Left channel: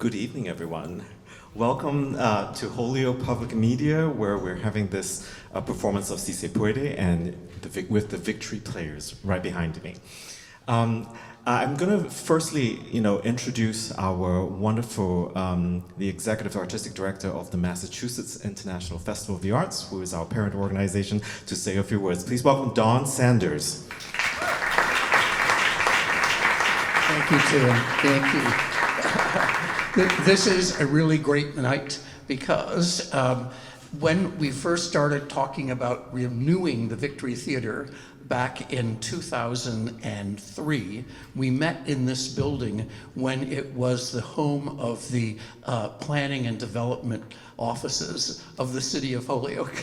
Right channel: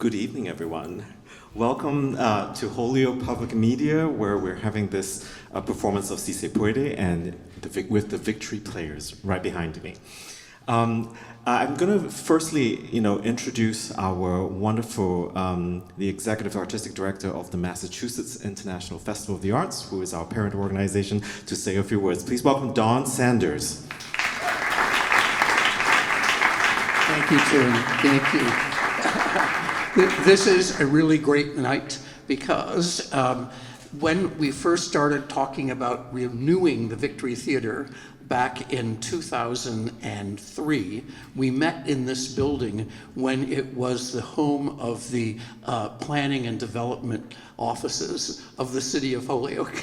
Good evening, everyone. Welcome to Holyoke Public Media, where we're having this performance of Se Puede and with the Victory Players right behind me. I'm going to firstly, introduce our wonderful, the Executive Artistic Director of the Massachusetts International Festival of the Arts, who is our parent organization, to say a few words. Please welcome Dawn Sanders. Thank you, Tim. Thank you. This is a really great night because when we first started talking about renewing the Victory Theater back in 2003, we met in this building when it was the home of the planning and development offices of the city of Holyoke.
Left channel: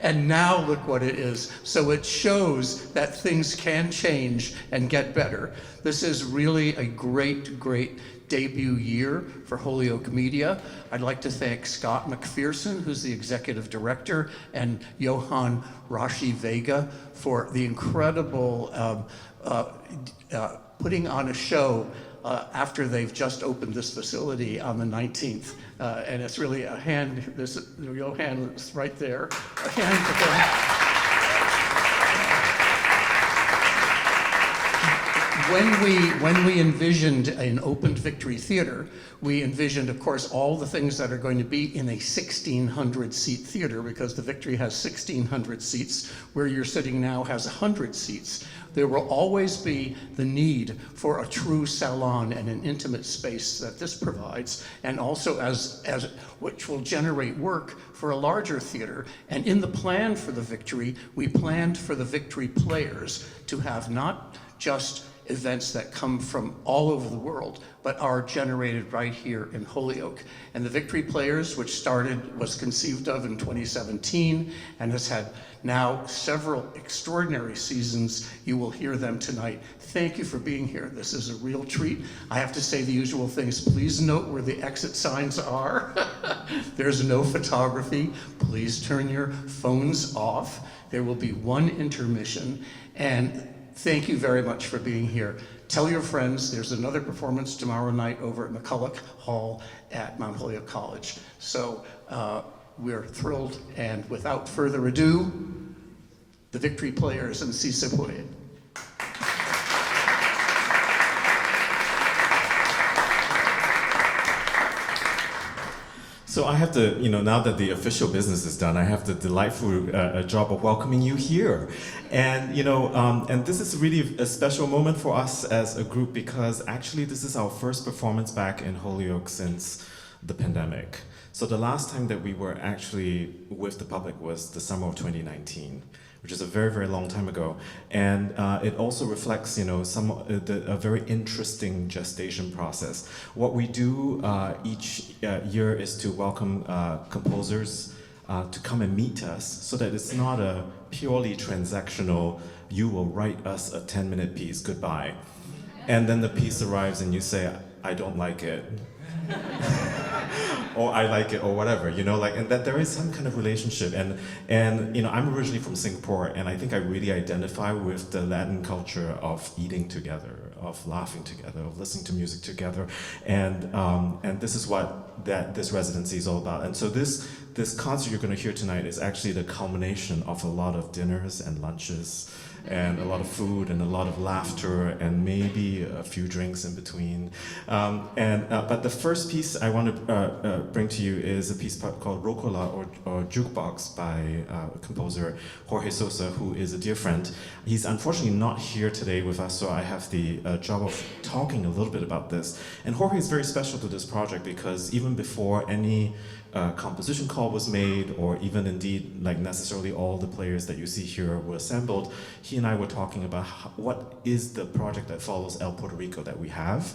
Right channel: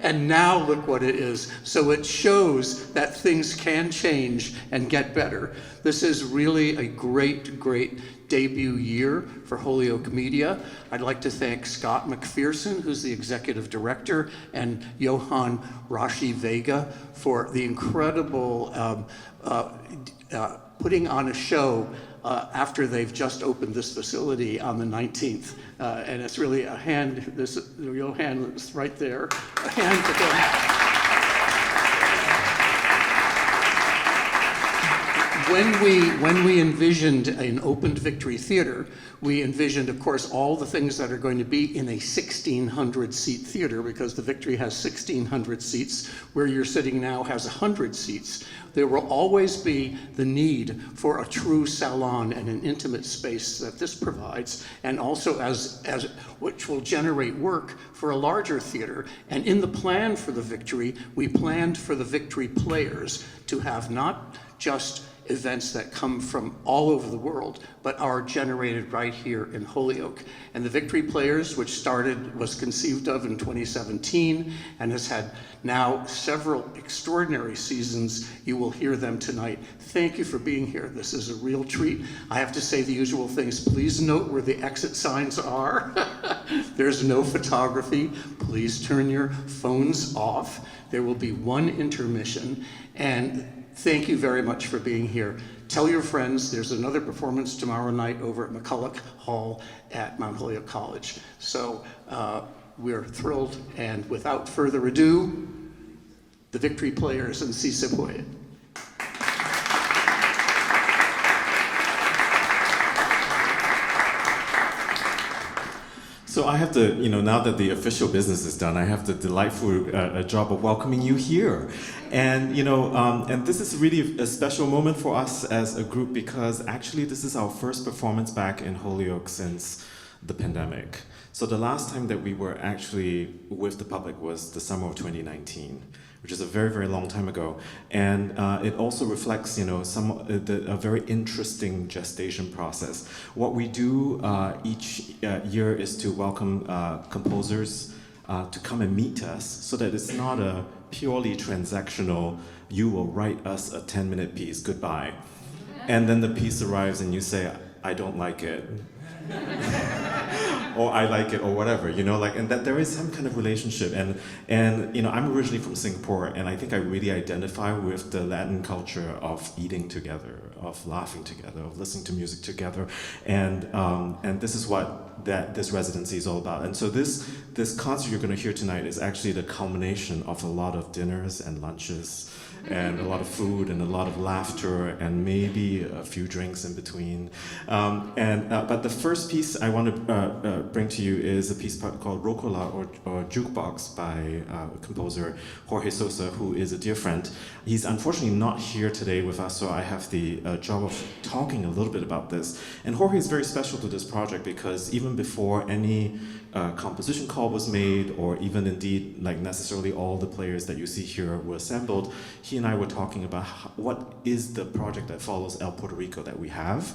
And now look what it is. So it shows that things can change and get better. This is really a great, great debut year for Holyoke Media. I'd like to thank Scott McPherson, who's the executive director, and Johan Rashi Vega for the incredible putting on a show after they've just opened this facility on the 19th. And it's really a hand, Johan is right there, a hand to him. When we envisioned an opened Victory Theater, we envisioned, of course, all the things that are going to be in a 1,600-seat theater, because the Victory has 1,600 seats. Where you're sitting now has 100 seats. There will always be the need for a true salon and an intimate space that this provides, and also as which will generate work for a larger theater. And in the plan for the Victory, we planned for the Victory Players to have not just events that come from all over the world, but are generated right here in Holyoke. And the Victory Players, which was conceived of in 2017 and has had now several extraordinary seasons. You will hear them tonight. Thank you for being here. This is a real treat. I have to say the usual things. Please note where the exit signs are. There's no photography. Please turn your phones off. There will be one intermission. And thank you very much for being here. Tell your friends there's another performance tomorrow night over at McCulloch Hall at Mount Holyoke College. So we're thrilled, and without further ado, the Victory Players and Se Puede. So I have to, now that the official business is done, I have the delightful job of welcoming you here. And, and this is really a special moment for us as a group, because actually this is our first performance back in Holyoke since the pandemic. So the last time that we were actually with the public was the summer of 2019. Which is a very, very long time ago. And it also reflects, a very interesting gestation process. What we do each year is to welcome composers to come and meet us, so that it's not a purely transactional, you will write us a 10-minute piece, goodbye. And then the piece arrives and you say, I don't like it. Or I like it, or whatever, and that there is some kind of relationship. And I'm originally from Singapore, and I think I really identify with the Latin culture of eating together, of laughing together, of listening to music together, and this is what this residency is all about. And so this concert you're going to hear tonight is actually the culmination of a lot of dinners and lunches, and a lot of food and a lot of laughter and maybe a few drinks in between. But the first piece I want to bring to you is a piece called Rocola or Jukebox by composer Jorge Sosa, who is a dear friend. He's unfortunately not here today with us, so I have the job of talking a little bit about this. And Jorge is very special to this project because even before any composition call was made, or even indeed necessarily all the players that you see here were assembled, he and I were talking about what is the project that follows El Puerto Rico that we have,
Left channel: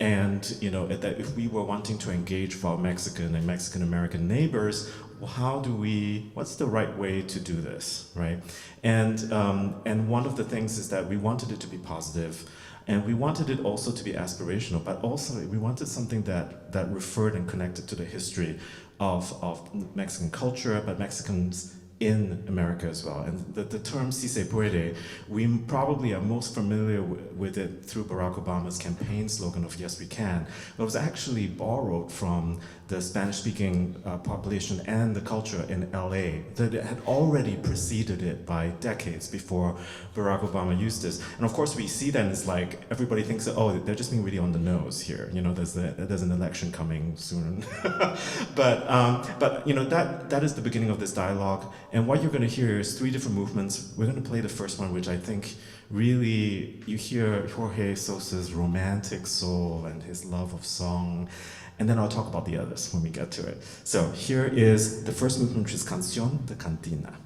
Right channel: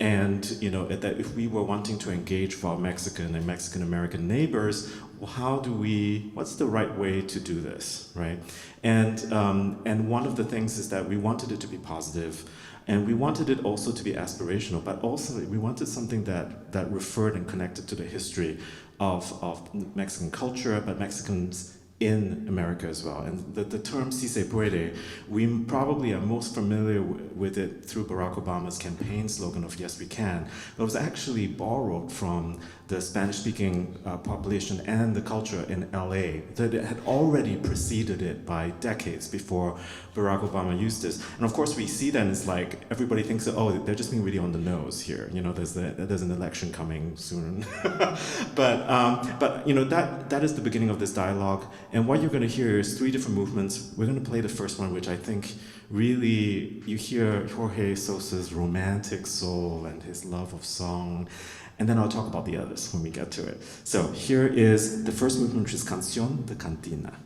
and that if we were wanting to engage with our Mexican and Mexican American neighbors, what's the right way to do this, right? And one of the things is that we wanted it to be positive, and we wanted it also to be aspirational, but also we wanted something that referred and connected to the history of Mexican culture, but Mexicans in America as well. And the term Se Puede, we probably are most familiar with it through Barack Obama's campaign slogan of Yes, We Can. But it was actually borrowed from the Spanish-speaking population and the culture in LA, that it had already preceded it by decades before Barack Obama used this. And of course we see that, and it's like everybody thinks that, oh, they're just being really on the nose here. You know, there's an election coming soon. but you know, that is the beginning of this dialogue. And what you're going to hear is 3 different movements. We're going to play the first one, which I think really, you hear Jorge Sosa's romantic soul and his love of song. And then I'll talk about the others when we get to it. So here is the first movement, which is Canción de Cantina.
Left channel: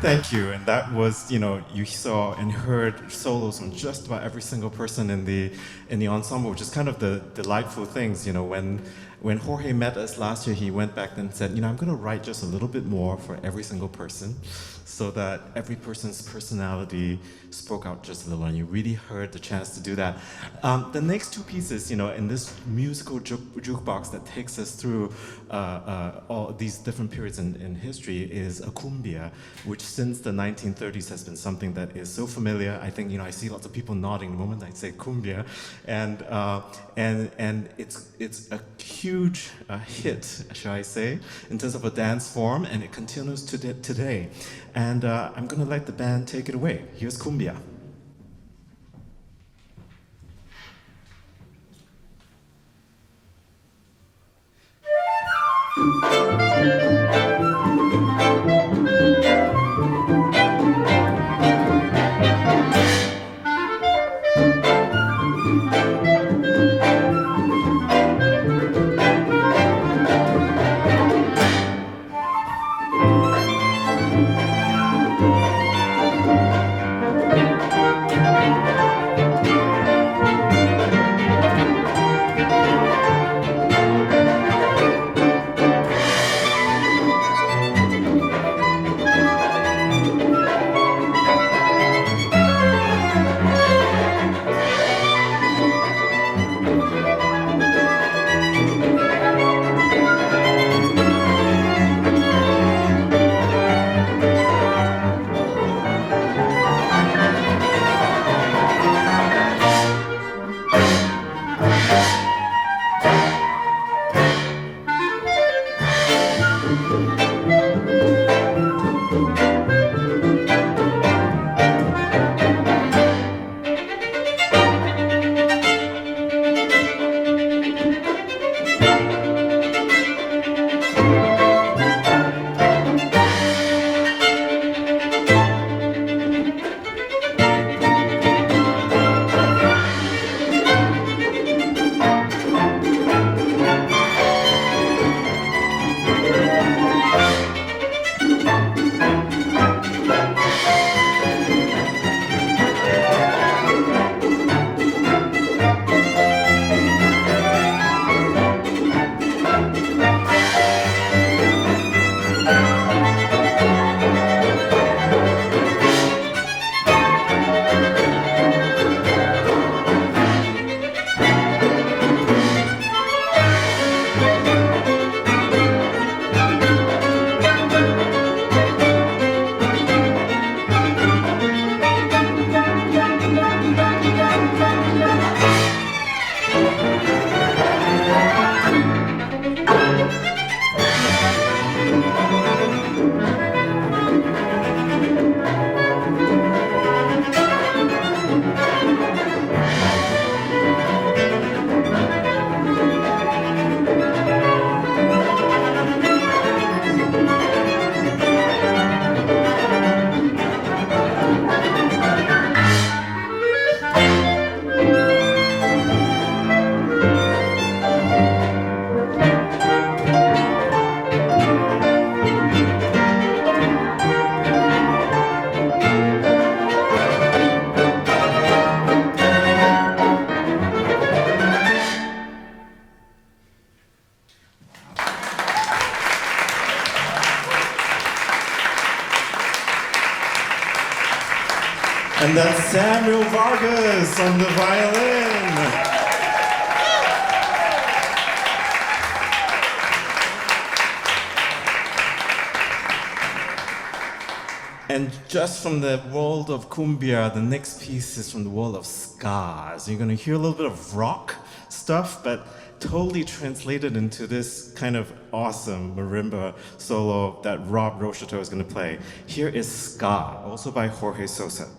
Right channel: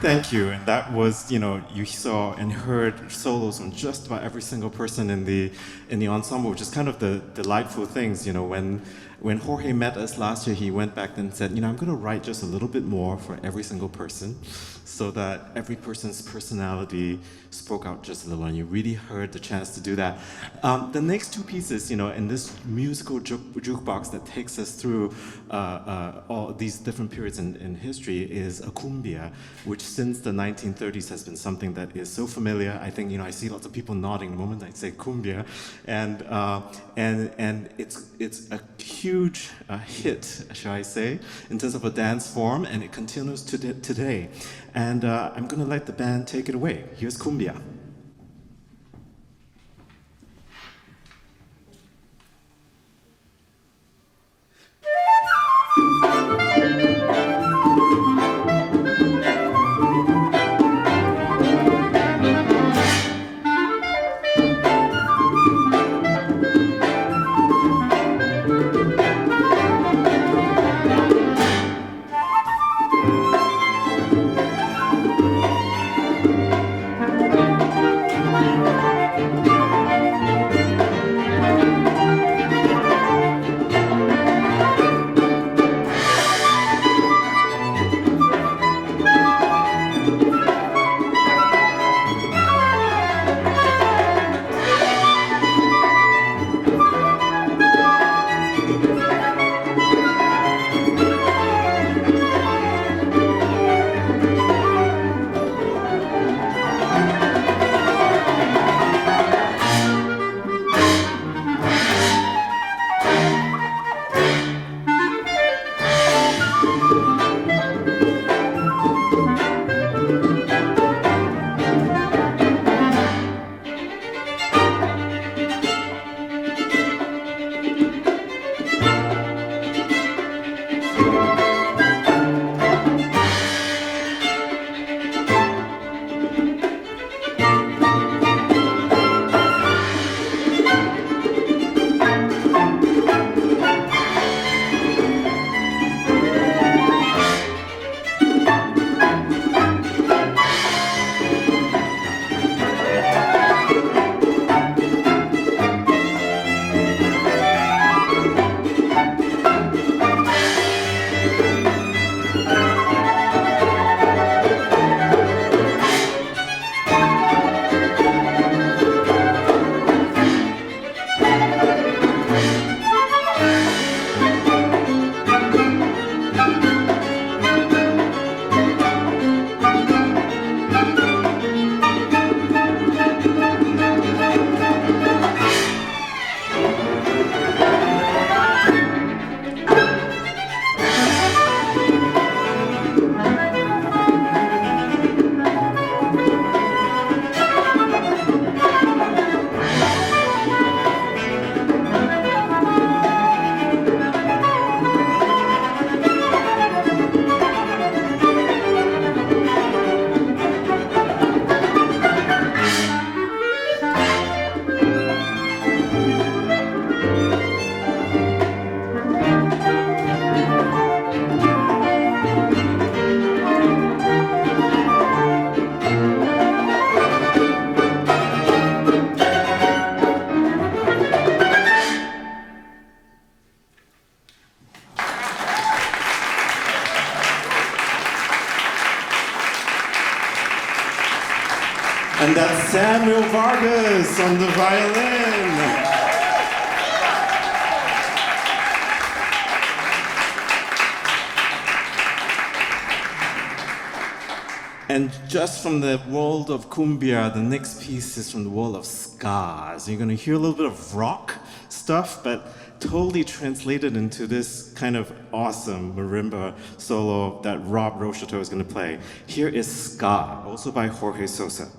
Thank you. And that was, you saw and heard solos from just about every single person in the ensemble, which is kind of the delightful things. When Jorge met us last year, he went back and said, I'm going to write just a little bit more for every single person, so that every person's personality spoke out just a little, and you really heard the chance to do that. The next two pieces, in this musical jukebox that takes us through all these different periods in history, is a cumbia, which since the 1930s has been something that is so familiar. I think, I see lots of people nodding the moment I say cumbia, and it's a huge hit, shall I say, in terms of a dance form, and it continues today. And I'm going to let the band take it away. Here's cumbia. And that's Samuel Vargas on the violin. And just from the world of cumbia, the next piece is from the world of ska. So you're going to hear a little bit of rock stuff, but totally translated into this kind of awesome marimba solo that Rob Rocheteau is going to play. Here is Ska, also by Jorge Sosa.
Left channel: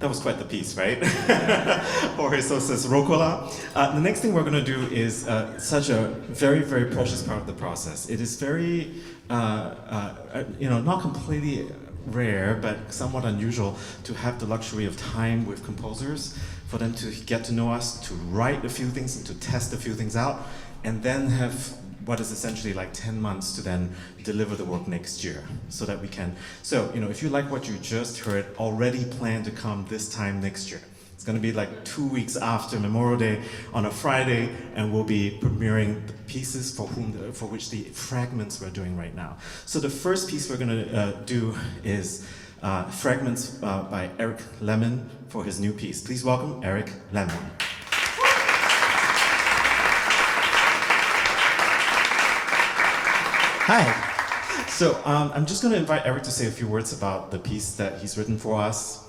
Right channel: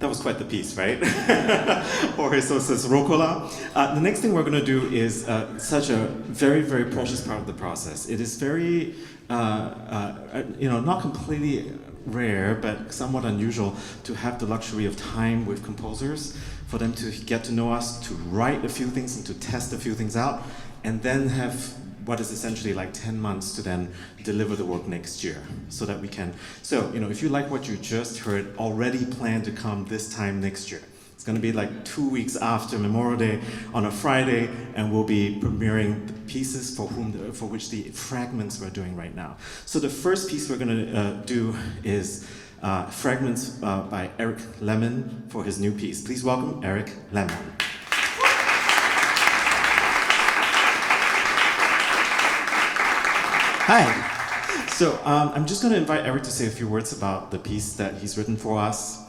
That was quite the piece, right? Jorge Sosa's Rocola. The next thing we're going to do is such a very, very precious part of the process. It is very, not completely rare, but somewhat unusual to have the luxury of time with composers, for them to get to know us, to write a few things and to test a few things out, and then have what is essentially like 10 months to then deliver the work next year, so that we can. So, if you like what you just heard, already plan to come this time next year. It's going to be like 2 weeks after Memorial Day on a Friday, and we'll be premiering the pieces for which the fragments we're doing right now. So the first piece we're going to do is Fragments by Eric Lemon for his new piece. Please welcome Eric Lemon. Hi. So I'm just going to invite Eric to say a few words about the piece that he's written for us.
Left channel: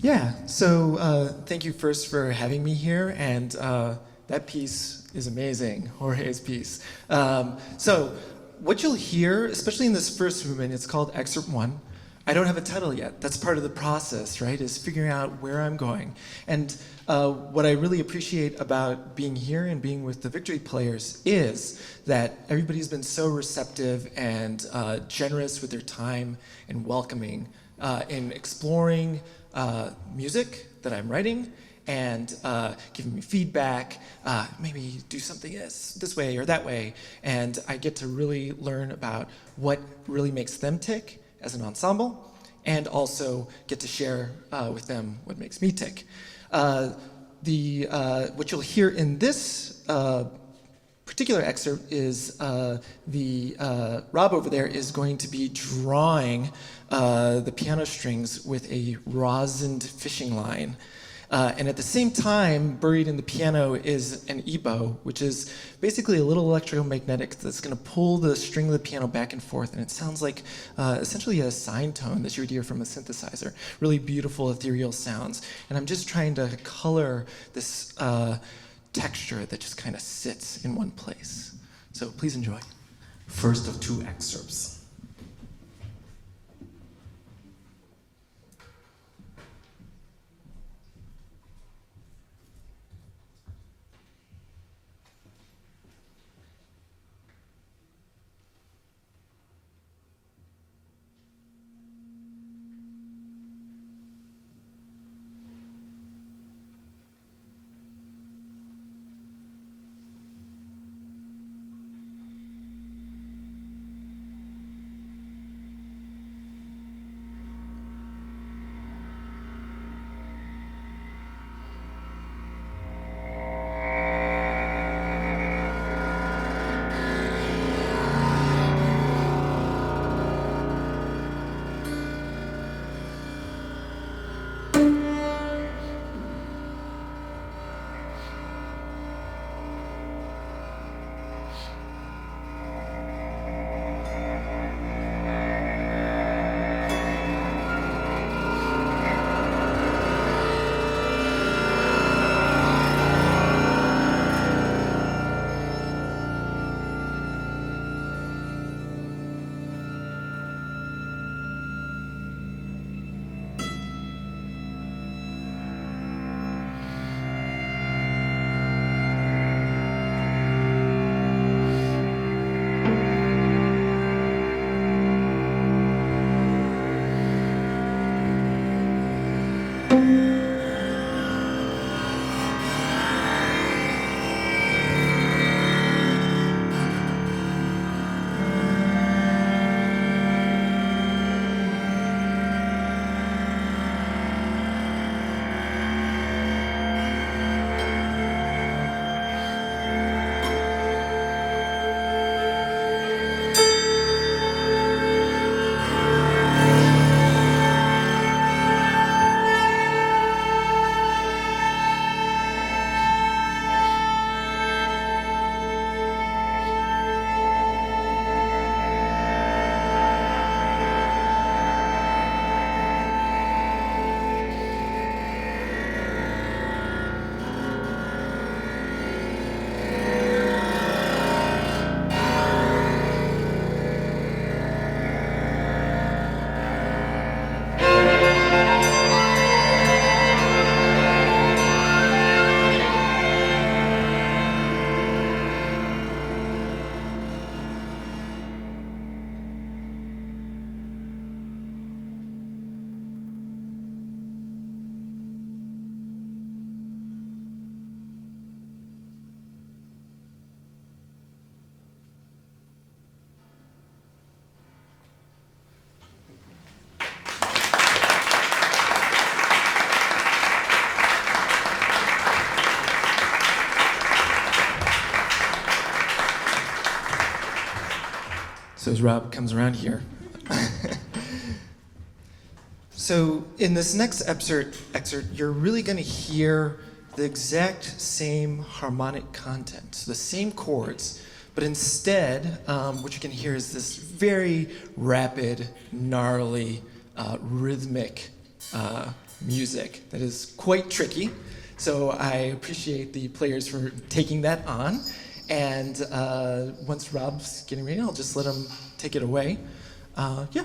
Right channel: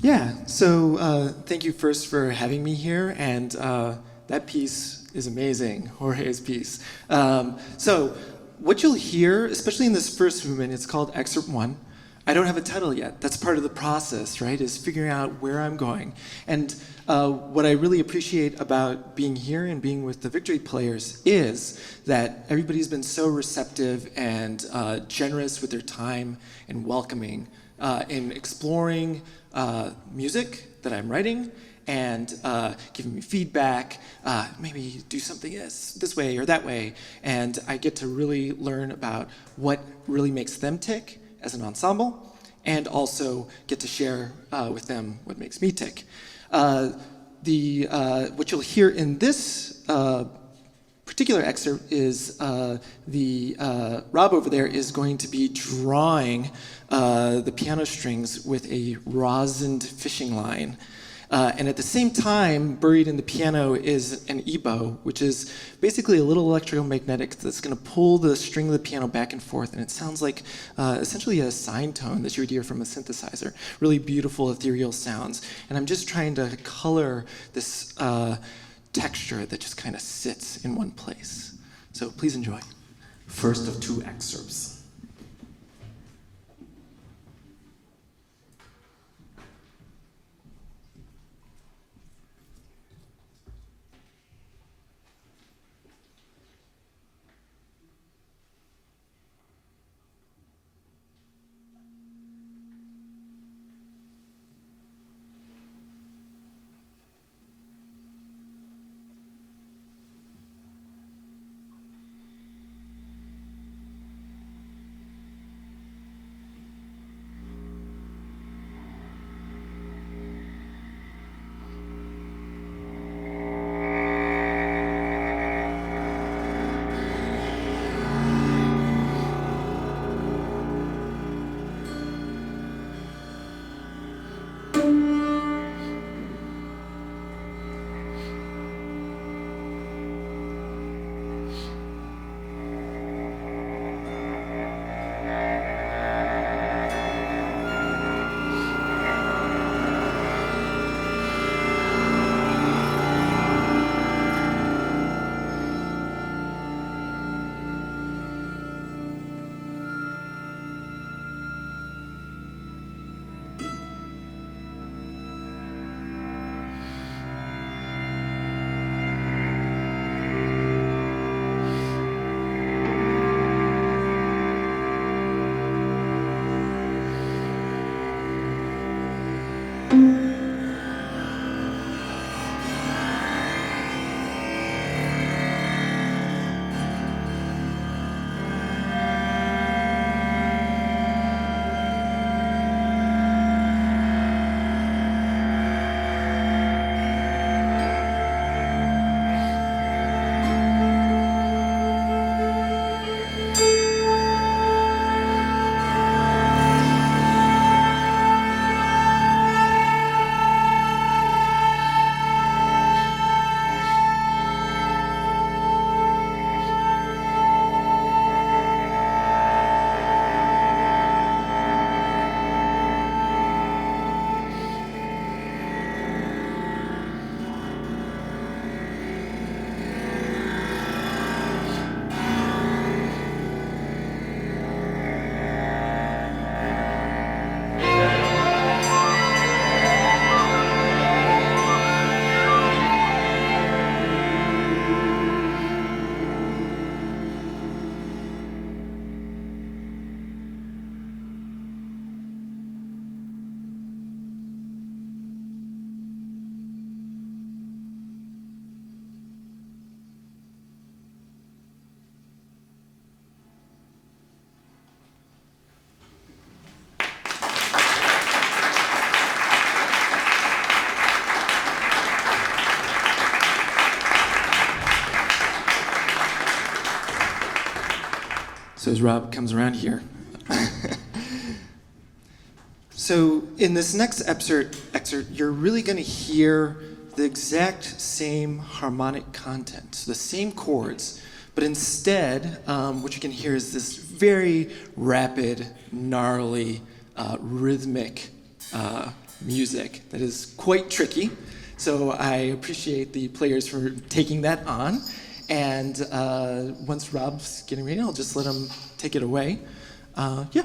Yeah, so thank you first for having me here, and that piece is amazing, Jorge's piece. So what you'll hear, especially in this first movement, it's called Excerpt 1. I don't have a title yet. That's part of the process, right, is figuring out where I'm going. And what I really appreciate about being here and being with the Victory Players is that everybody's been so receptive and generous with their time and welcoming in exploring music that I'm writing and giving me feedback, maybe do something this way or that way. And I get to really learn about what really makes them tick as an ensemble, and also get to share with them what makes me tick. What you'll hear in this particular excerpt is Rob over there is going to be drawing the piano strings with a rosined fishing line. And at the same time, buried in the piano is an ebow, which is basically a little electromagnetic that's going to pull the string of the piano back and forth, and it sounds like essentially a sine tone that you would hear from a synthesizer. Really beautiful, ethereal sounds. And I'm just trying to color this texture that just kind of sits in one place. So please enjoy. First of two excerpts. So as Rob comes around here. So in this next excerpt, you're really going to hear the exact same harmonic content, so the same chords, but instead, what you can hear is this very rapid, gnarly, rhythmic music that is quite tricky. So I appreciate the players for taking that on. And once Rob's getting ready, I'll just let him take it away. Yeah.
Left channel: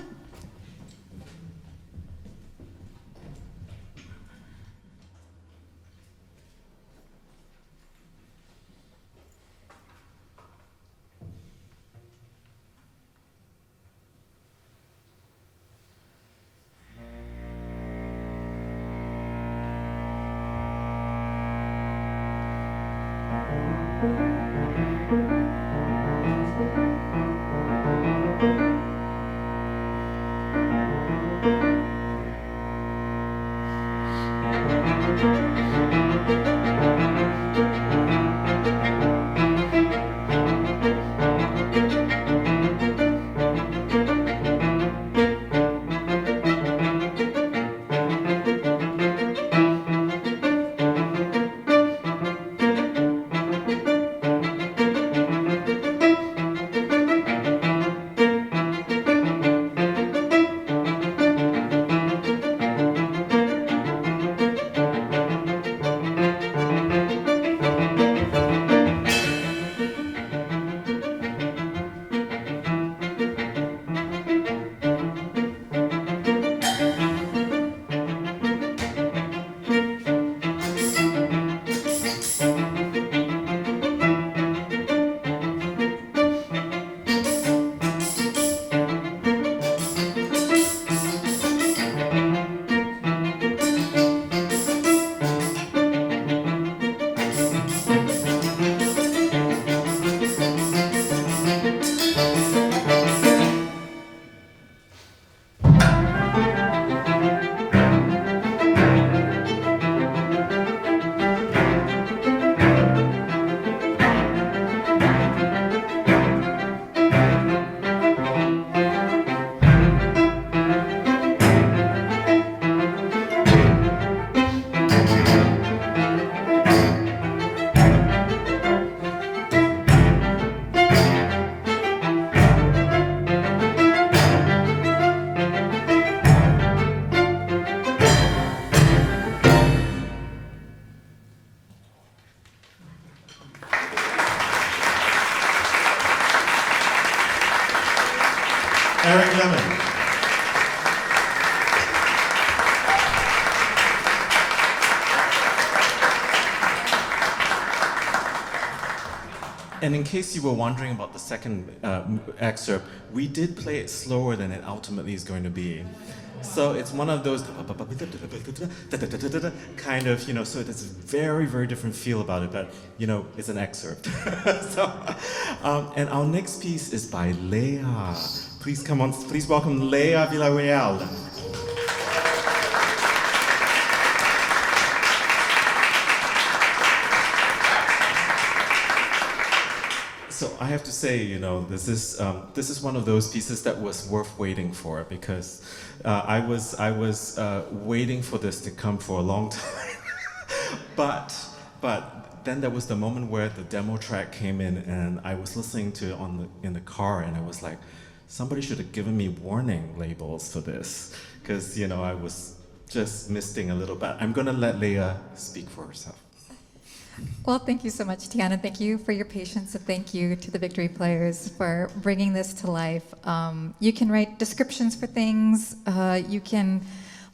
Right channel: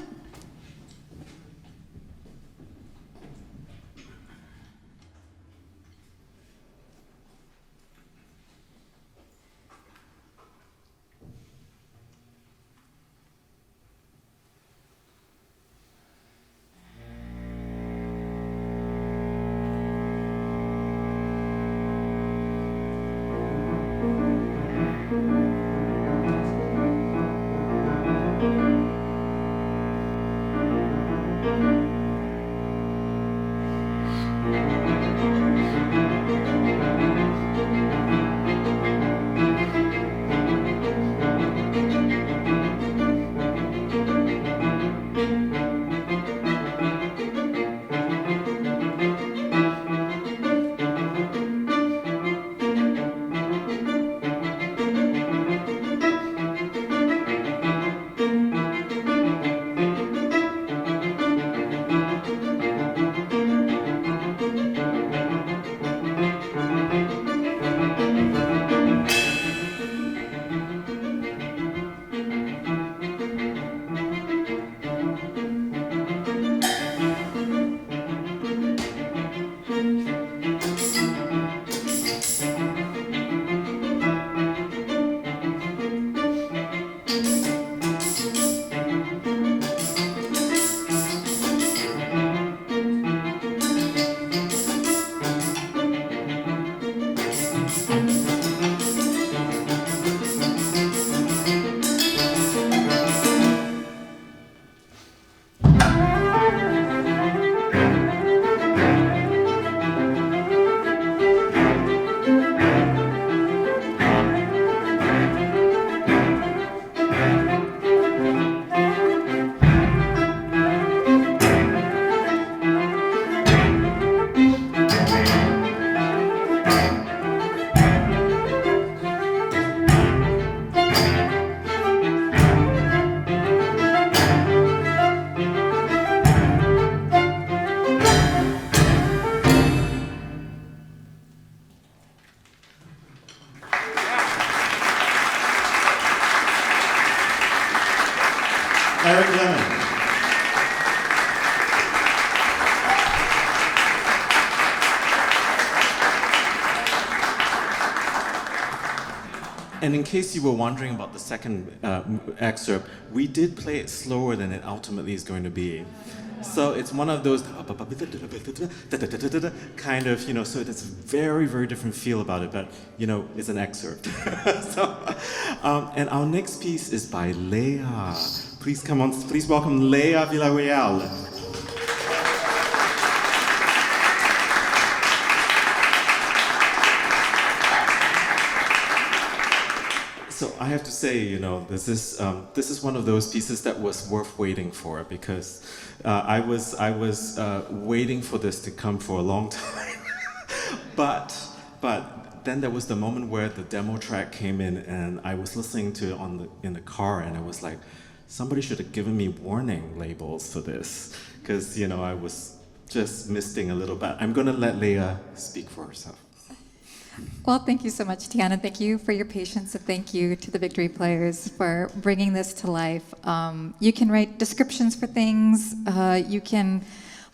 Eric Lemon. And in case you were wondering about the second excerpt, we did play it slower than it ultimately is going to be. So it's one of those kind of, so it's a very, very different feel about it, but, it's an excerpt. And our next piece is by Leah. Please welcome Leah Villarreal. So I have to say, this is one of those pieces that was worth waiting for, because I was waiting for this to come for a long time. but then there was the moment where the demo track came in, and I was listening to it in the car, and I was like, somebody should have given me warning labels for this, because I was just misting a little bit. I'm gonna let Leah speak for herself. Well, thank you so much, Tiana. Thank you for your patience, and thank you to the Victory Players for bringing this to life. You can write descriptions for things, you can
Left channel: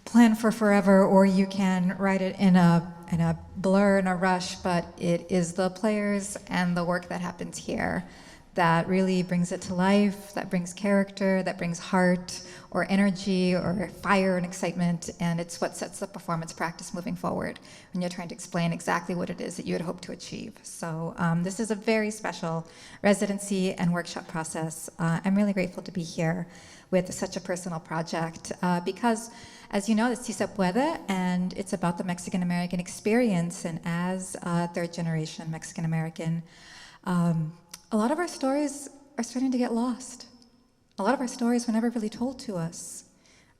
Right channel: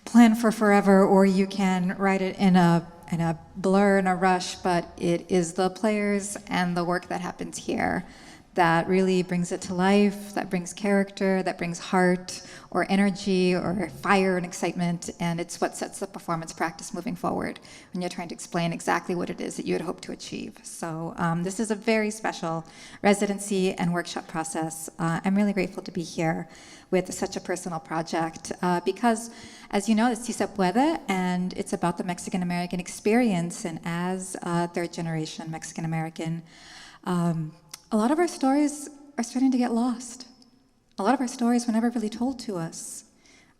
plan for forever, or you can write it in a blur, in a rush, but it is the players and the work that happens here that really brings it to life, that brings character, that brings heart or energy or fire and excitement, and it's what sets the performance practice moving forward when you're trying to explain exactly what it is that you had hoped to achieve. So this is a very special residency and workshop process. I'm really grateful to be here with such a personal project because, as you know, it's Se Puede, and it's about the Mexican-American experience, and as third-generation Mexican-American, a lot of our stories are starting to get lost. A lot of our stories were never really told to us.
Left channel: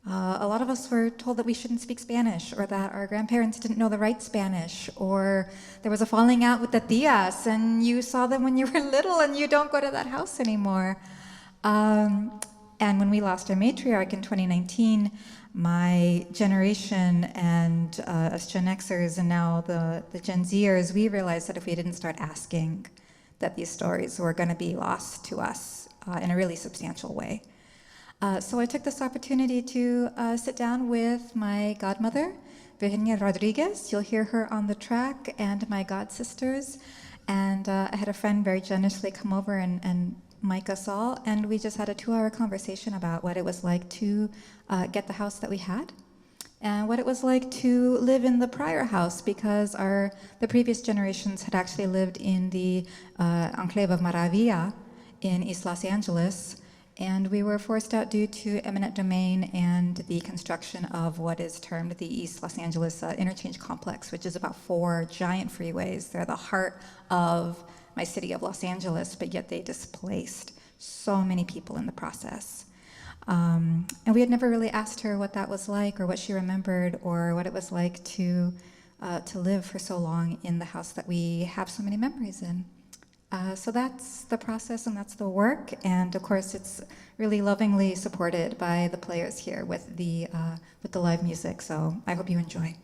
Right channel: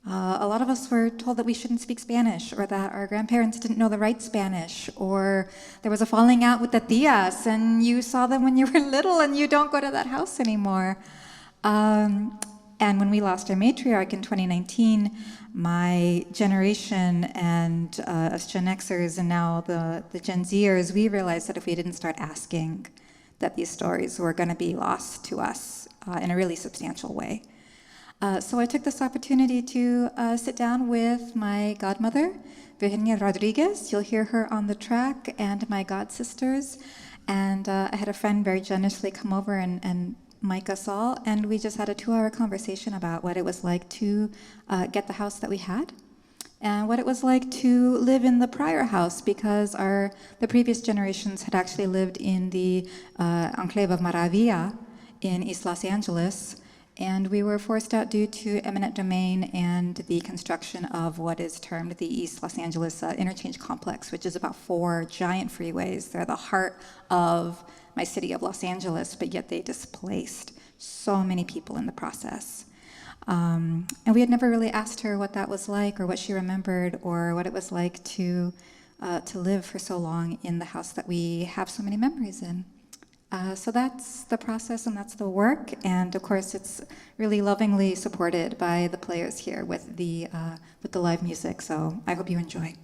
A lot of us were told that we shouldn't speak Spanish, or that our grandparents didn't know the right Spanish, or there was a falling out with the tias, and you saw them when you were little, and you don't go to that house anymore. And when we lost our matriarch in 2019, my generation and us Gen Xers and now the Gen Zers, we realized that if we didn't start asking, that these stories were going to be lost to us in a really substantial way. So I took this opportunity to sit down with my godmother, Virginia Rodriguez. You'll hear her on the track, and my god sisters. And I had a friend very generously come over and mic us all, and we just had a 2-hour conversation about what it was like to get the house that we had, and what it was like to live in the prior house, because the previous generations had actually lived in the enclave of Maravilla in East Los Angeles, and we were forced out due to eminent domain and the construction of what is termed the East Los Angeles Interchange Complex, which is about 4 giant freeways. They're the heart of my city of Los Angeles, but yet they displaced so many people in the process. And we had never really asked her what that was like, or what she remembered, or what it was like to live for so long in the house that we have so many memories in. So that's the process, and that's the work, and of course it's really lovingly supported by the players here with the live music. So I hope you enjoy.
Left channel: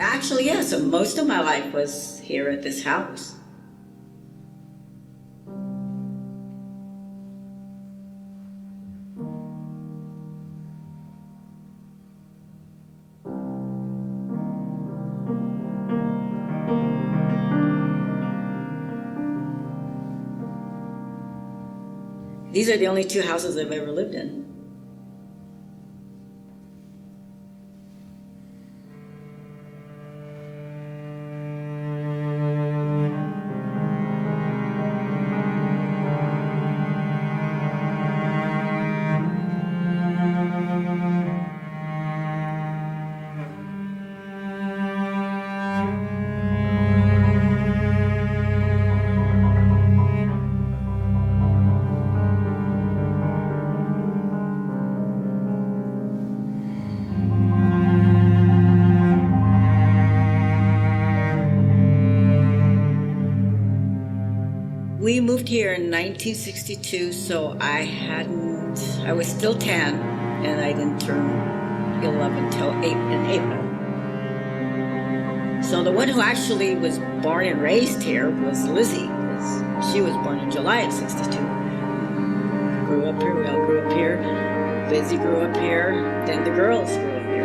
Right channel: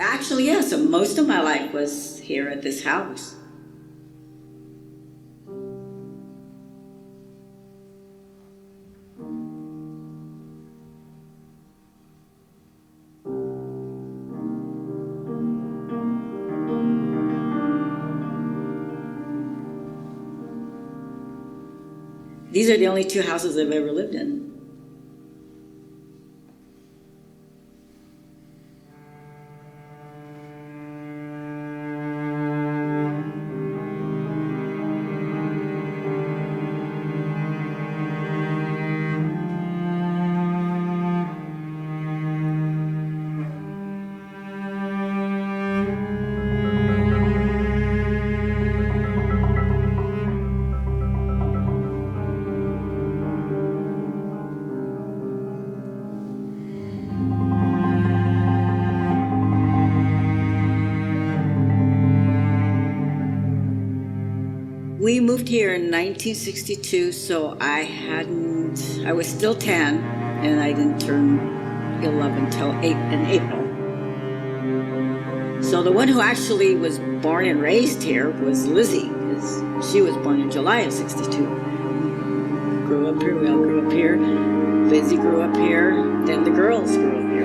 Actually, yes, so most of my life was here at this house. These are the only 2 houses I've ever lived in. We moved here in 1962, so I was still 10, and I didn't turn 11 till in April. So the one who actually was born and raised here was Lizzie, because she was born in July of 62. Grew up here, we all grew up here. Lizzie grew up here, then the girls grew up here.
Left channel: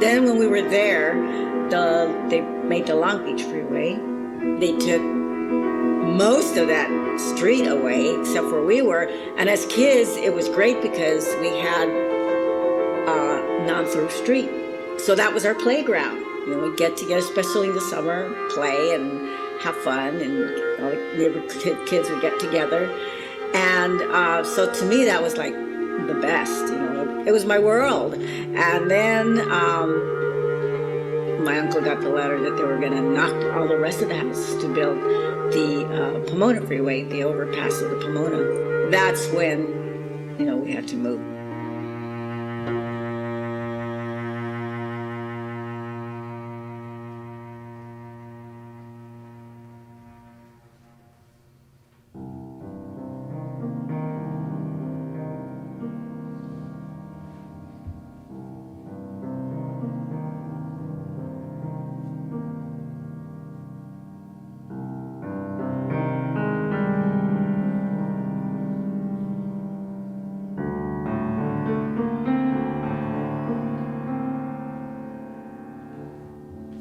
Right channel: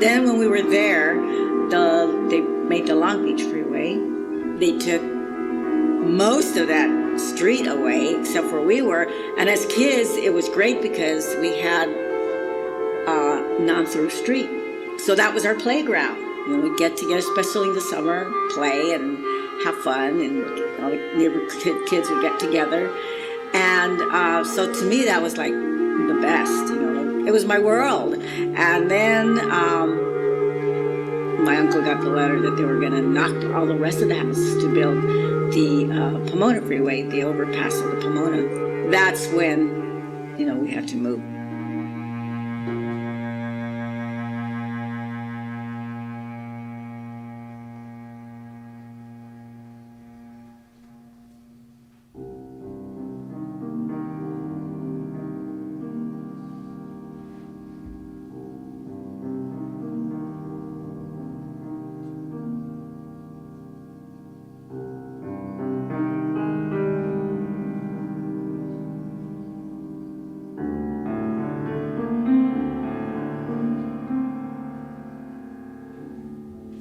Then when we were there, they made the Long Beach Freeway. They took most of that street away, except where we were. And as kids, it was great because we had a non-through street. So that was our playground. You know, we'd get together, especially in the summer, play and have fun, and all the neighborhood kids would get together. And so to me, that was like the best, you know. It was my world. And then my uncle got the letter that they were going to knock all the rest of the houses to build the Pomona Freeway, the overpass of the Pomona. That's when, you know, we had to move.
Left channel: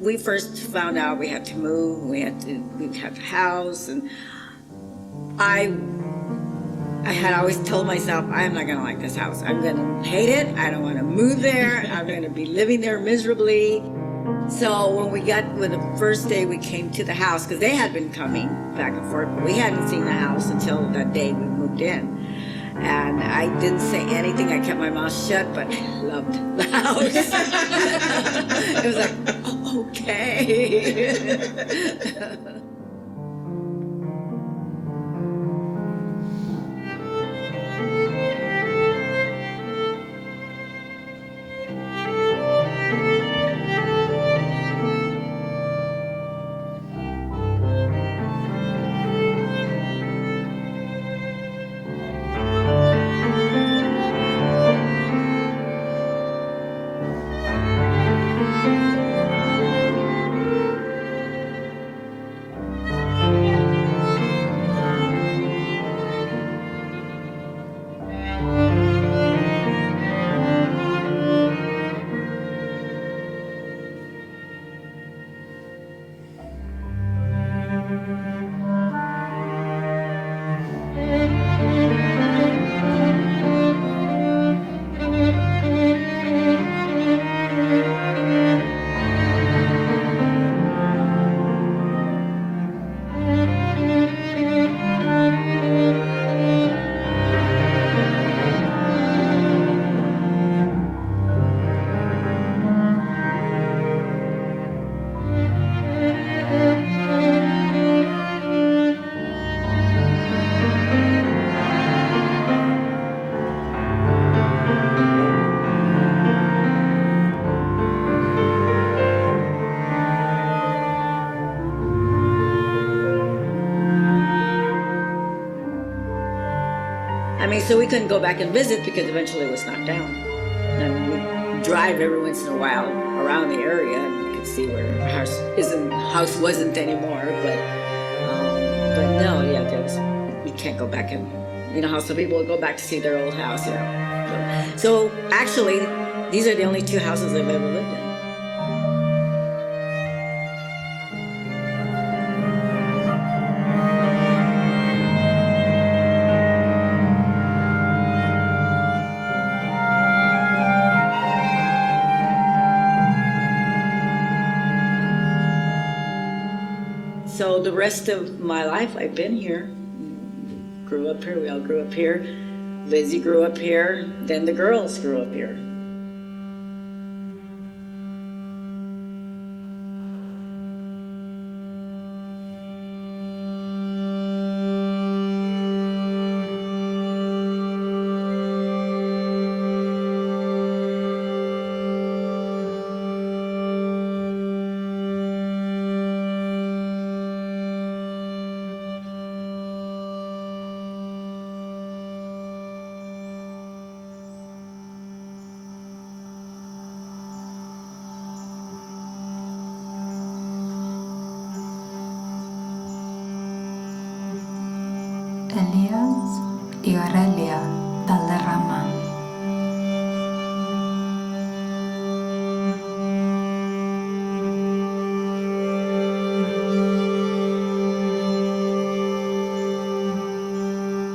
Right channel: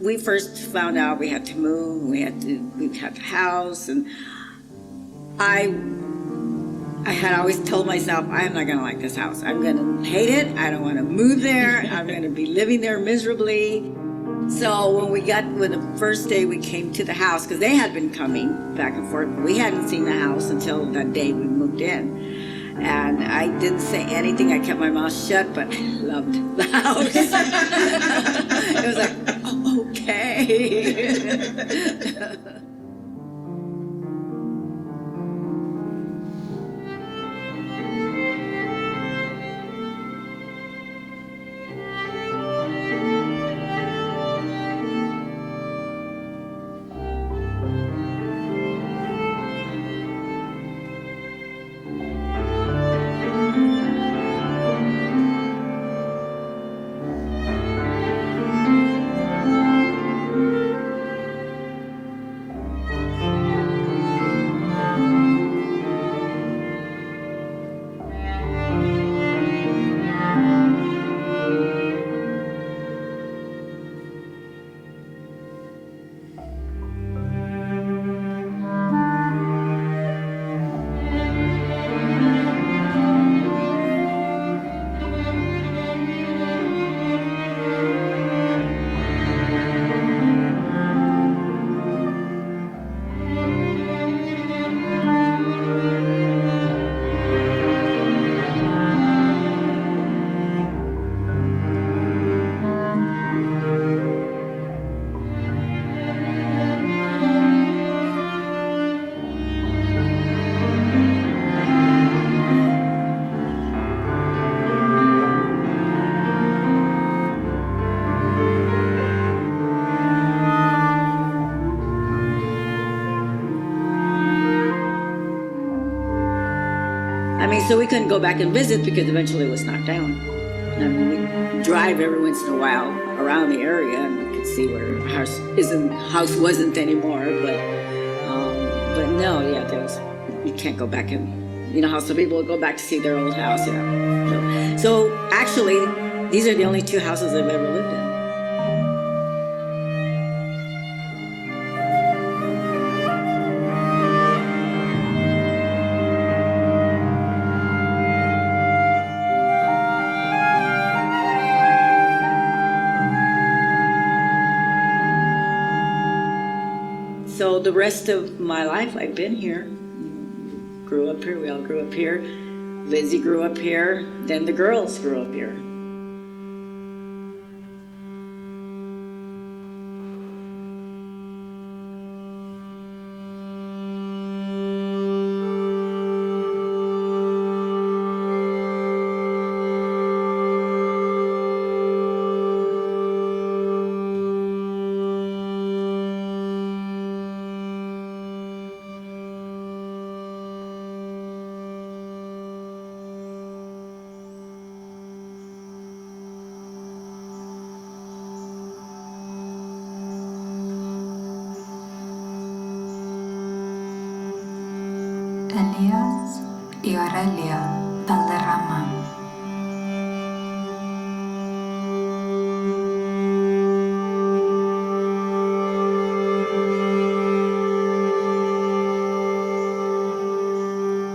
We first found out we had to move, we had a house, and I had always told myself, I'm not gonna like this house. I'm gonna hate it, I don't wanna move there, I'm gonna be living there miserably. So when the first day we came to the house, because they had been coming back and forth, but we hadn't seen the house until that day we moved in. And I didn't say anything, I kept my mouth shut, but I loved the house. It was like, oh, okay. I mean, so we couldn't go back and visit because eventually it was knocked down. And we'd drive every once in a while around the area and we could see where the house wasn't anymore. But no, yeah, you can't go back and, you know how some people go back to see their old house, you know. So actually, these are the only two houses I've ever lived in. So the rest of my life, I've been here. Grew up here. We all grew up here. Lizzie grew up here. Then the girls grew up here. Elías y Aurelia Valderrama.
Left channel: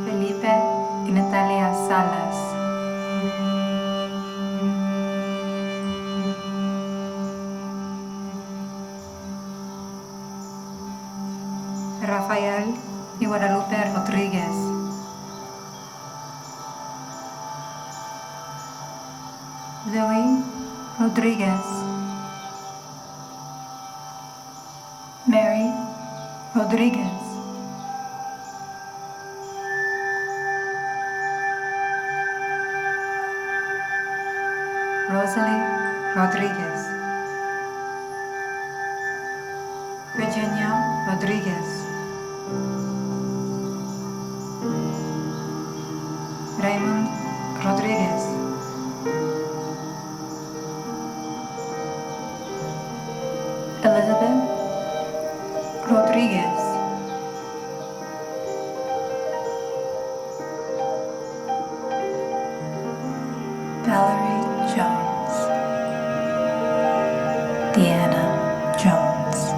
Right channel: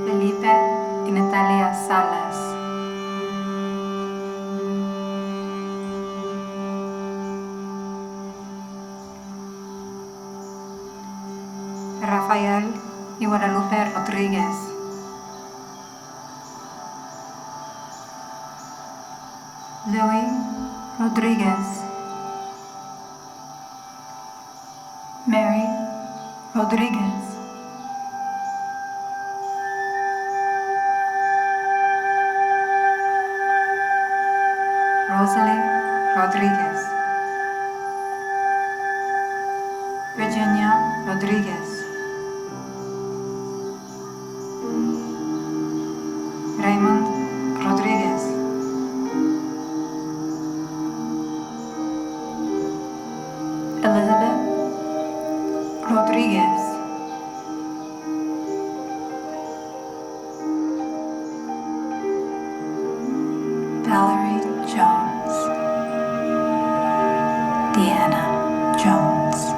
Felipe y Natalia Salas. Rafael y Guadalupe Rodríguez. Louis Rodríguez. Mary Rodríguez. Rosalie Rodríguez. Virginia Rodríguez. Raymond Rodríguez. Elizabeth Rodríguez. Valerie Jones. Deanna Jones.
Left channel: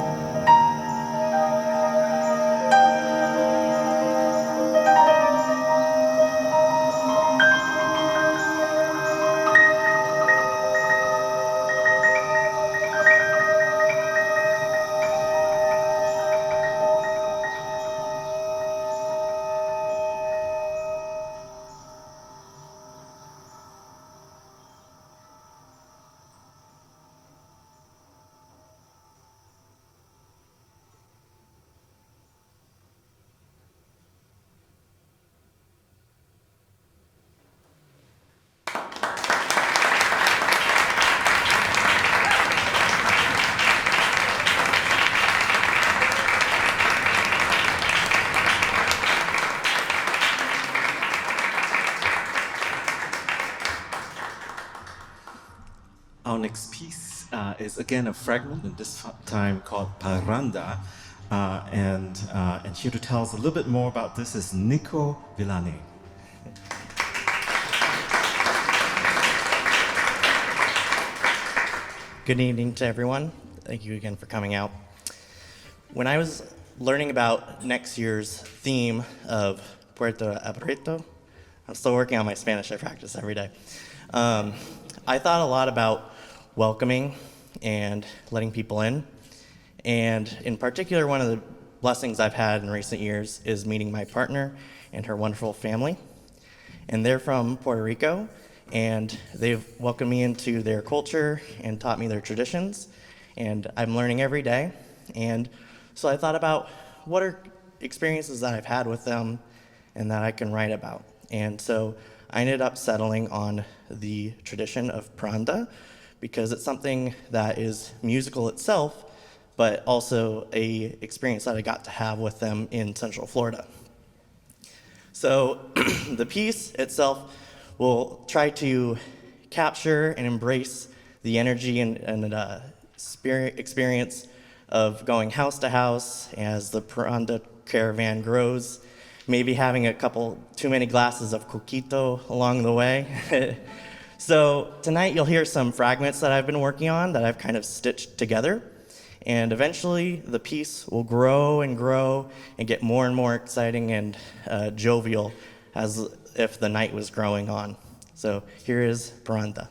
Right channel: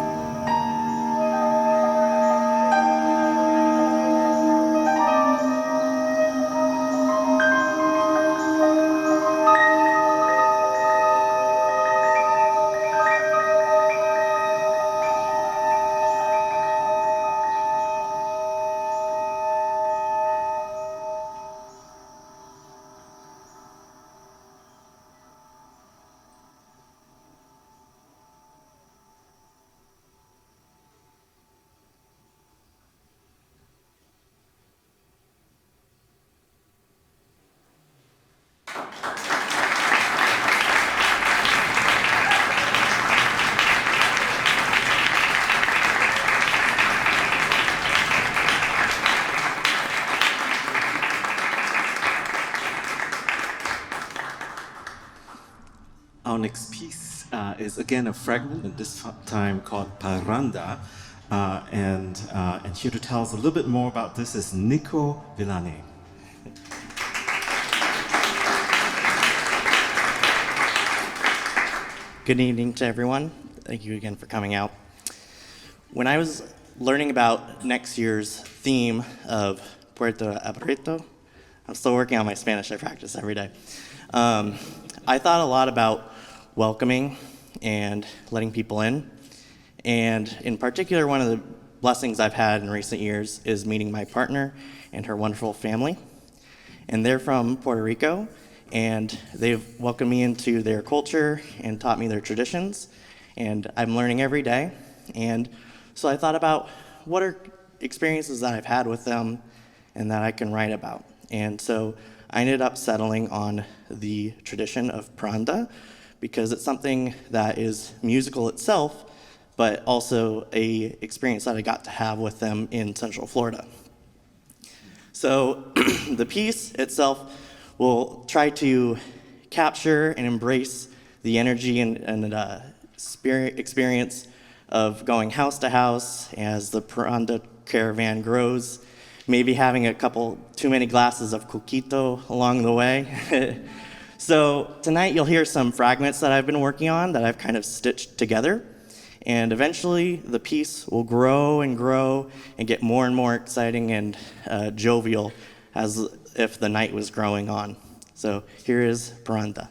Our next piece is again a fragment, and this time called Paranda. And here to tell us a little bit more about this is Nico Villani. Good evening to everyone. Thank you again for coming out. When I was learning about next year's theme of Puerto Aburrito, I'm still working on my Spanish, I practice every day. I thought a lot about welcoming and letting people in. And in particular, one of the blessings I've had in recent years is meeting my partner and her wonderful family. And they're from Puerto Rico, and they've welcomed me into their culture and taught me their traditions. And I'm learning every day. And so I thought about what are experiences that I've had with them and that I can write about. And so I ended up settling on the tradition of Paranda because it's something that is musical itself, but also a experience that I got to have with them in Central Florida. So the piece itself will try to capture and embrace the energy and spirit experience of going house to house as the Paranda caravan grows, maybe having a couple too many glasses of coquito along the way. So tonight you'll hear some fragments that I've been working on that I've kind of stitched together. And eventually the piece will grow and get more and more exciting and jovial as if the night was growing on. So here is Paranda.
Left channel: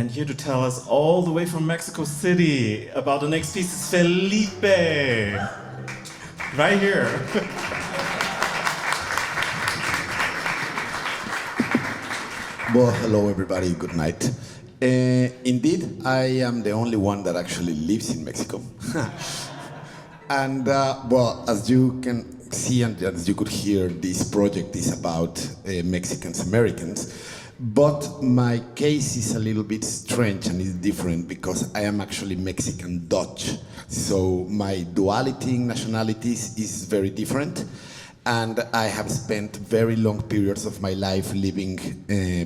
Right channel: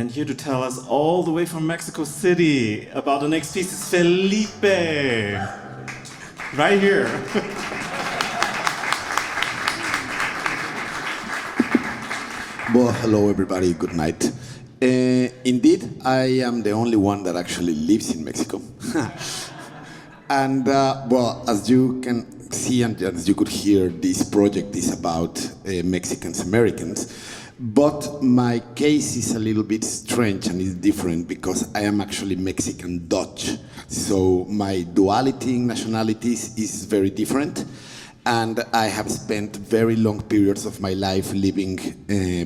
And here to tell us all the way from Mexico City about the next piece is Felipe. Right here. Well, hello everybody, good night. Indeed, I am the only one that actually lives in Mexico. And well, as you can see and as you could hear, this project is about Mexicans Americans. But my case is a little bit strange and is different because I am actually Mexican Dutch. So my duality in nationalities is very different. And I have spent very long periods of my life living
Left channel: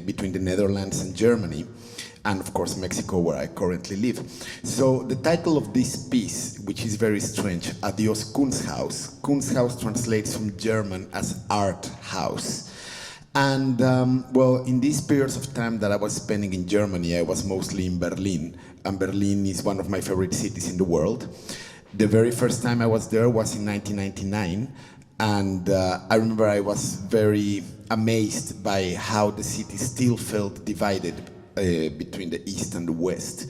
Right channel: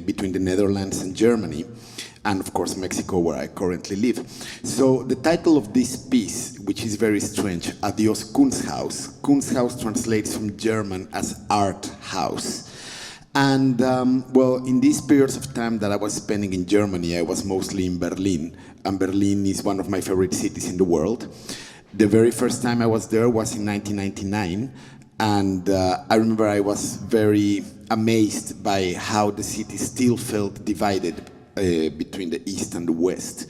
between the Netherlands and Germany, and of course Mexico, where I currently live. So the title of this piece, which is very strange, Adios Kunsthaus. Kunsthaus translates from German as art house. And well, in these periods of time that I was spending in Germany, I was mostly in Berlin, and Berlin is one of my favorite cities in the world. The very first time I was there was in 1999. And I remember I was very amazed by how the city still felt divided between the East and the West.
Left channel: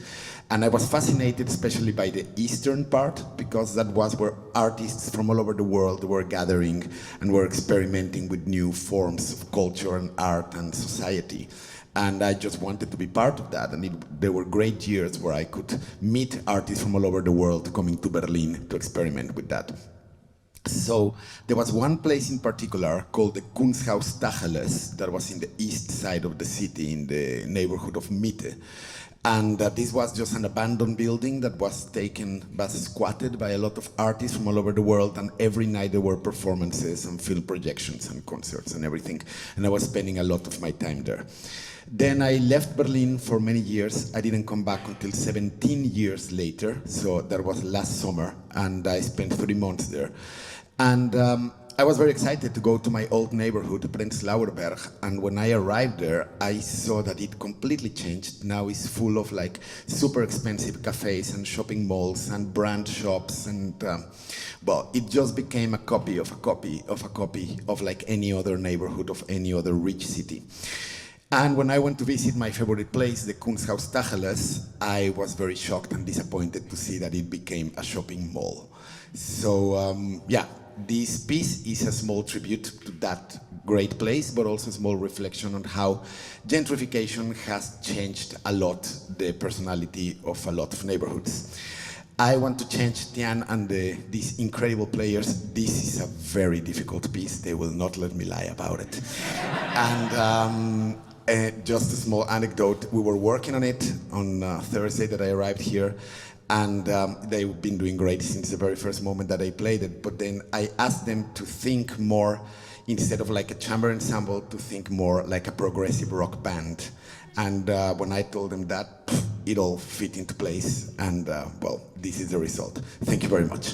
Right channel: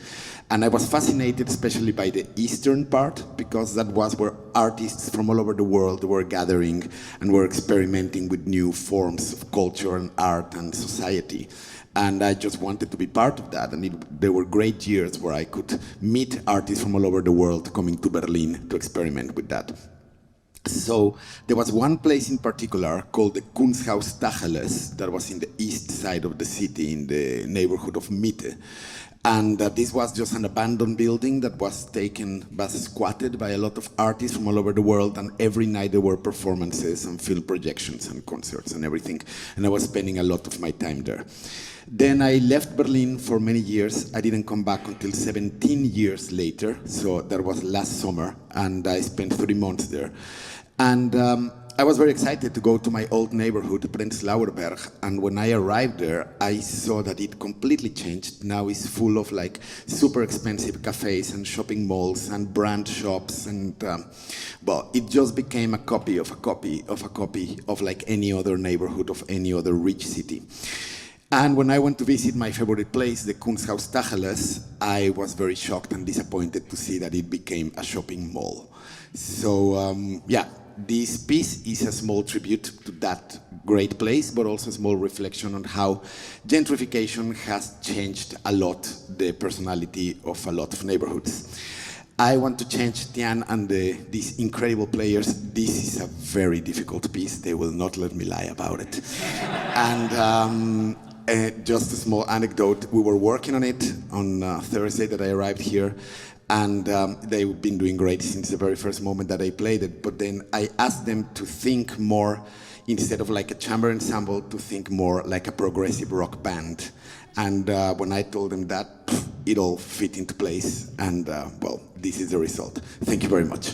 And I was fascinated especially by the eastern part, because that was where artists from all over the world were gathering and were experimenting with new forms of culture and art and society. And I just wanted to be part of that. And there were great years where I could meet artists from all over the world coming to Berlin to experiment with that. So there was one place in particular called the Kunsthaus Tacheles that was in the east side of the city in the neighborhood of Mitte. And this was just an abandoned building that was squatted by a lot of artists from all over the world, and every night there were performances and film projections and concerts and everything. And I was spending a lot of my time there. Then I left Berlin for many years. I didn't come back until 17 years later, so that was last summer, and I spent 3 months there. And I was very excited to go to my old neighborhood, Prenzlauer Berg, and when I arrived there, I saw that it completely changed. Now it's full of like super expensive cafes and shopping malls and brand shops, and well, it just became a copy of a copy of a copy of like any other neighborhood of any other rich city. And when I went to visit my favorite place, the Kunsthaus Tacheles, I was very shocked and disappointed to see that it became a shopping mall. So yeah, this piece is a small tribute to that great place, but also a small reflection on how gentrification has changed a lot the personality of a lot of neighborhoods. I want to change Tian and these incredible players. This is a very difficult piece. They will not let me lie about it. And just a small anecdote, we were working on it on Thursday that I arrived here, and they've been doing great since the very first moment that I played it. But then I asked them to think more, instead of like a chamber ensemble, to think more like a progressive rock band. And when I told them that, it all fit into place. And well, this is the result. Thank you very much.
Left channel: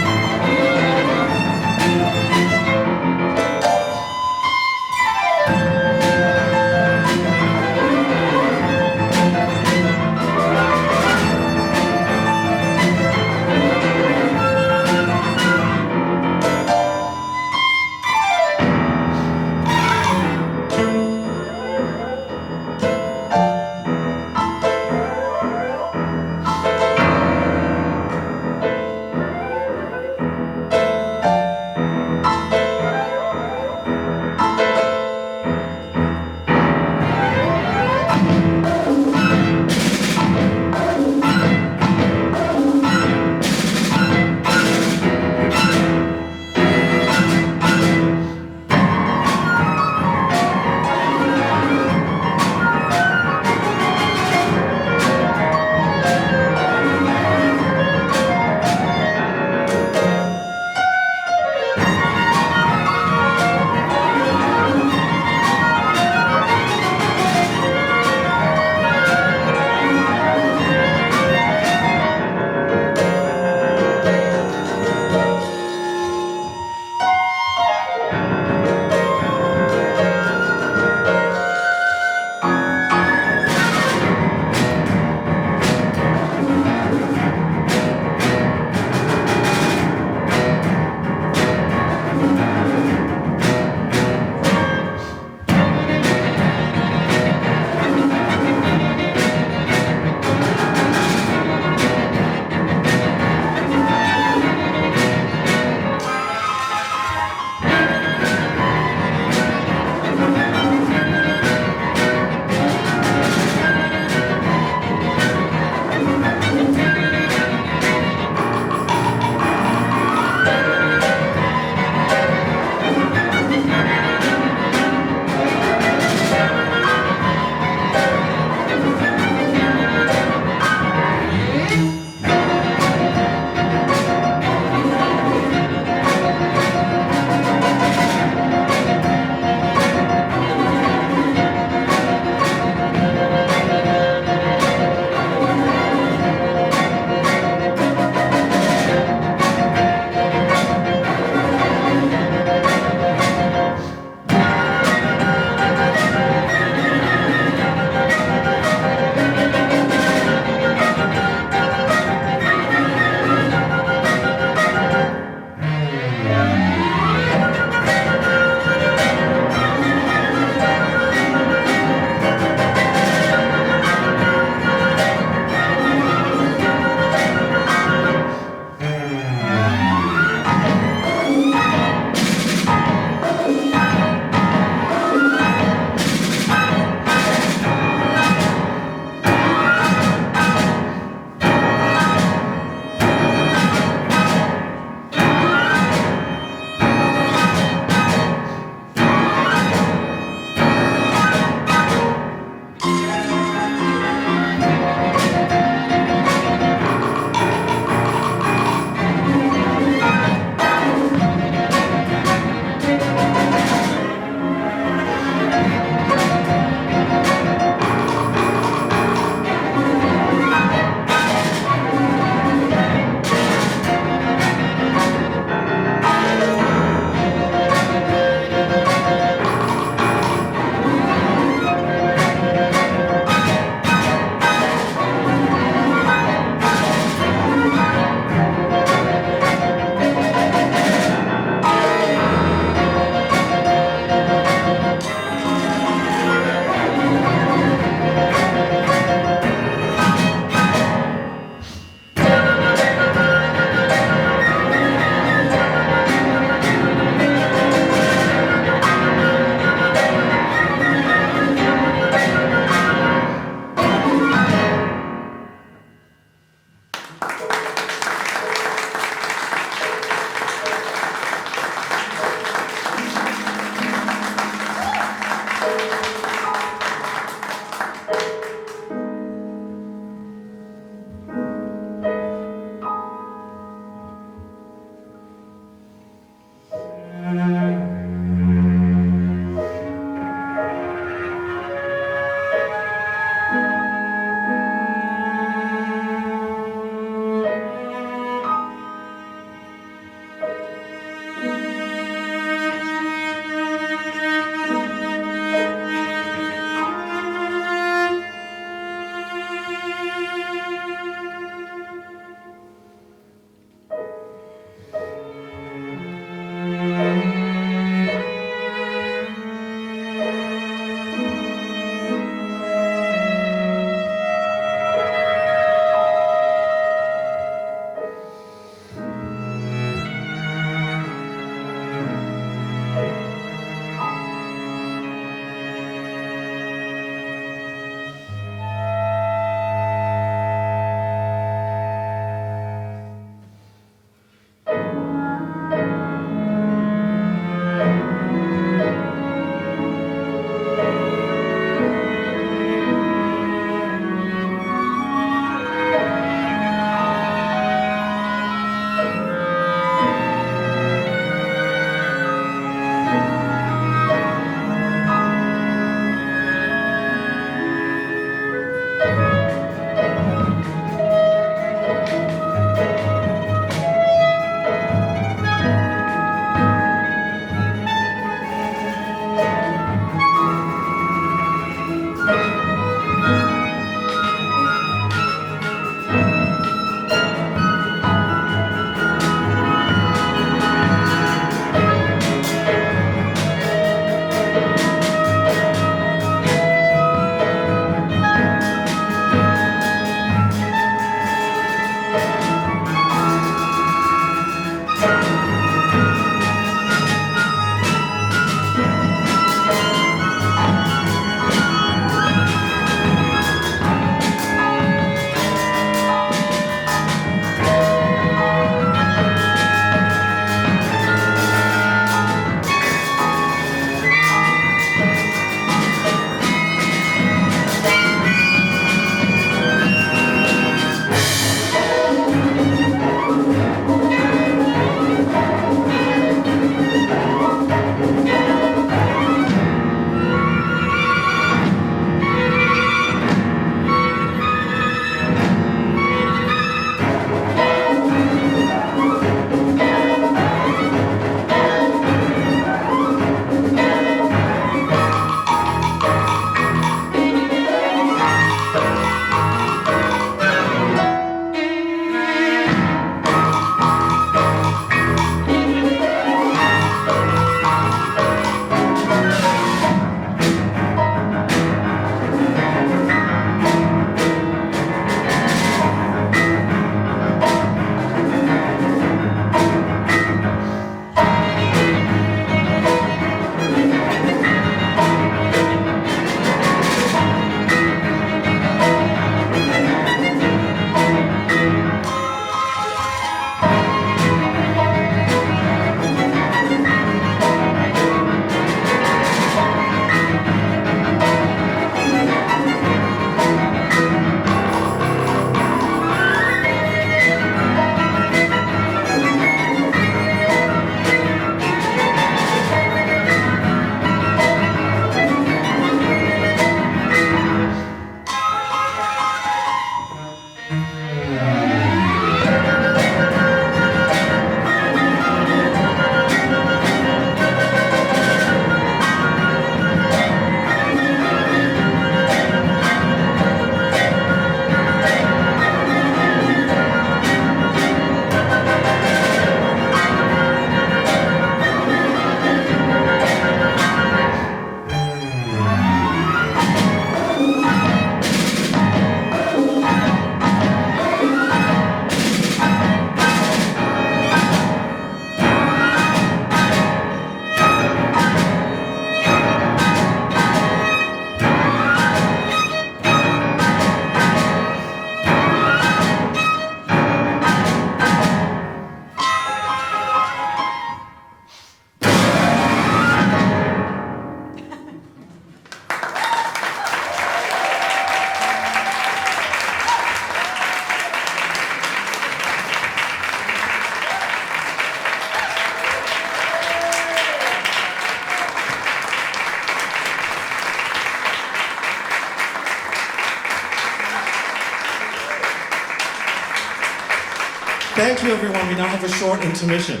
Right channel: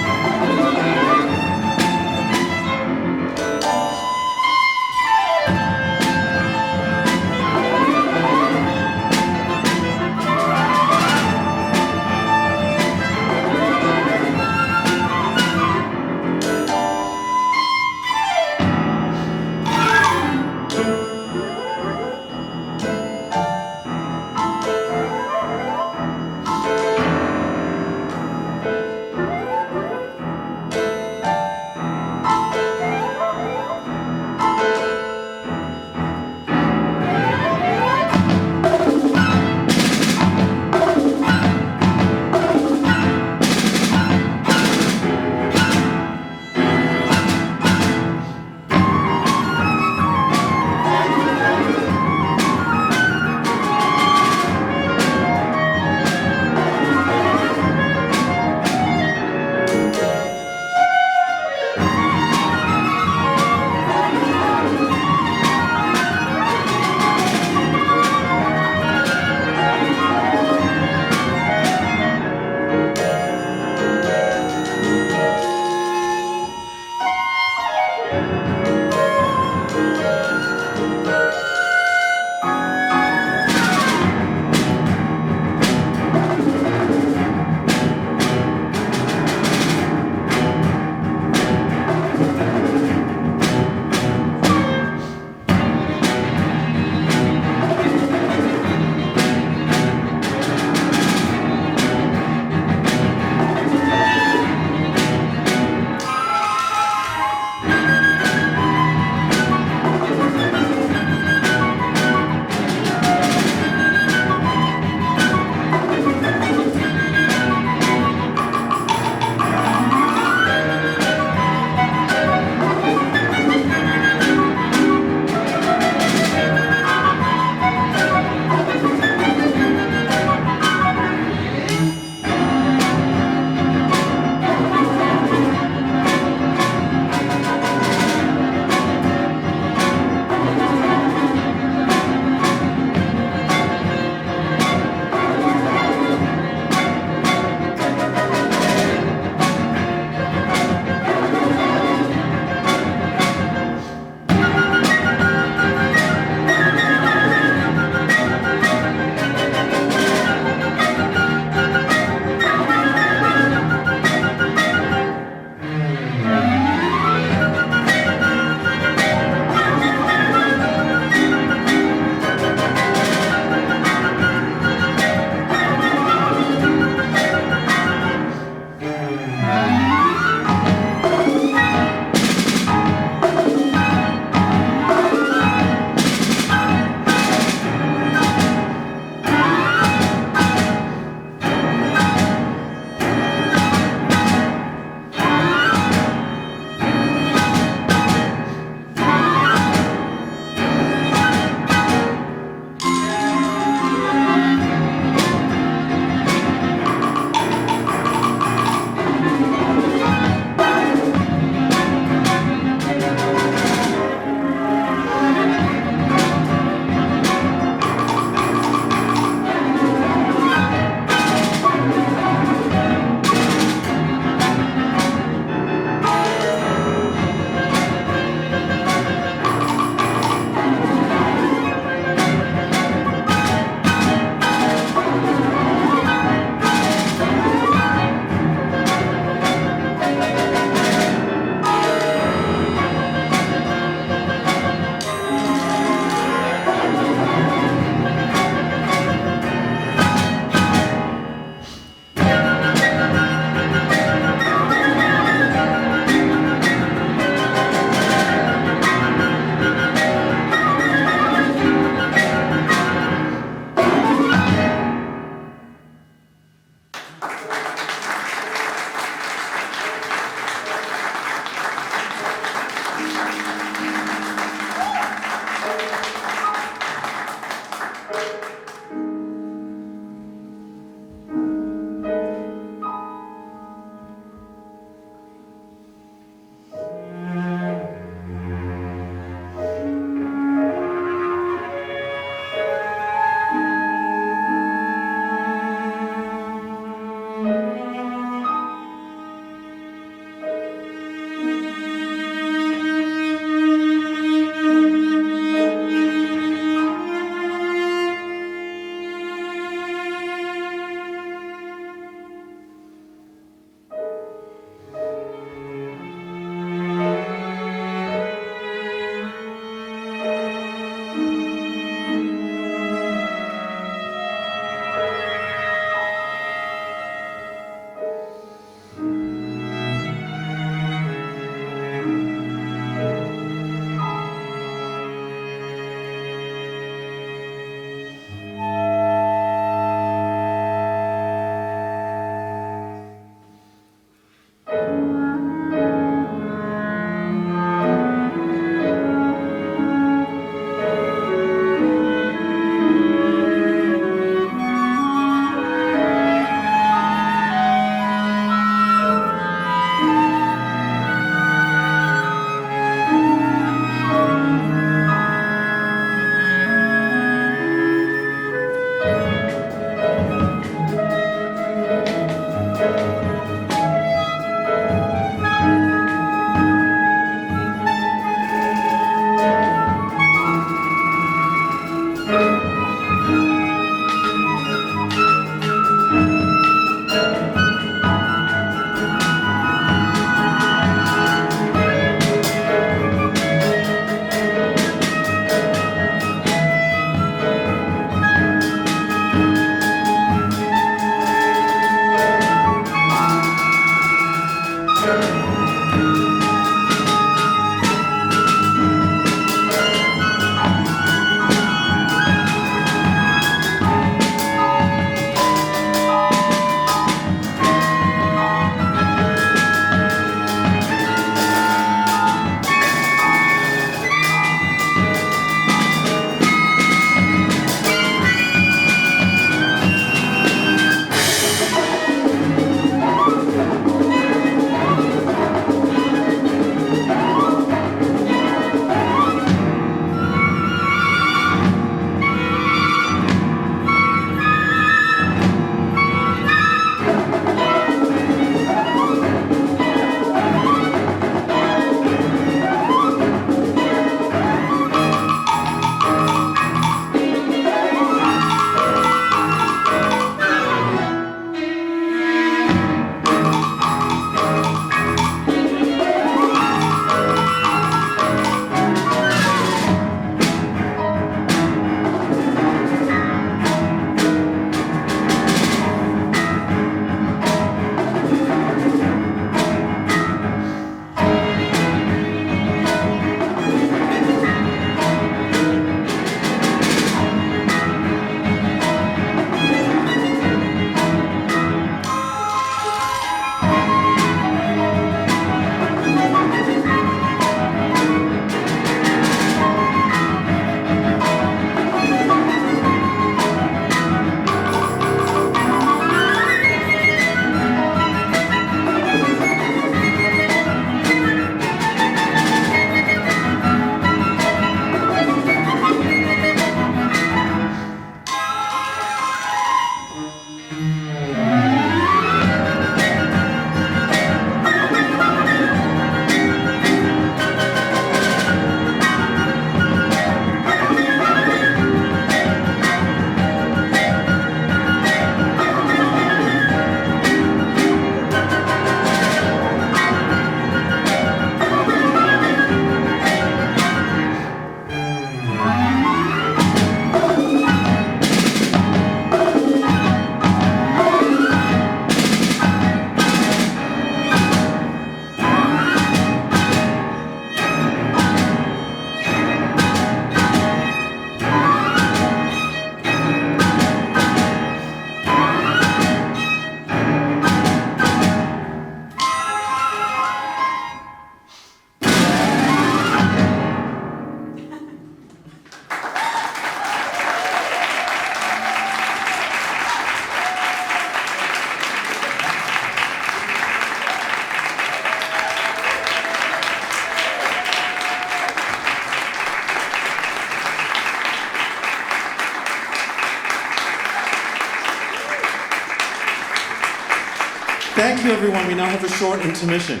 Thank you, everyone. We now have a short intermission.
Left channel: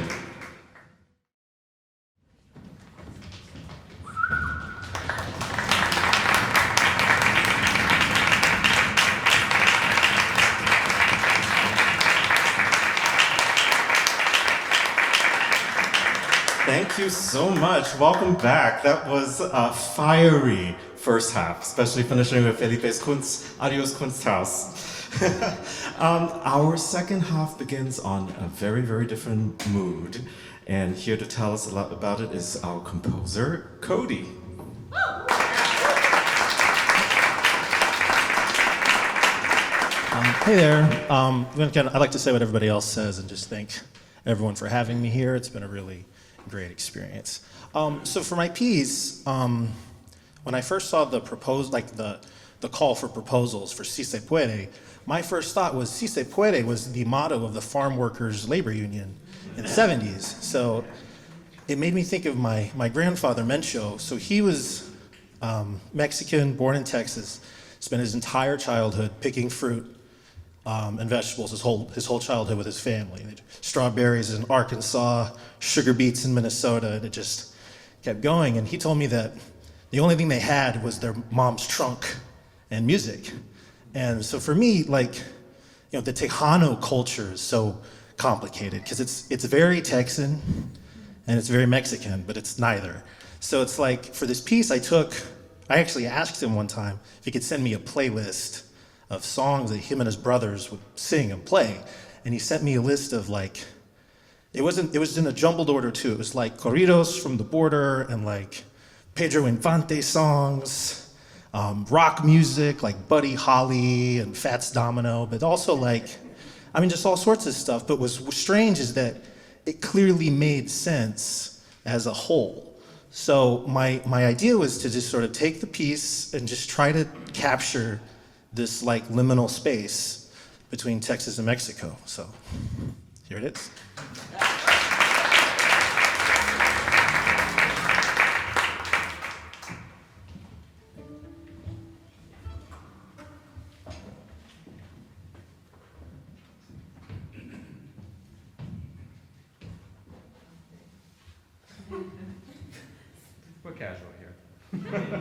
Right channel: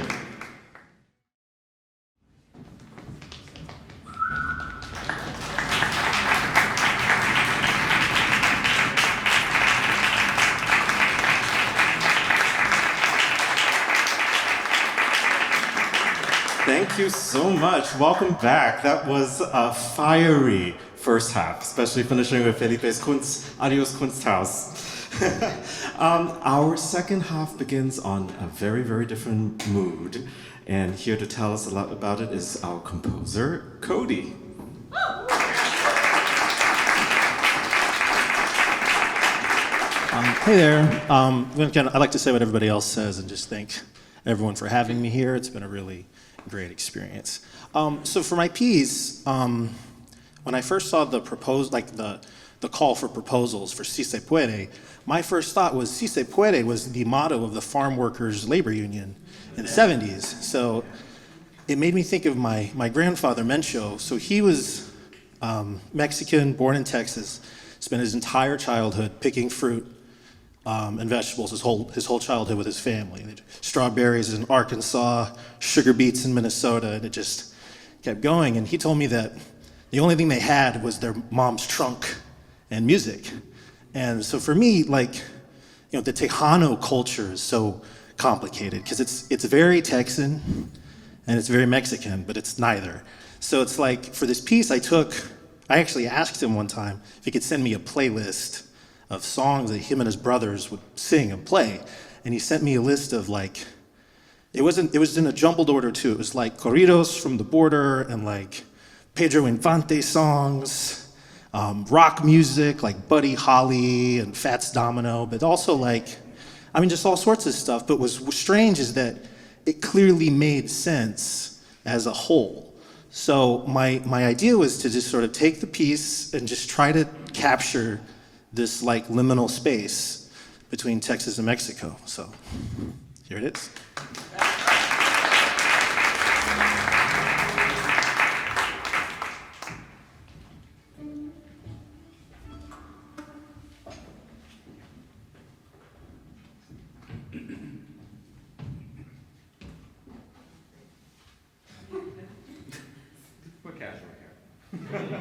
Thank you so much. Welcome back. That was a fiery first half, especially finishing with Felipe's Adios Kunsthaus. Our second half begins on a very, very different mood. And here to tell us a lot about it is our composer, Cody. Hey there. Again, I'd like to say what everybody else says and just thank everyone for having me here. It's been a really great experience. So for my piece, when I first saw the call for proposals for Si Se Puede, my first thought was Si Se Puede was the motto of the farm workers' labor union in the 70s. So it made me think of my grandfather, Mencho. So he was Mexican, born in Texas, spent his entire childhood picking fruit and vegetables, his whole childhood with his family. Strawberries in Arkansas, sugar beets in Minnesota, and it just kept going. And he told me that the only thing they had was their mom's trunk and music. And so for me, the Tejano culture is so complicated because it's very Texan and it's very Mexican, but it's neither. So it's like for this piece I actually asked him one time if he could send me a playlist of songs that him and his brothers would sing and play. And he sent me a list of it was in a jumbled order too. It was like corridos from the border and Pedro Infante songs, rock music like Buddy Holly and Fats Domino, but also just all sorts of stuff. But what's strange is that it clearly made sense as a whole. So my idea was to just sort of take the piece and just try to capture this liminal space between Texas and Mexico. So here it is. We're casual here.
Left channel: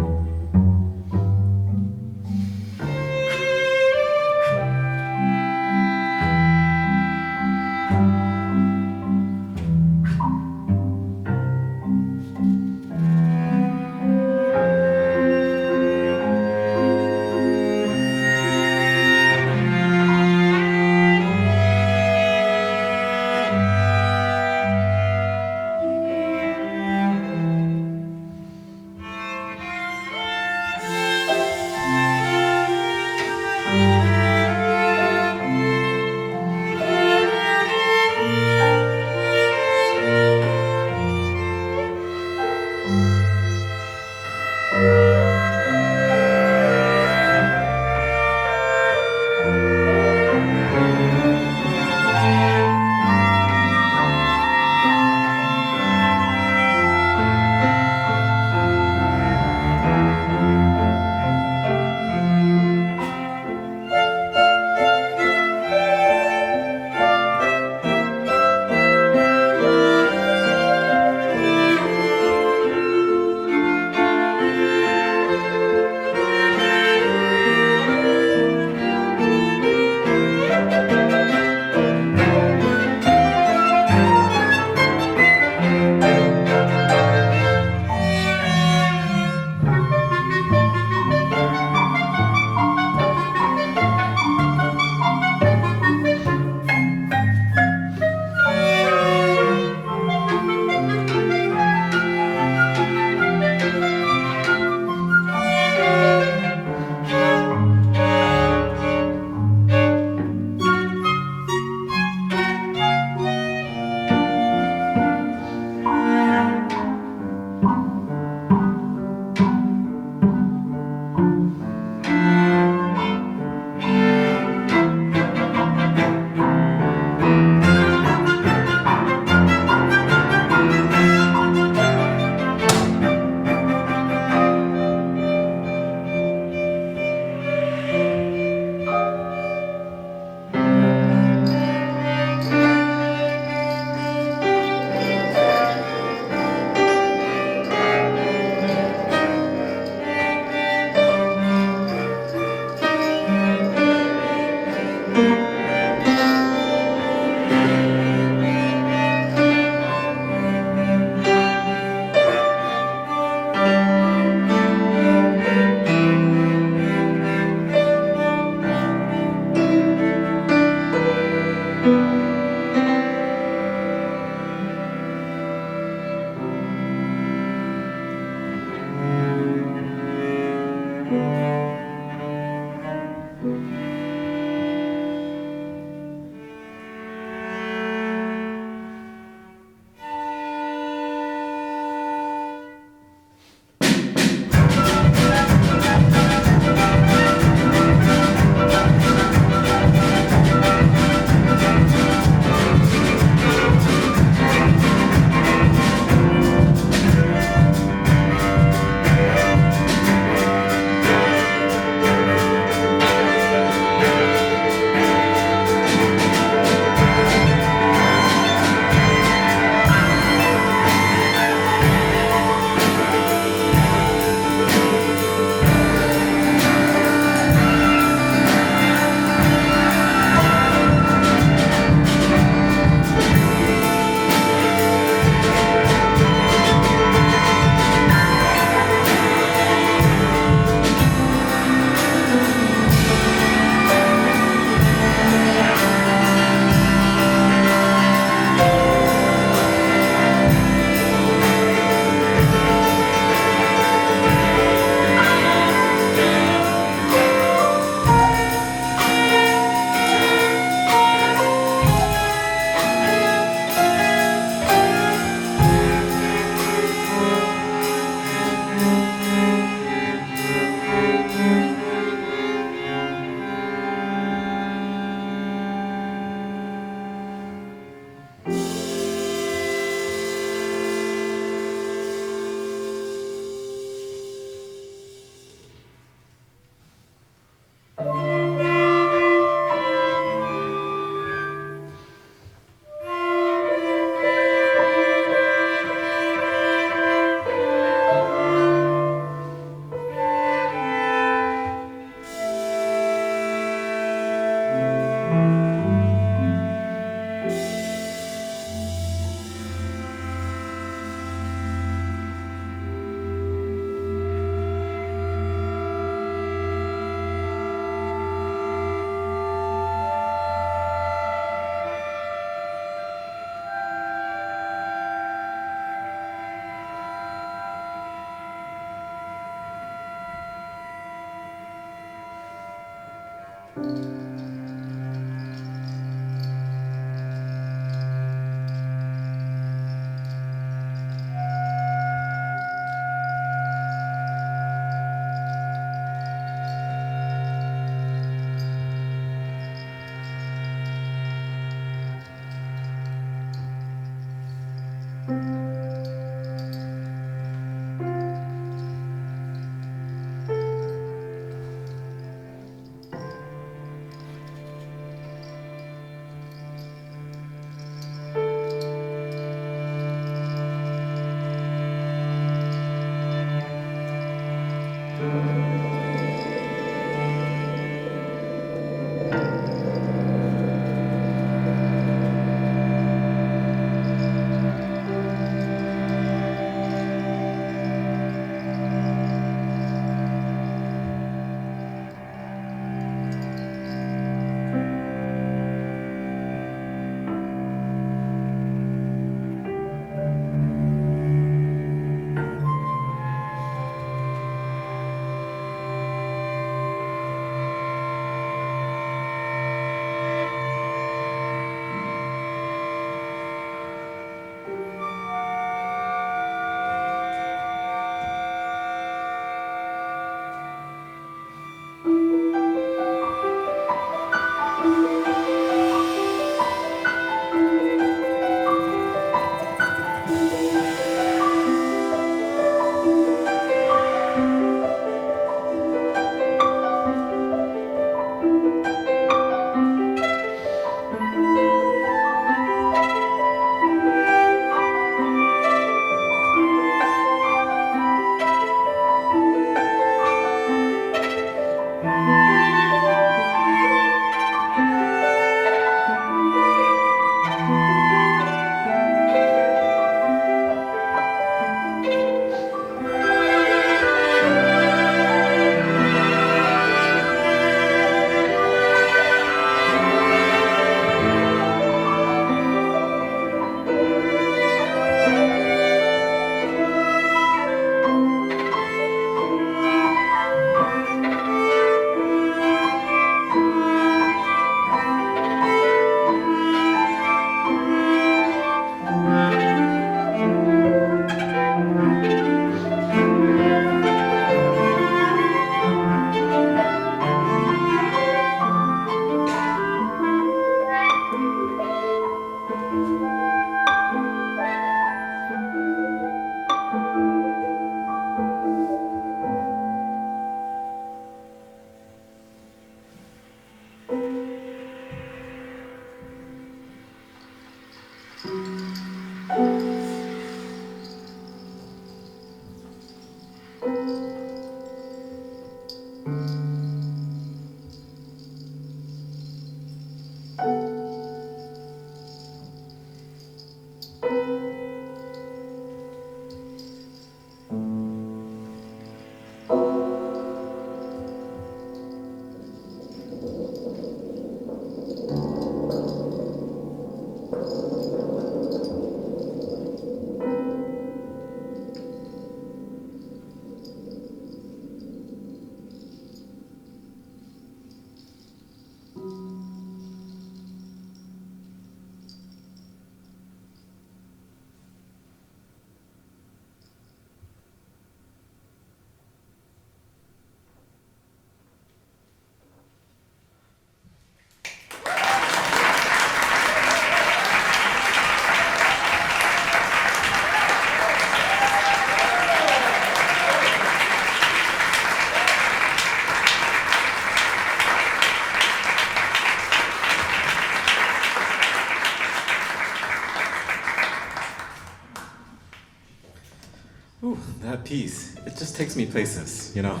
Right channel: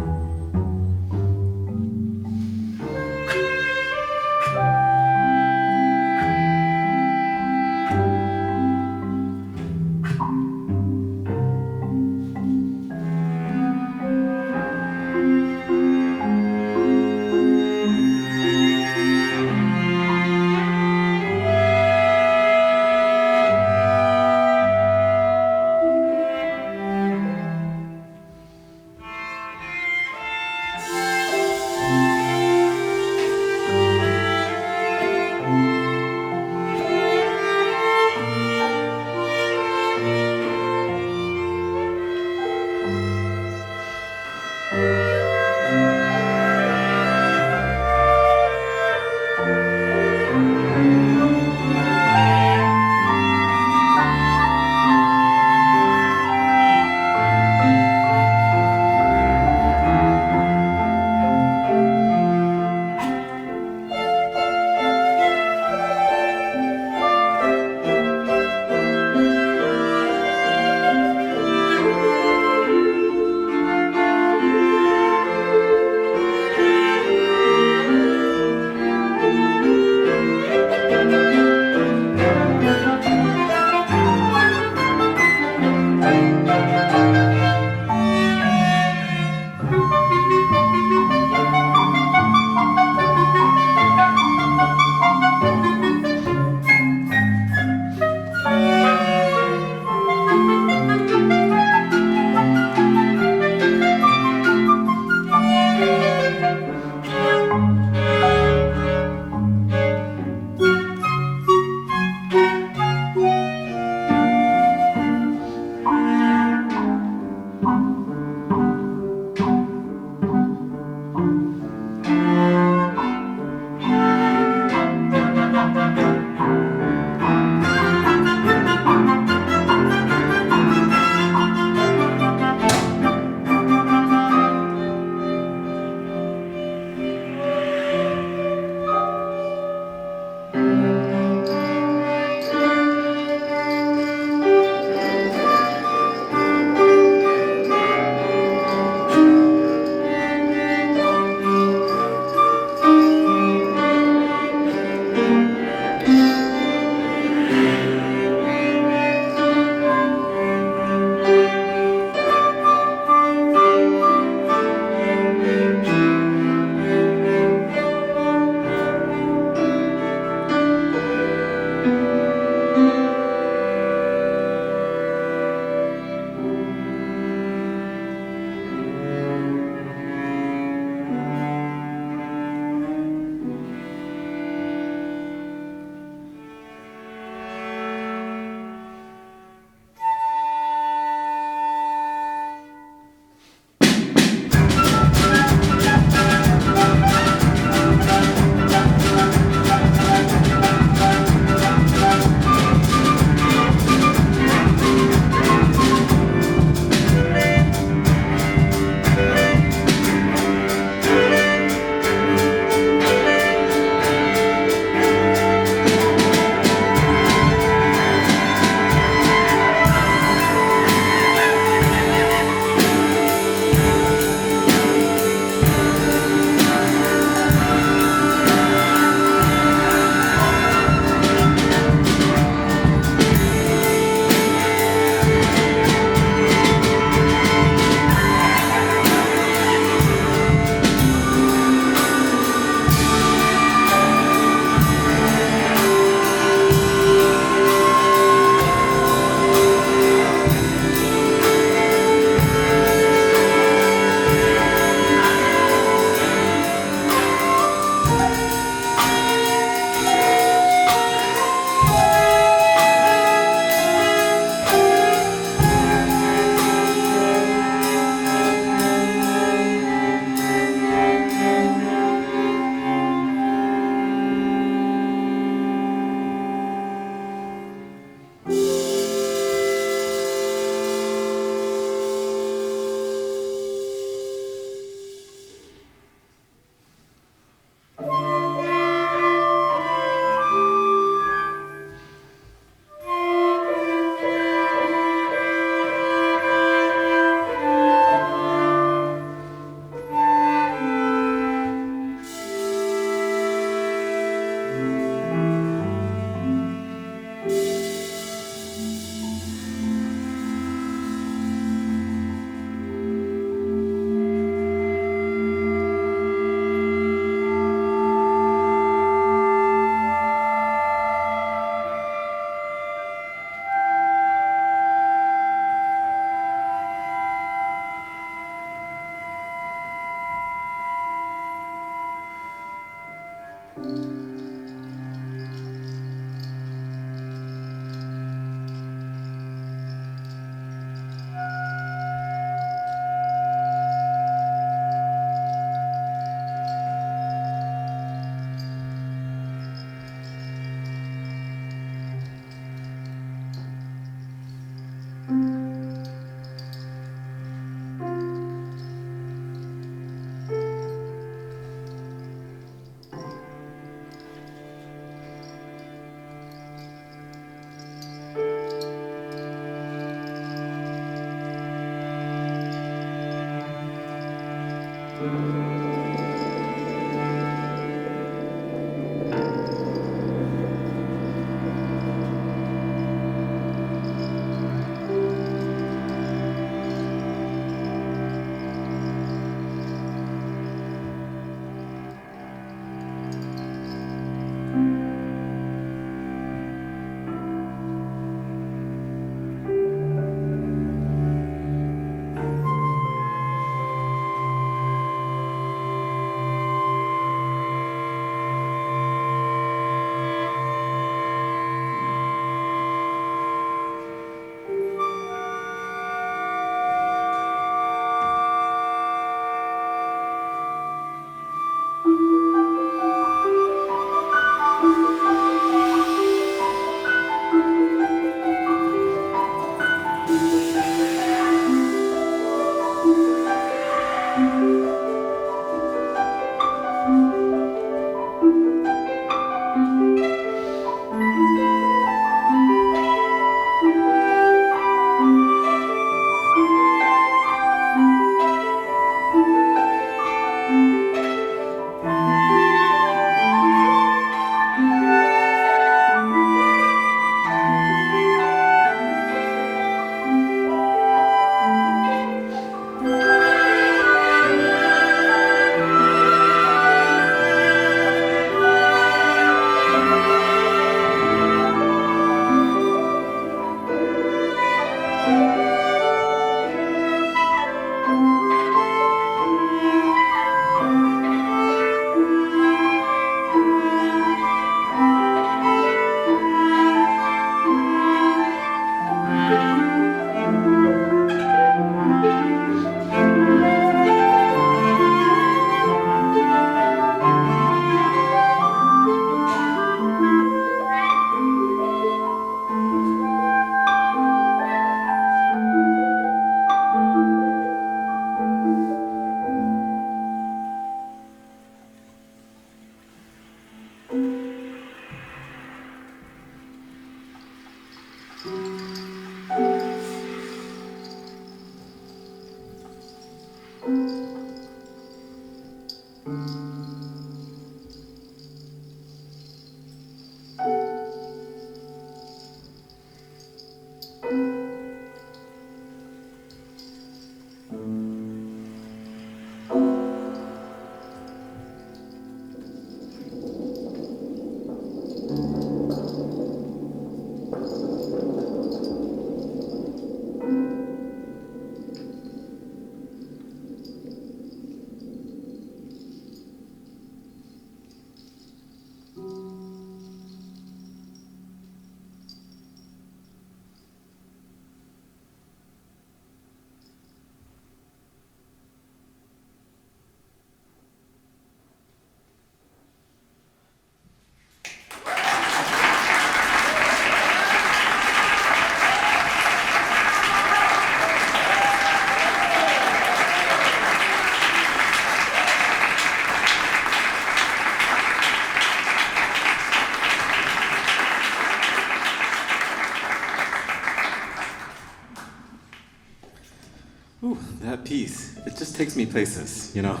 Ooh, that piece, it just takes me places, you know.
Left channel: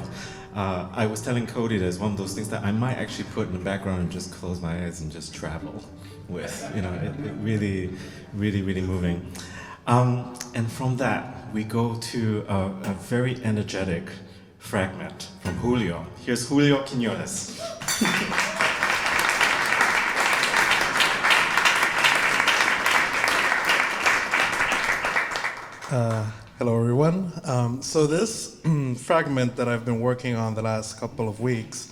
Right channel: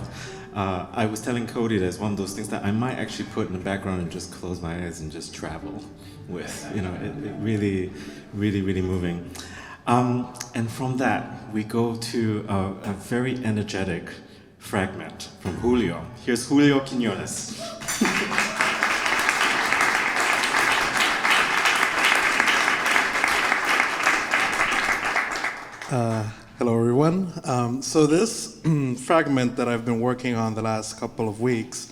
I was telling Cody that it's one of those things that I might actually put in the background and just close my eyes and just travel with, you know, it really, really moving. And from that, we go to a very energetic fragment from Julio. Here's Julio Quiñones. Hello, everyone. So this fragment that I've been working on the last couple of weeks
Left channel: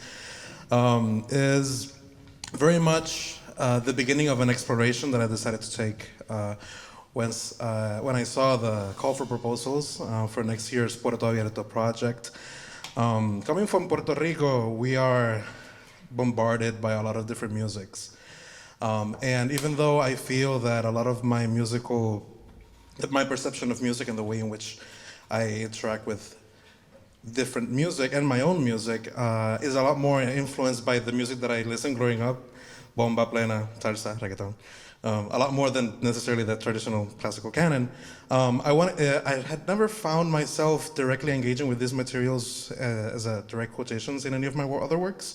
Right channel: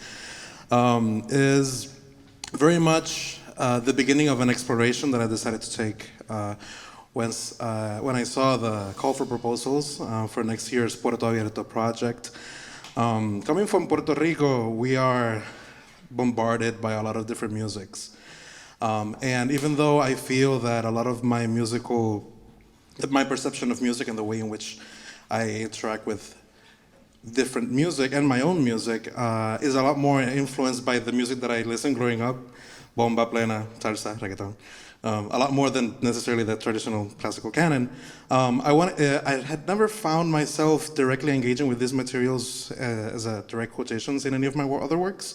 is very much the beginning of an exploration that I decided to take when I saw the call for proposals for next year's Puerto Abierto project. Coming from Puerto Rico, we are bombarded by a lot of different musics. And even though I feel that a lot of my perception of music and the way in which I interact with different music and my own music is a lot more influenced by the music that I listened growing up, bomba, plena, salsa, reggaeton, a lot more than necessarily the traditional classical canon. I had never found myself directly engaging with these materials as a direct quotations in any of my other works.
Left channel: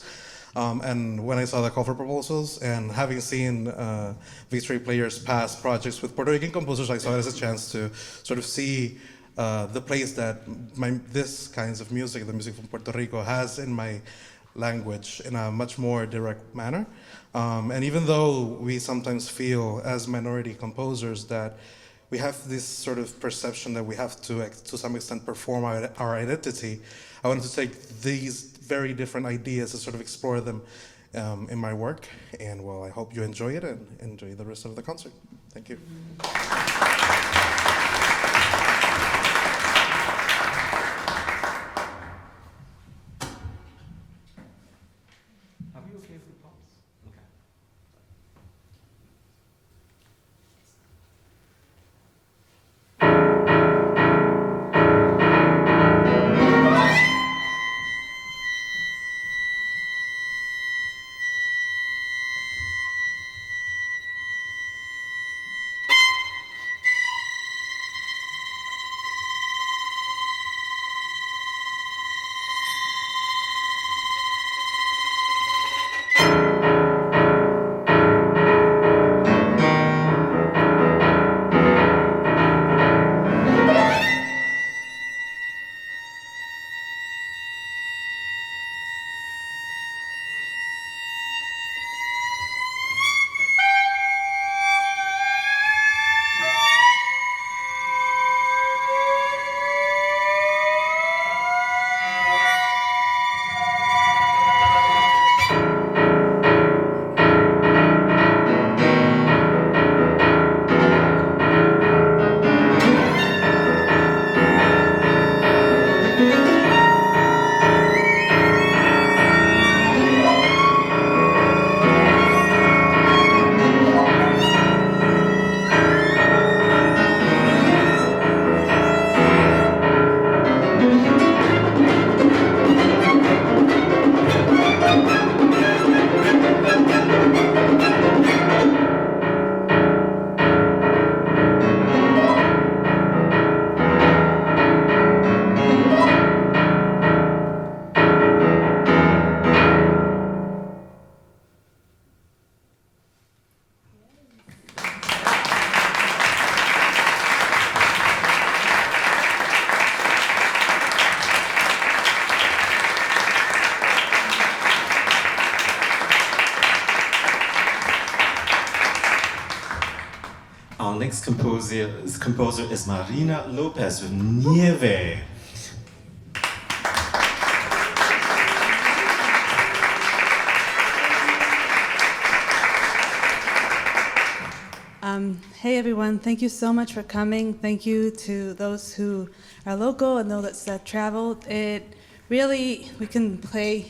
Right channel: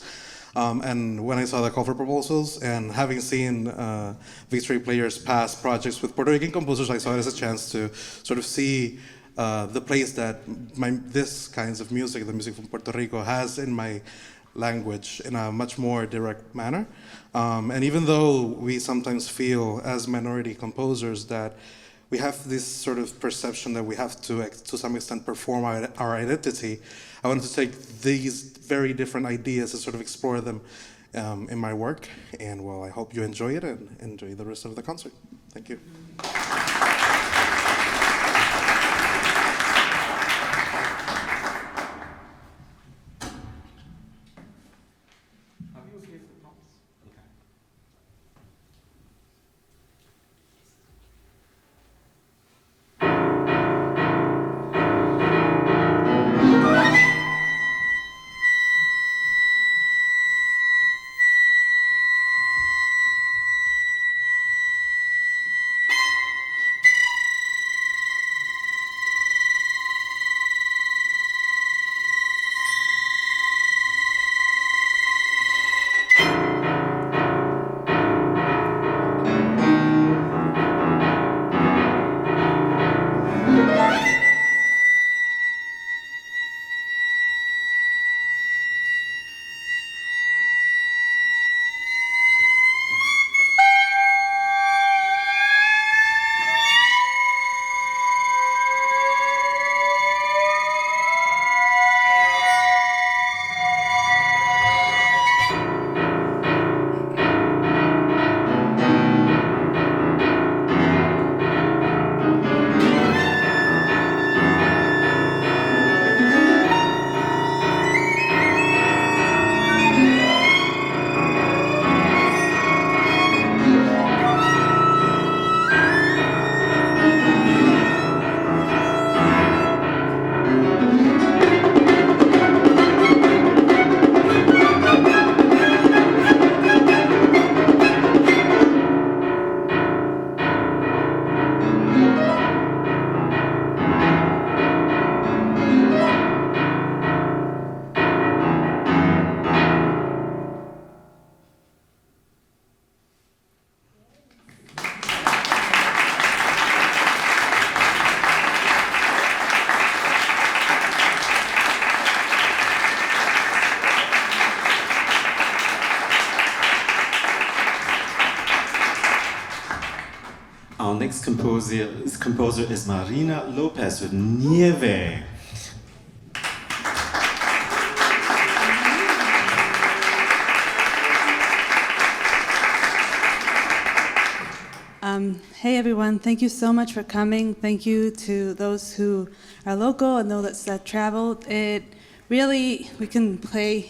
And when I saw the call for proposals and having seen Victory Players' past projects with Puerto Rican composers, I saw it as a chance to sort of see the place that this kinds of music, the music from Puerto Rico, has in my language in a much more direct manner. And even though we sometimes feel as minority composers that we have this sort of perception that we have to some extent perform our identity, I wanted to take these very different ideas and sort of explore them in my work. And well, I hope you enjoy it and enjoy the rest of the concert. Thank you. Our next composer is Marina Lopez with Nieve. Hey everyone, thank you so much for coming. Thank you to those who are local and those that traveled. We can play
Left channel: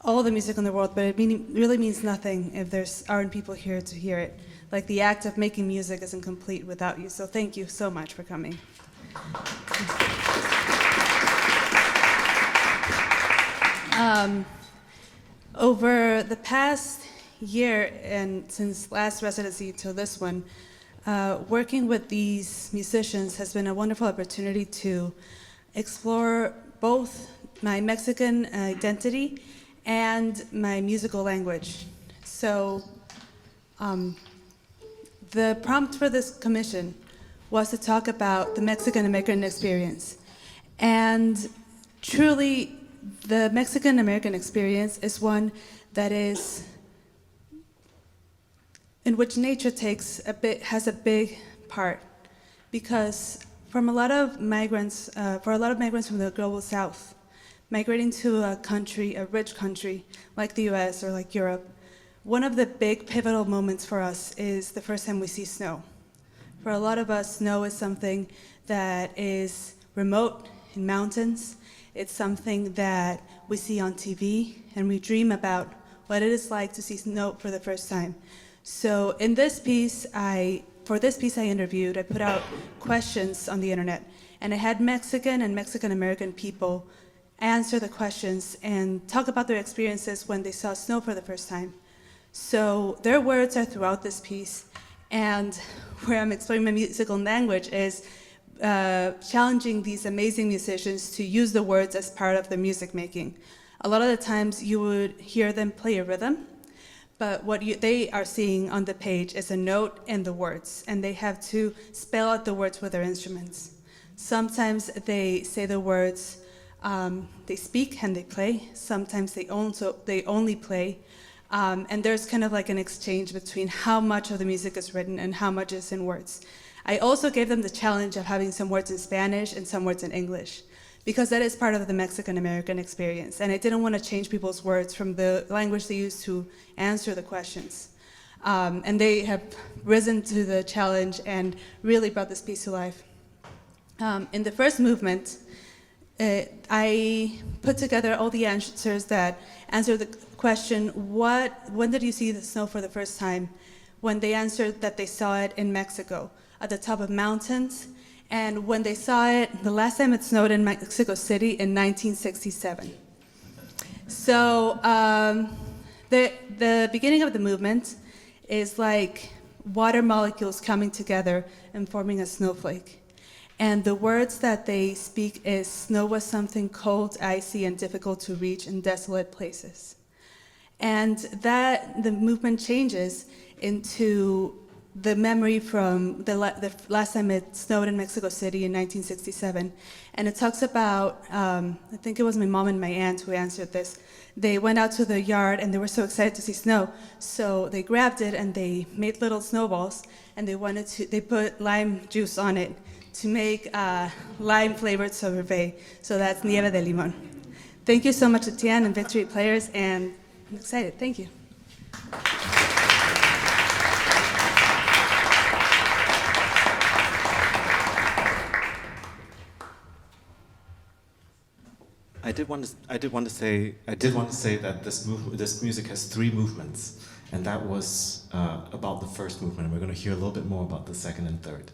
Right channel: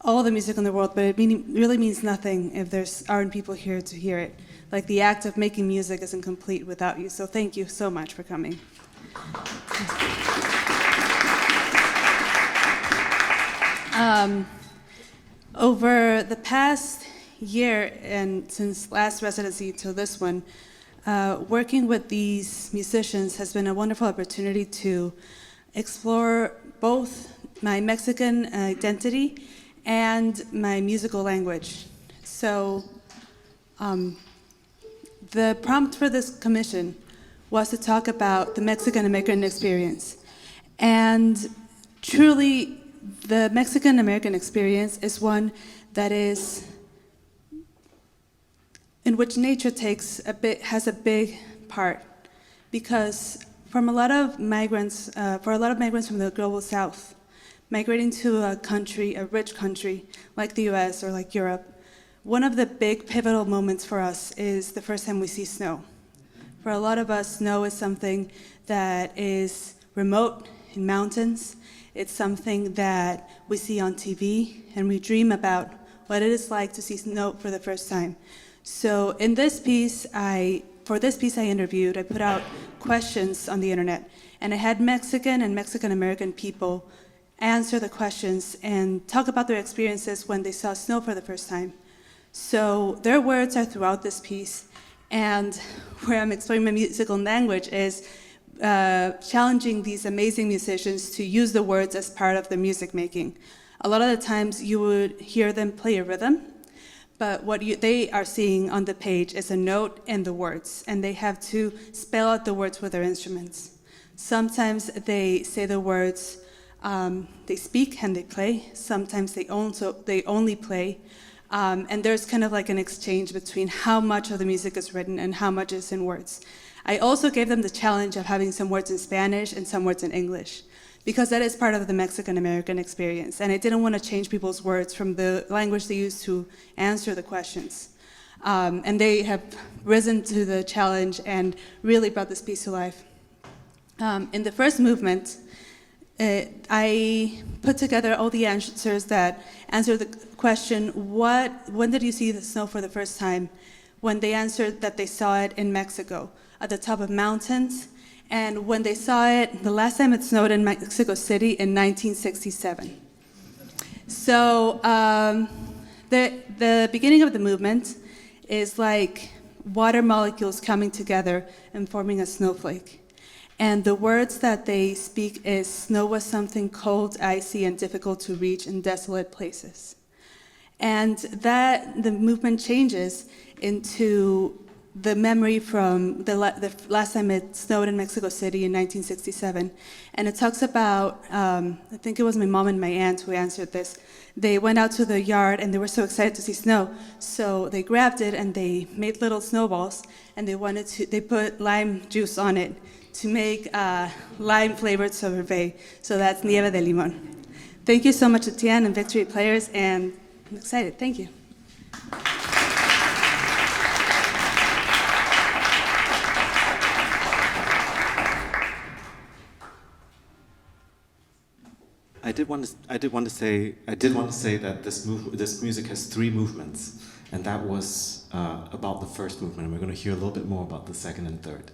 all the music in the world, but it really means nothing if there aren't people here to hear it. Like the act of making music isn't complete without you. So thank you so much for coming. Over the past year and since last residency till this one, working with these musicians has been a wonderful opportunity to explore both my Mexican identity and my musical language. So the prompt for this commission was to talk about the Mexican-American experience. And truly, the Mexican-American experience is one that is in which nature has a big part, because for a lot of migrants from the global south, migrating to a country, a rich country like the US or like Europe, one of the big pivotal moments for us is the first time we see snow. For a lot of us, snow is something that is remote in mountains. It's something that we see on TV, and we dream about what it is like to see snow for the first time. So in this piece, for this piece I interviewed, I put out questions on the internet, and I had Mexican and Mexican-American people answer the questions and talk about their experiences when they saw snow for the first time. So their words are throughout this piece, and where I'm exploring my musical language is challenging these amazing musicians to use the words as part of the music making. A lot of the times you would hear them play a rhythm, but what they are seeing on the page is a note and the words, and they have to spell out the words with their instruments. Sometimes they say the words, they speak and they play. Sometimes they only play. And there's kind of like an exchange between how much of the music is written and how much is in words. I also gave them the challenge of having some words in Spanish and some words in English, because that is part of the Mexican-American experience. And I didn't want to change people's words from the language they use to answer the questions. And they have risen to the challenge and really brought this piece to life. In the first movement, I put together all the answers that answer the question, when did you see the snow for the first time? When they answered that they saw it in Mexico, at the top of mountains, and when they saw it, the last time it snowed in Mexico City in 1967. So the beginning of the movement is like water molecules coming together and forming a snowflake. And the words that they speak is, snow was something cold, icy, and difficult to reach in desolate places. And that the movement changes into the memory from the last time it snowed in Mexico City in 1967. And it talks about, I think it was my mom and my aunt who answered this. They went out to the yard and they were so excited to see snow. So they grabbed it and they made little snowballs, and they put lime juice on it to make lime-flavored sorbet. So that's nieve de limón. Thank you so much to Tian and Victory Players, and I'm excited. Thank you. I did want to say that this music has 3 movements, and that was about the first movement. And we're going to hear a little bit more about the second and third.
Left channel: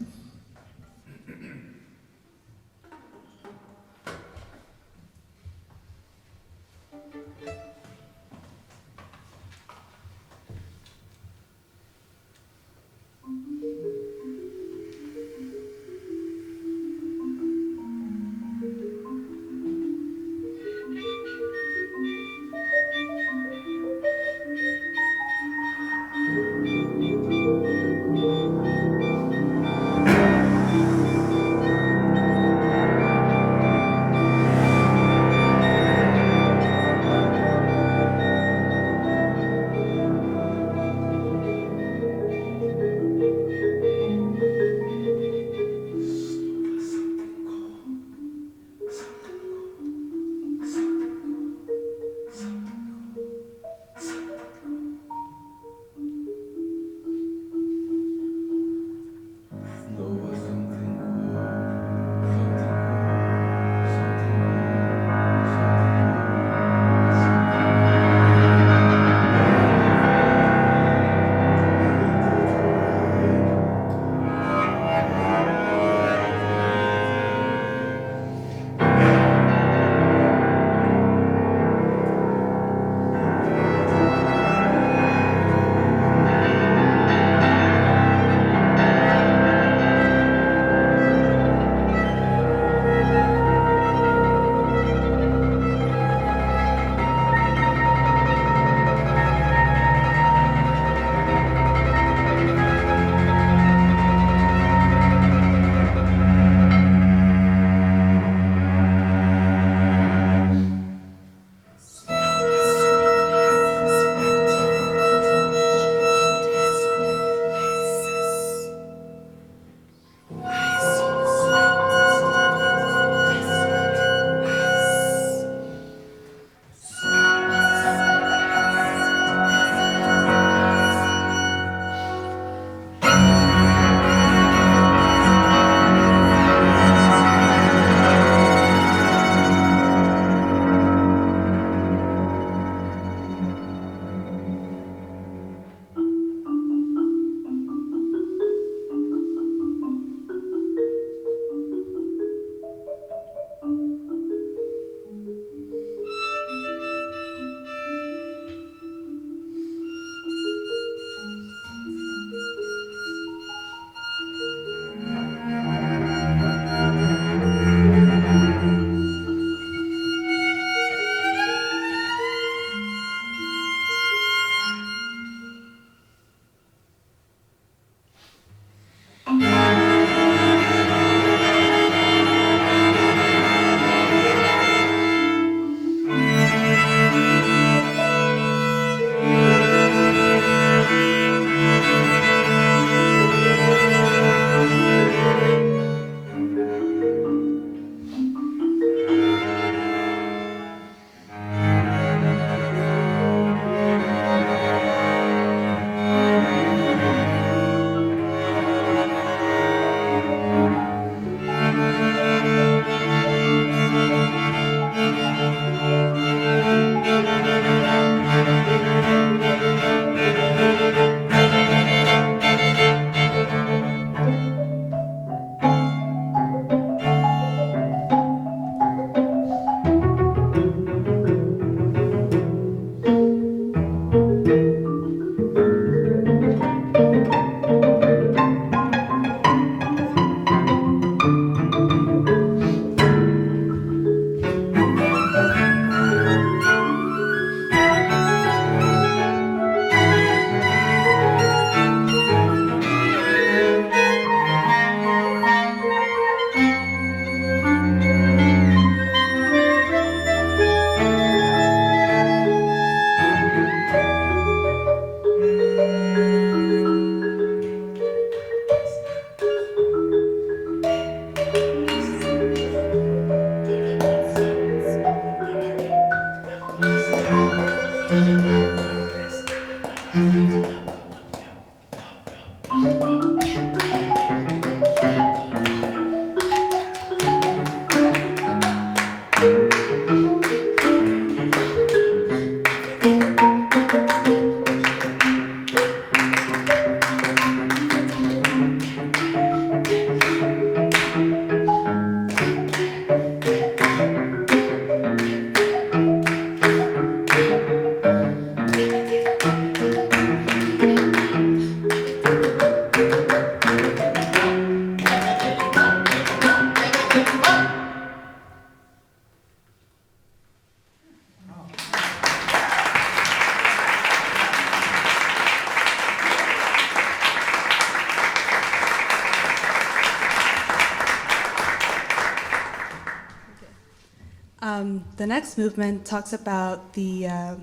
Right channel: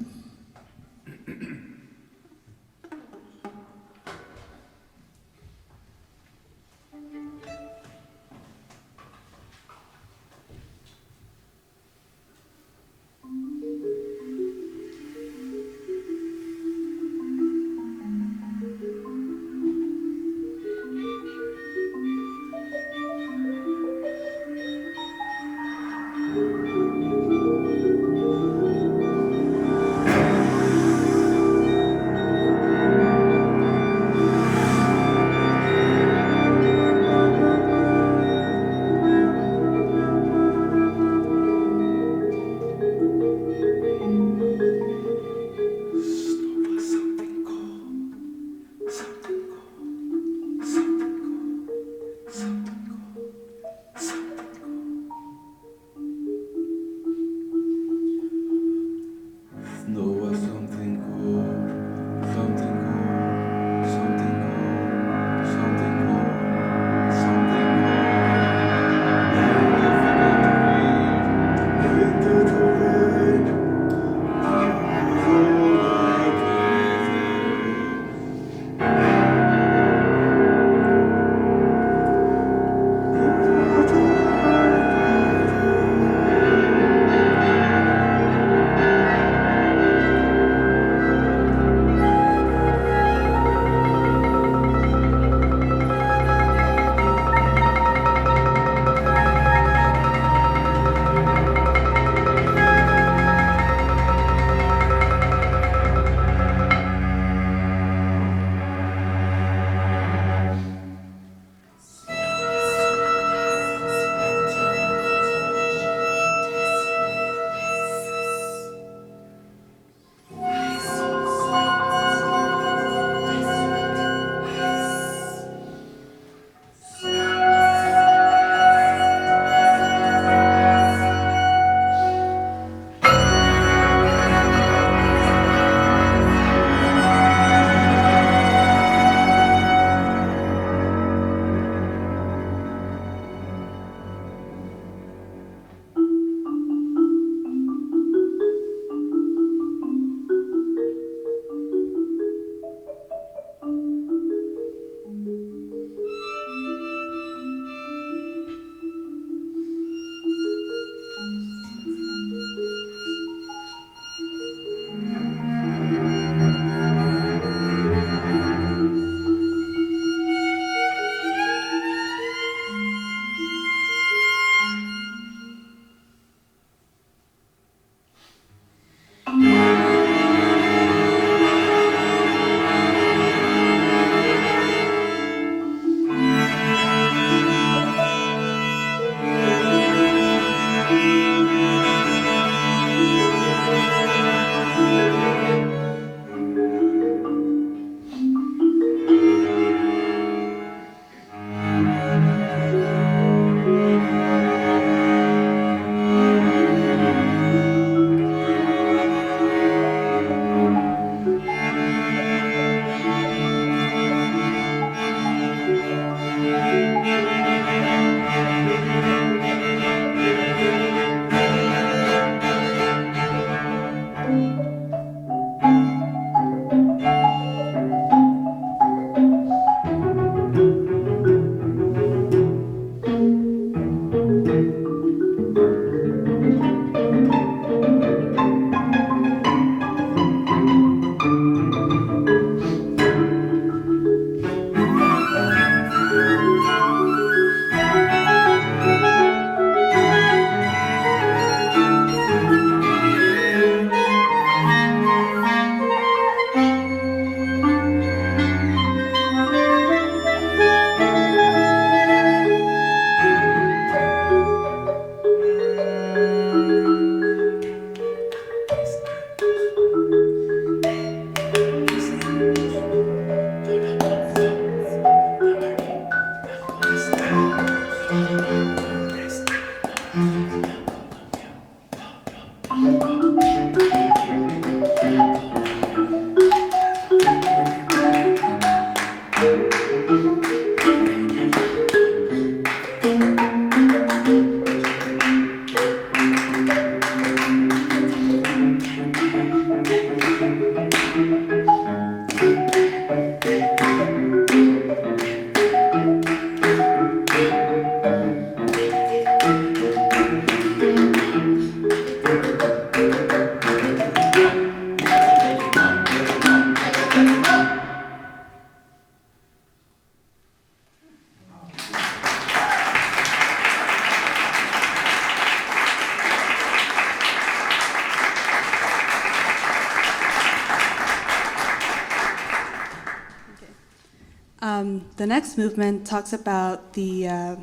The next movement talks about the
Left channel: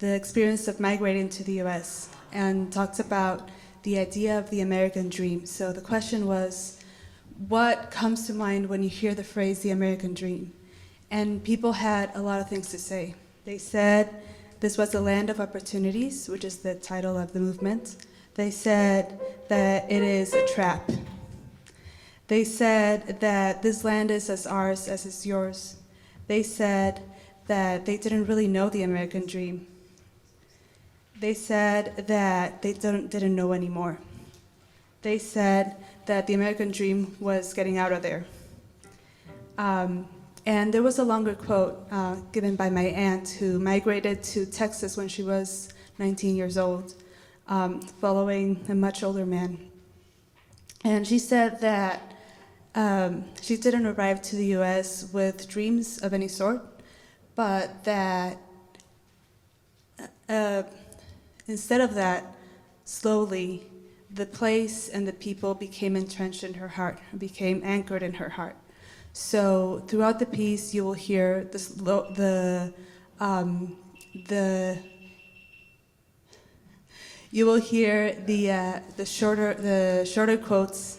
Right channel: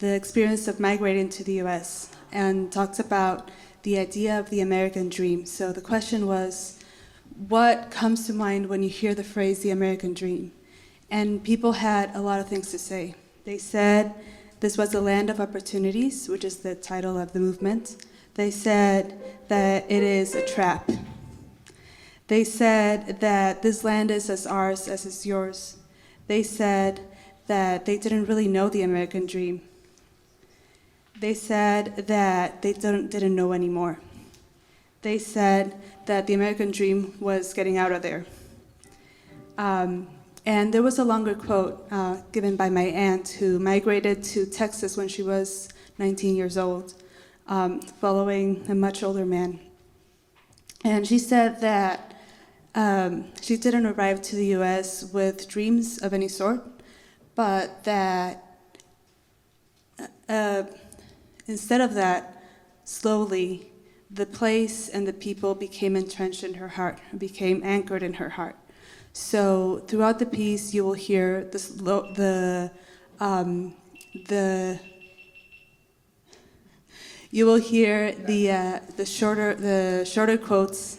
experience of migrating to the U.S. and talks about the idea of the American dream. So the question was, what comes to mind when you hear the phrase the American dream? And people had a lot of things to say. They said this was a land of opportunities, which is the title of the movement. They said that it is a trap. They said that this land is as ours as is yours. They said that they didn't really know the American dream. They said that they didn't know anymore. They said that the American dream was getting out of there. And there was a longer quote given by my aunt who migrated to Texas when she was 19 years old, following a much older man. And she said that she didn't arrive to the US with dreams of any sort, but that instead of that, slowly, the place and the people became entrenched in her heart, became anchored in her heart. So throughout the piece, you will hear you will hear the shorter quotes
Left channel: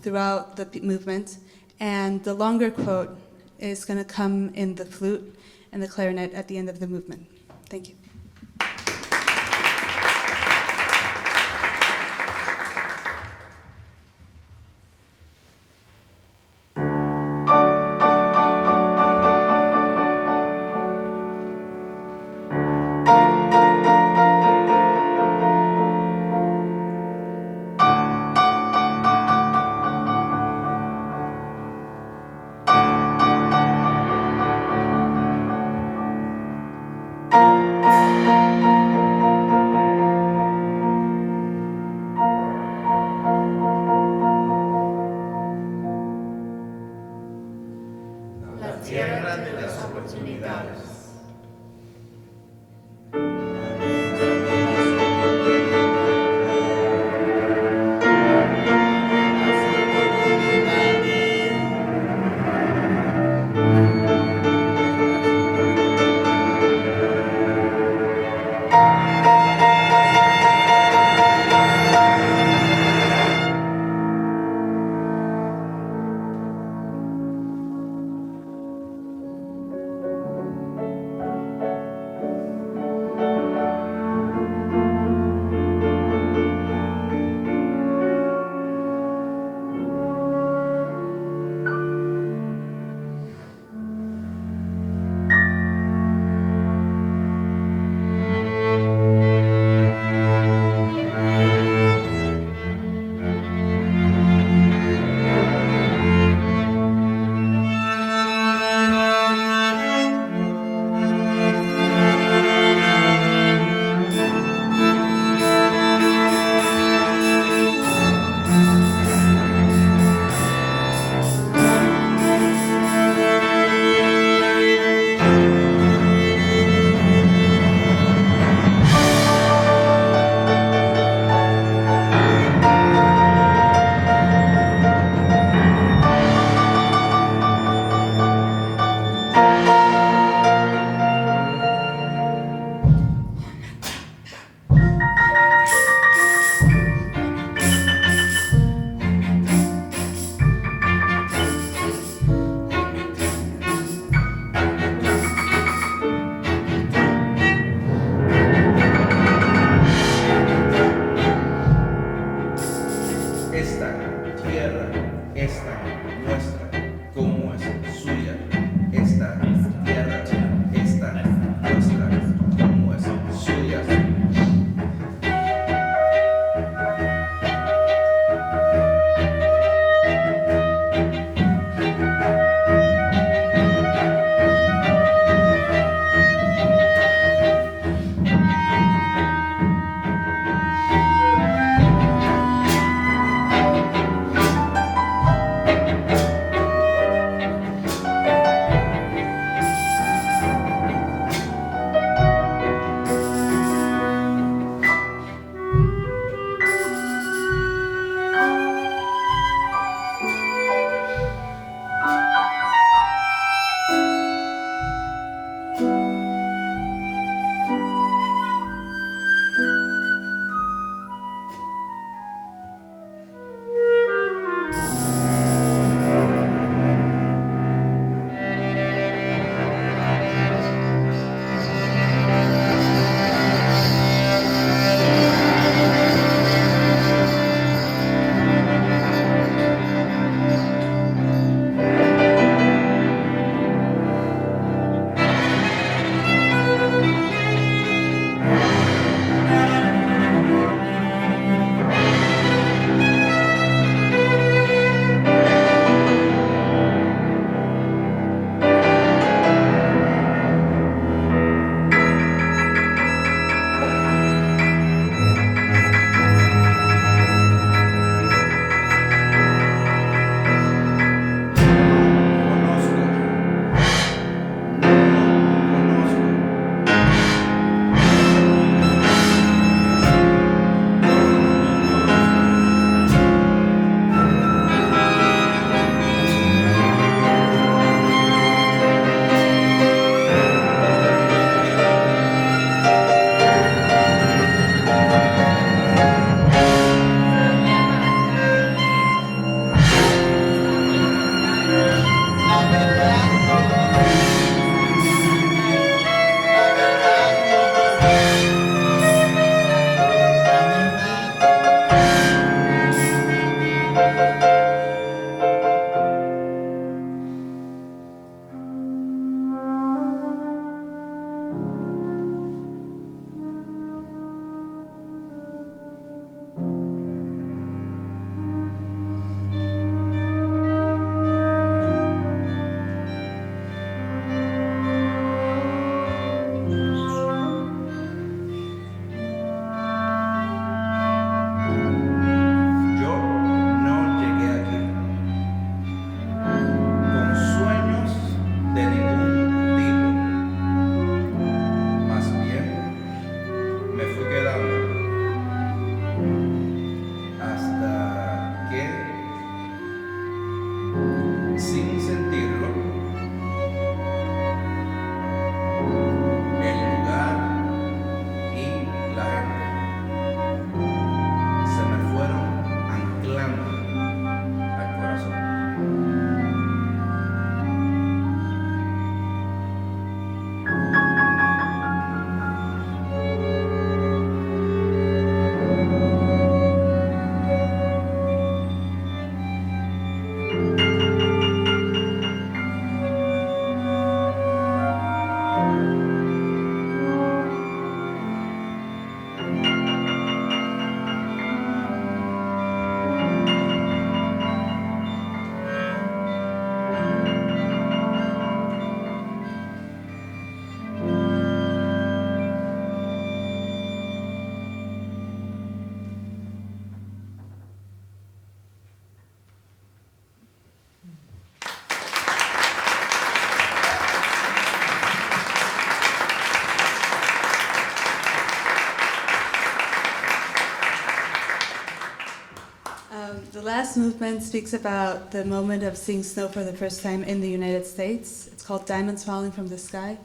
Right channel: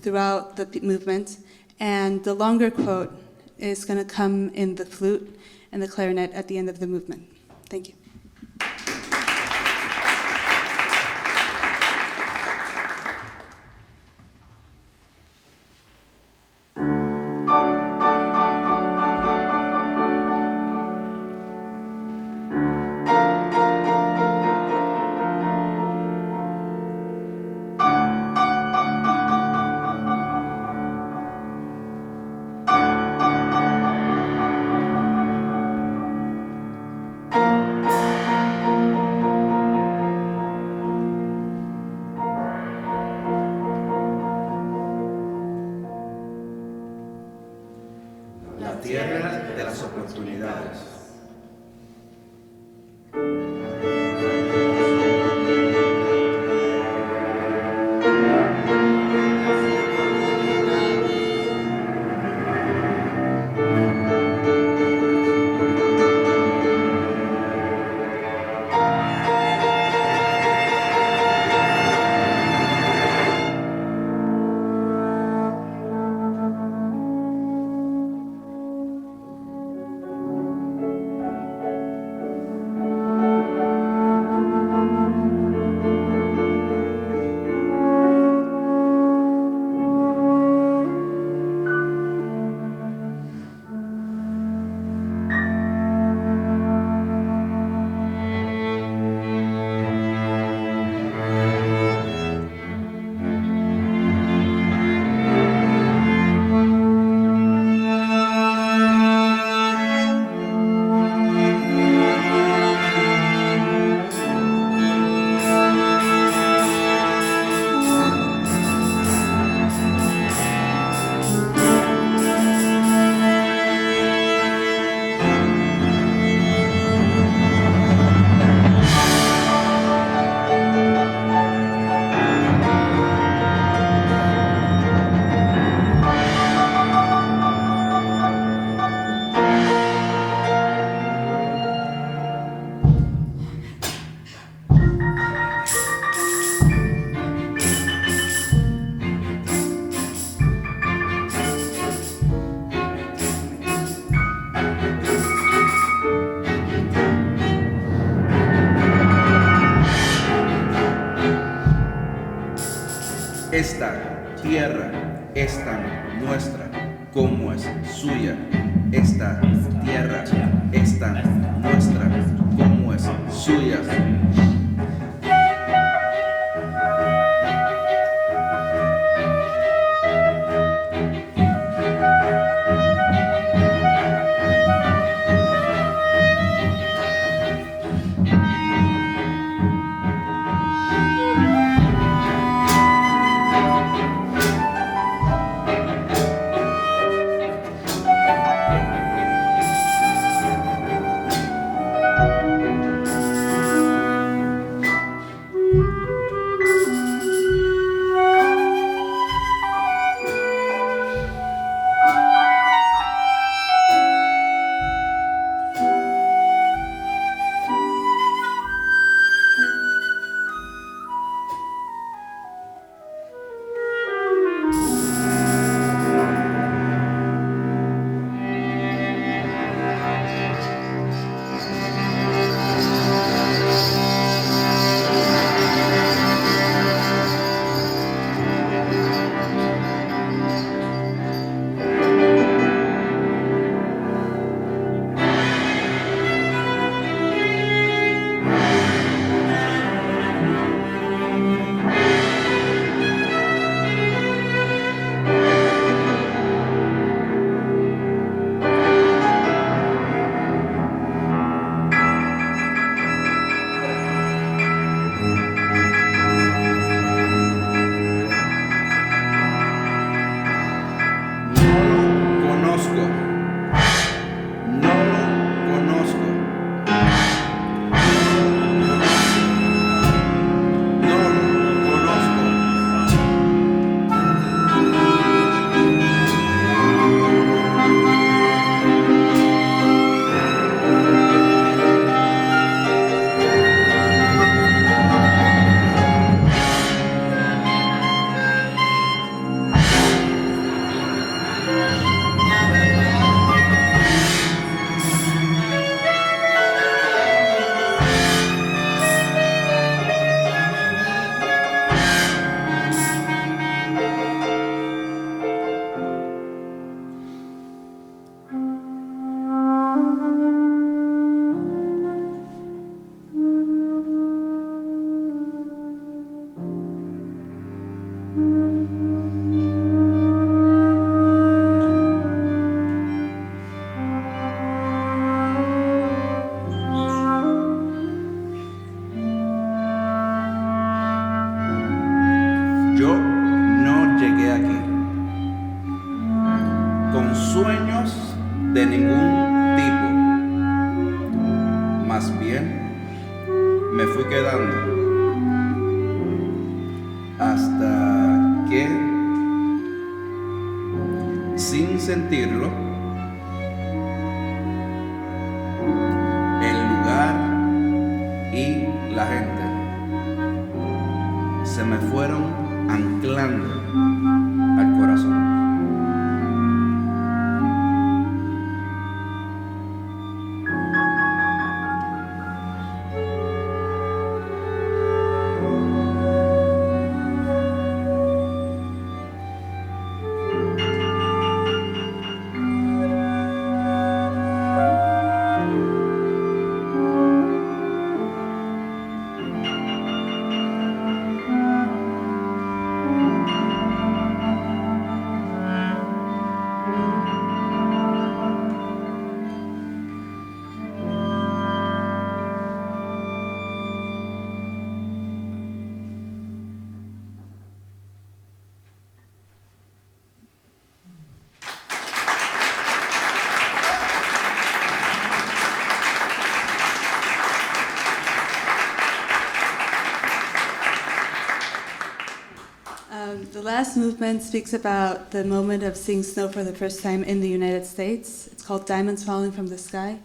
throughout the movement, and the longer quote is going to come in the flute and the clarinet at the end of the movement. Thank you. Esta tierra es tan nuestra como es suya. Esta tierra es tan nuestra como es suya. De ningún tipo. Más bien, me fui quedando hasta que, sin sentirlo, el lugar y la gente se me fueron anclando al corazón. The last movement speaks about the moment of seeing snow for the first time in the United States. It's called Diamonds Falling from the Sky,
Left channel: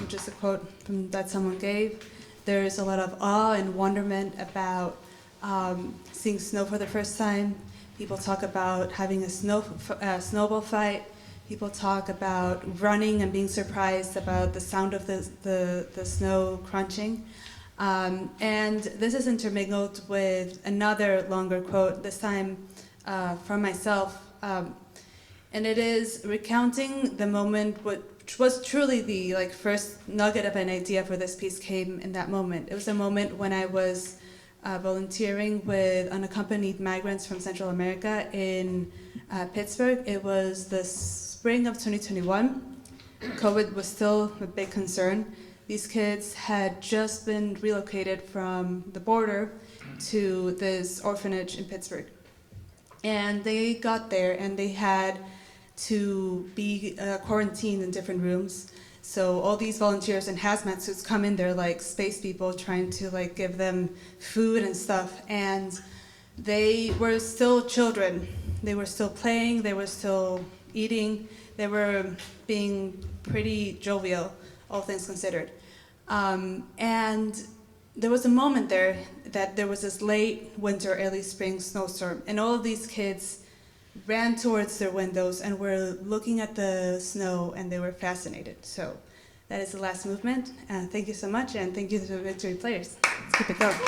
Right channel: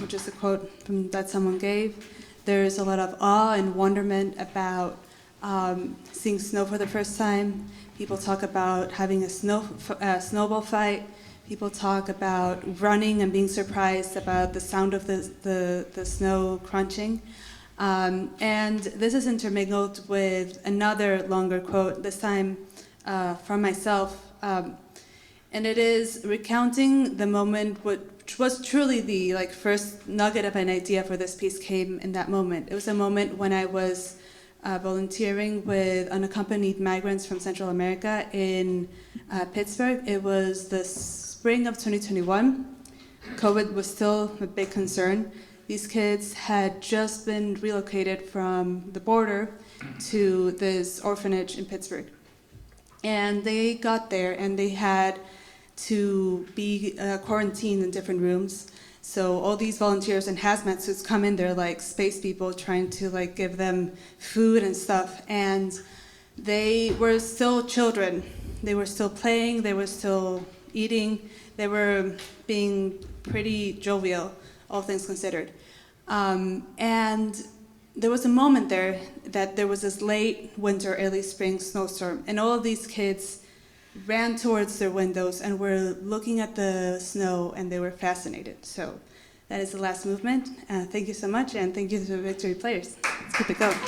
which is a quote that someone gave. There's a lot of awe and wonderment about seeing snow for the first time. People talk about having a snowball fight. People talk about running and being surprised about the sound of the snow crunching. And this is intermingled with another longer quote, this time from myself. And it is recounting the moment which was truly the first nugget of an idea for this piece came in that moment. It was a moment when I was volunteering with unaccompanied migrants from Central America in Pittsburgh. It was the spring of 2021. COVID was still a big concern. These kids had just been relocated from the border to this orphanage in Pittsburgh. And they got there and they had to be quarantined in different rooms. So all these volunteers in hazmat suits come in there like space people trying to give them food and stuff. And they were still children. They were still playing, they were still eating, they were being pretty jovial, all things considered. And there was a moment there that there was this late winter, early spring snowstorm, and all of these kids ran towards their windows and were looking at the snow, and they were fascinated. So that is the last movement. Thank you so much, and thank you to the Victory Players. Let's keep it going.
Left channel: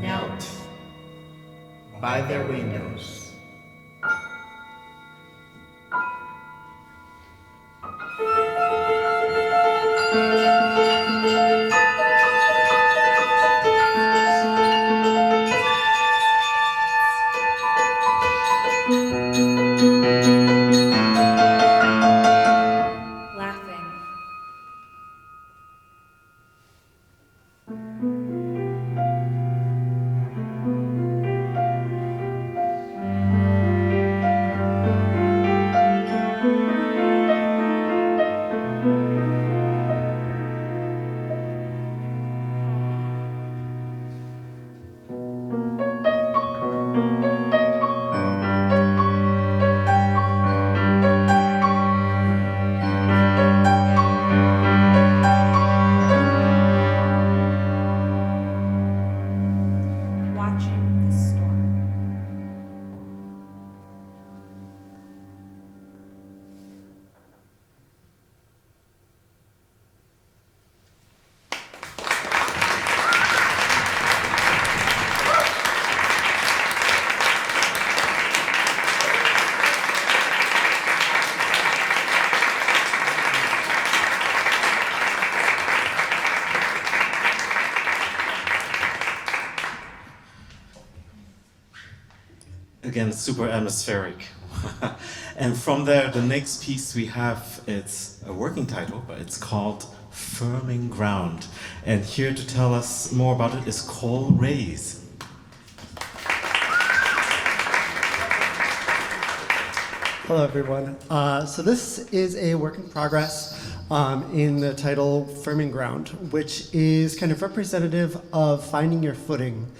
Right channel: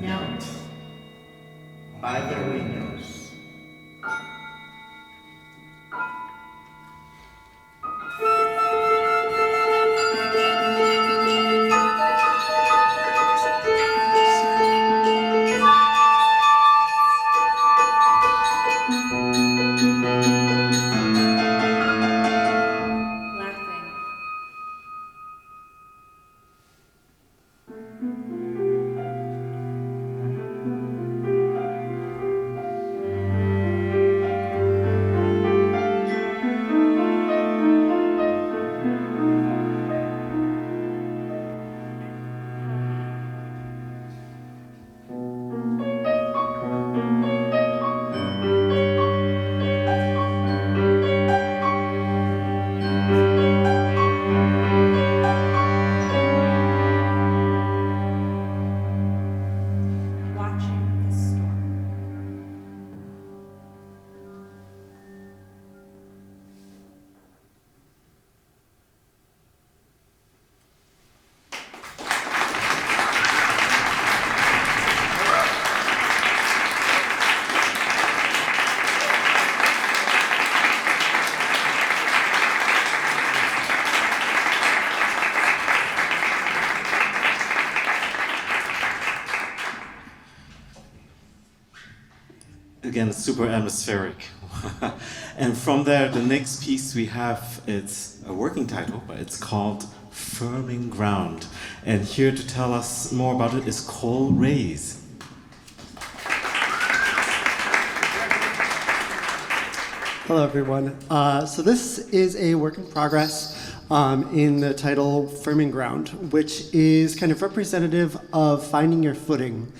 knelt by their windows. Laughing. Watching the storm. Again, super atmospheric. And from there, the next piece we have, it's a working title, but it's called Firming Ground. And here to tell us more about it is Cole Reyes. Hello, everyone. So this is a work in progress in the title Firming Ground, which is kind of representative of finding your footing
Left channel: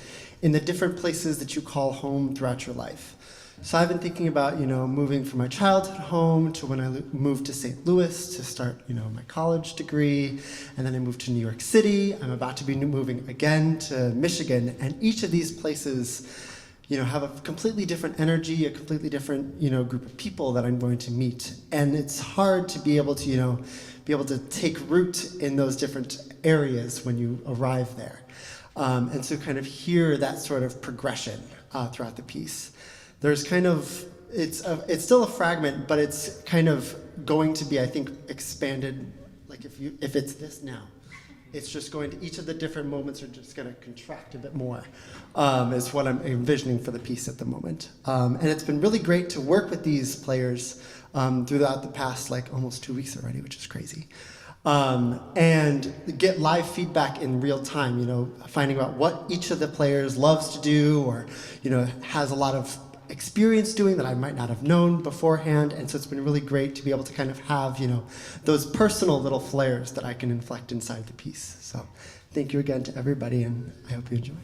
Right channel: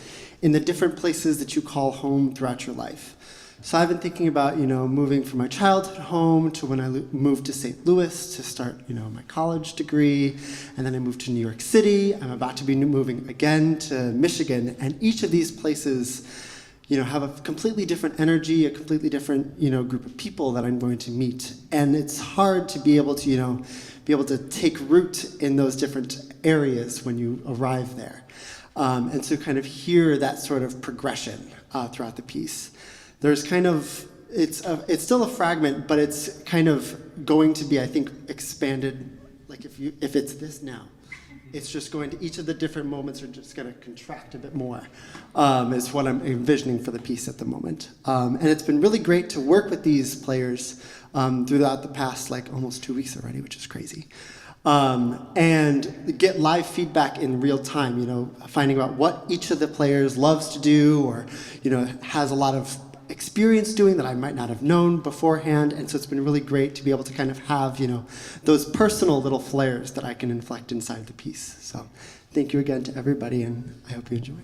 in the different places that you call home throughout your life. So I've been thinking about, moving from my childhood home to when I moved to St. Louis to start, my college degree, and then I moved to New York City. I'm about to be moving again to Michigan, and each of these places, have a completely different energy, a completely different, group of people that I'm going to meet. And it's hard to be able to take root in those different areas when you arrive there. And so kind of hear that sort of progression throughout the piece. There's kind of, it's still a fragment, but it's kind of going to be, I think, expanded, like if it's this now. It's just going to, each of the different moments are just going to contract a bit more, is what I'm envisioning for the piece at the moment. And it's been really great to work with these players throughout the past, almost 2 weeks already, which is crazy. And get live feedback in real time, finding out what each of the players loves to do or, has a lot of experience doing that I might not have known beforehand. And so it's been really great to be able to kind of have, those personal little flares that I can inflect inside the piece. So thank you again to everybody, and I hope you enjoy.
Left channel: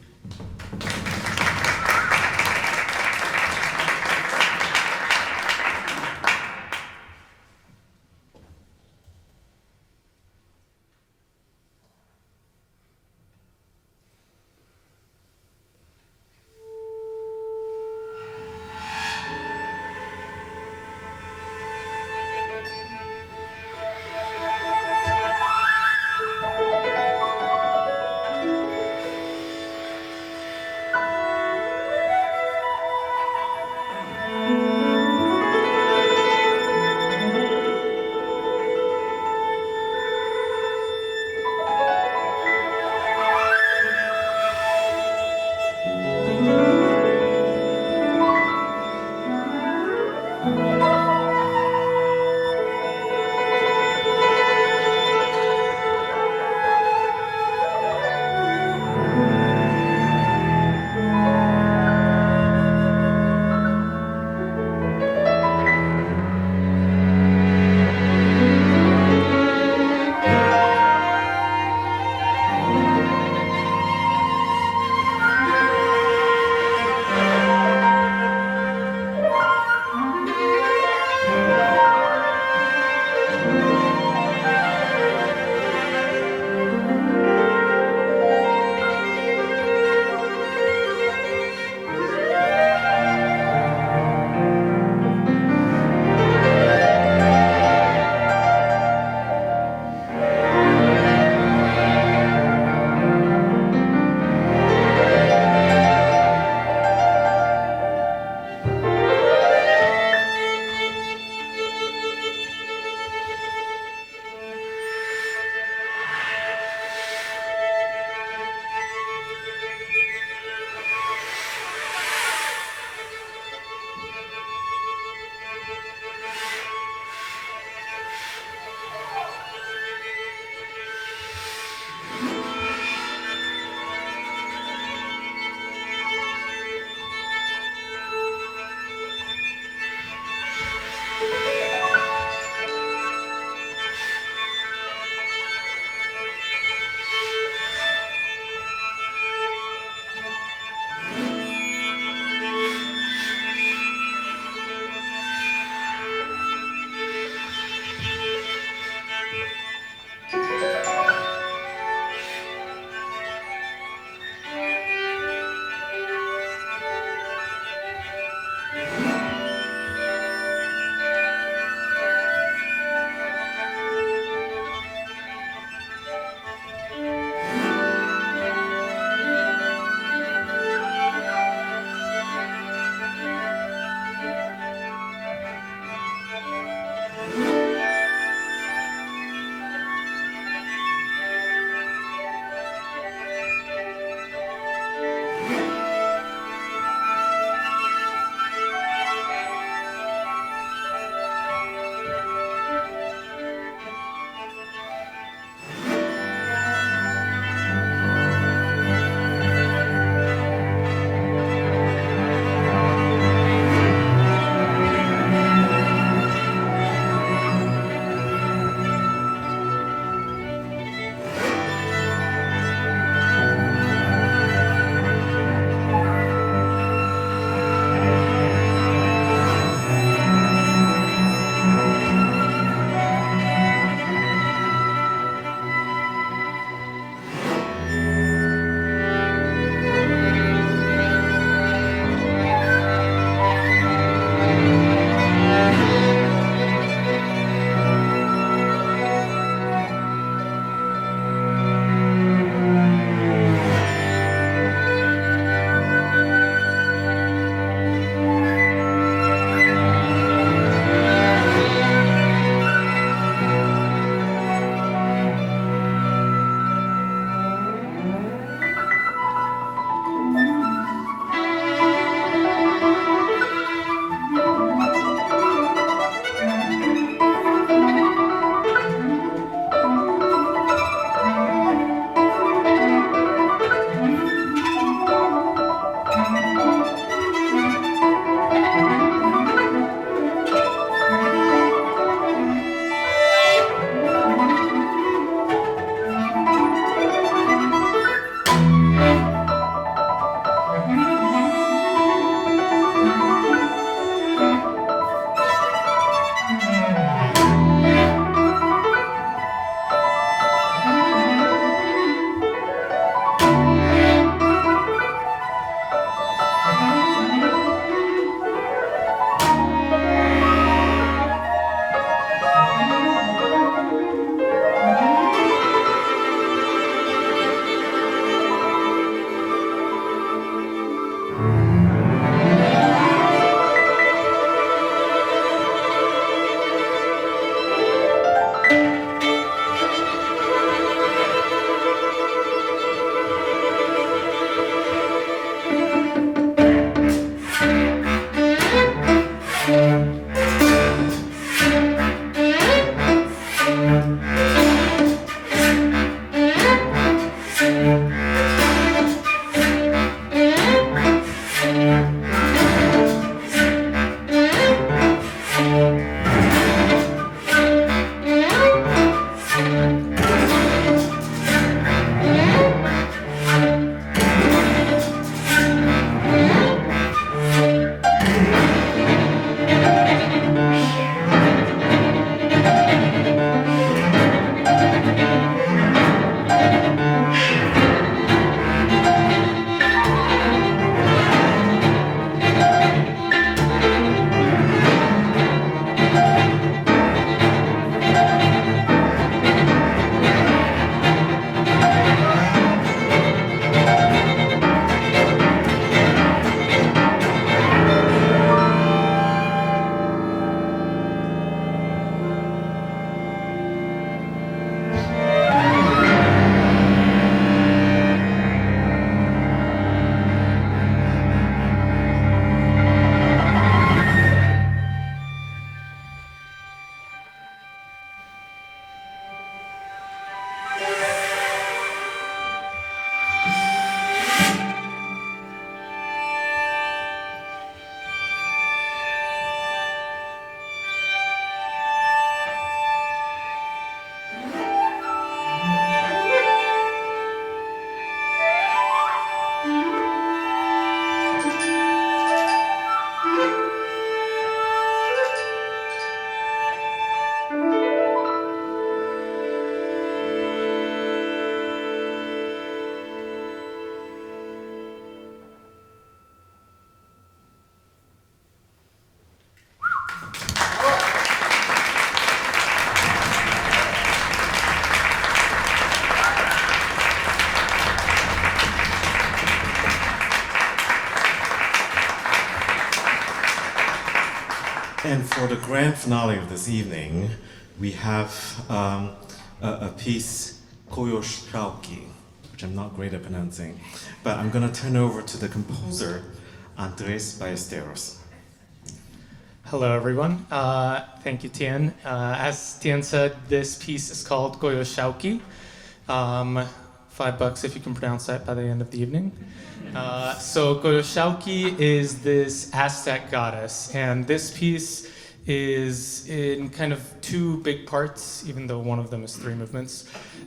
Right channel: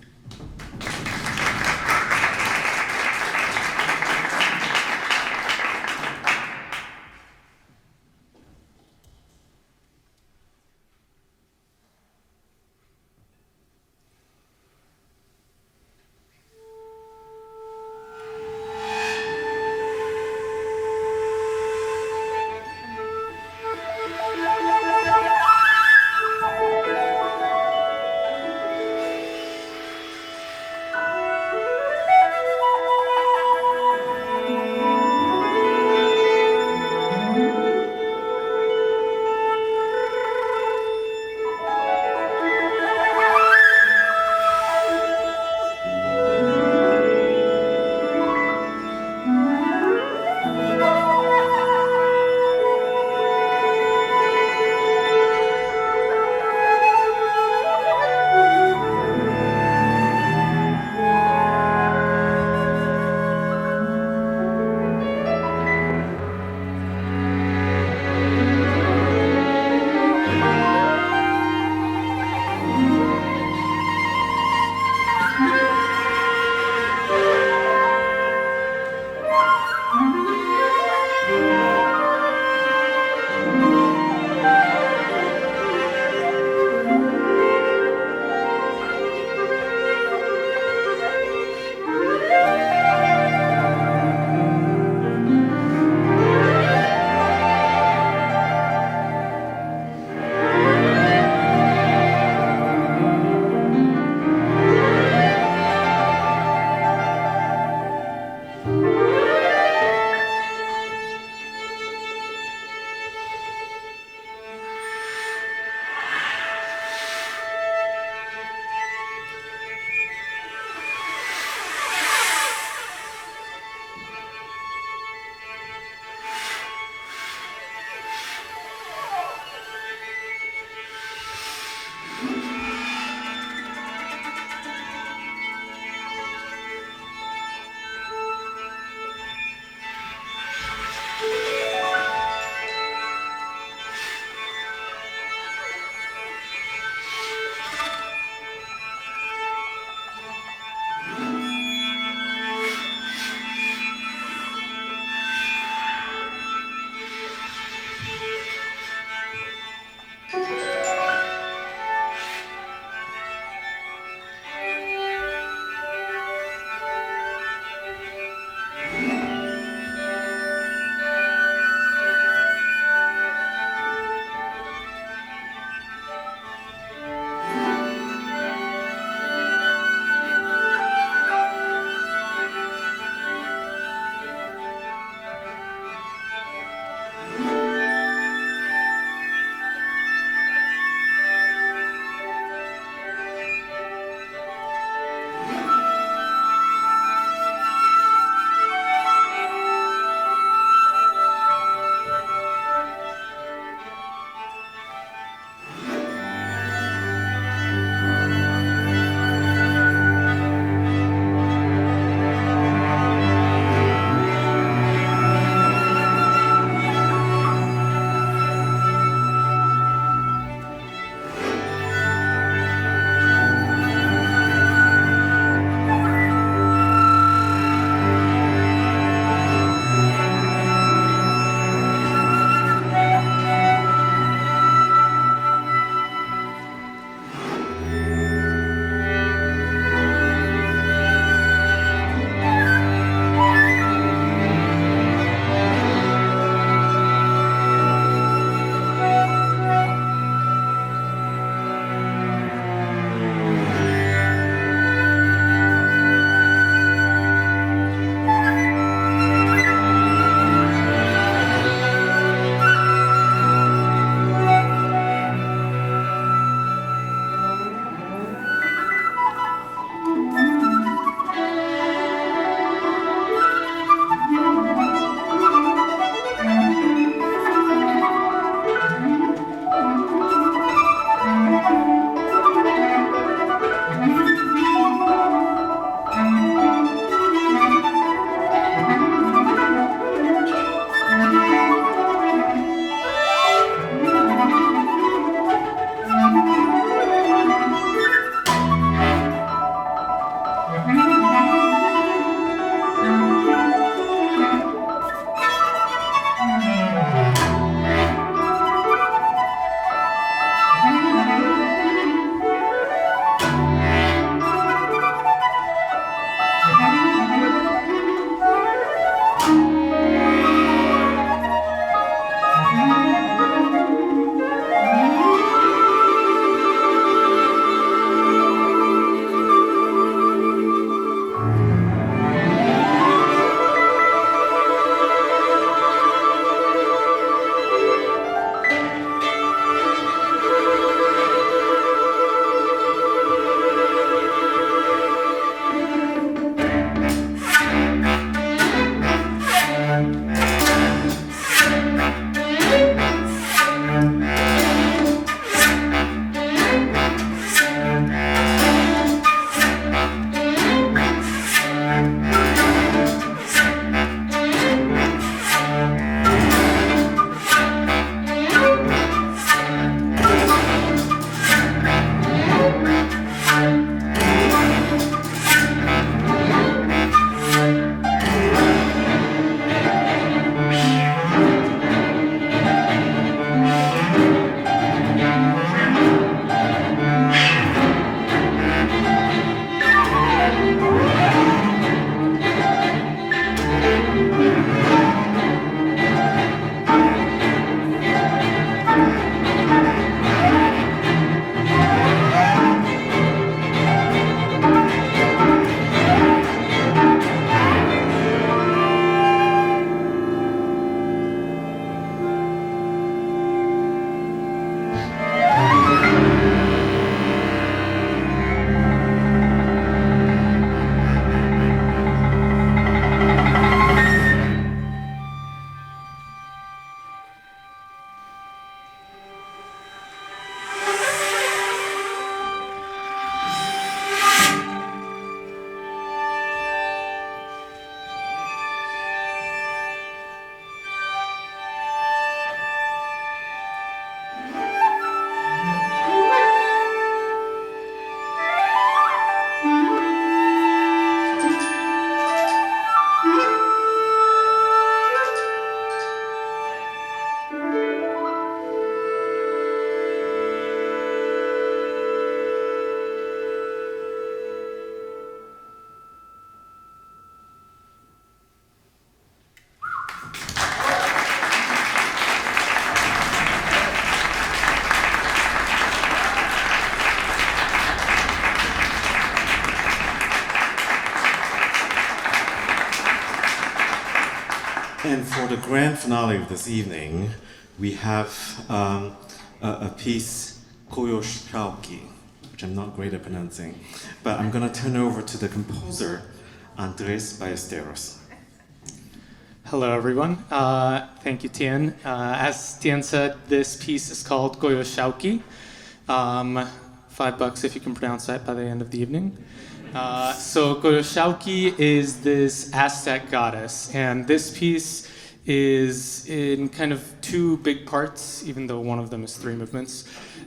And for the grand finale of this evening, we have a piece, Koyoshauki, which I'm not great at pronouncing, but I'm going to turn over to the composer, Andres Ballesteros. Hello, everyone. Thank you, Tien. As Tien said, this piece is called Goyoshauki. $5 if you can pronounce that by the end of the evening. So Goyoshauki is this Aztec goddess, and this piece is in kind of two big parts, even though one of them is three movements.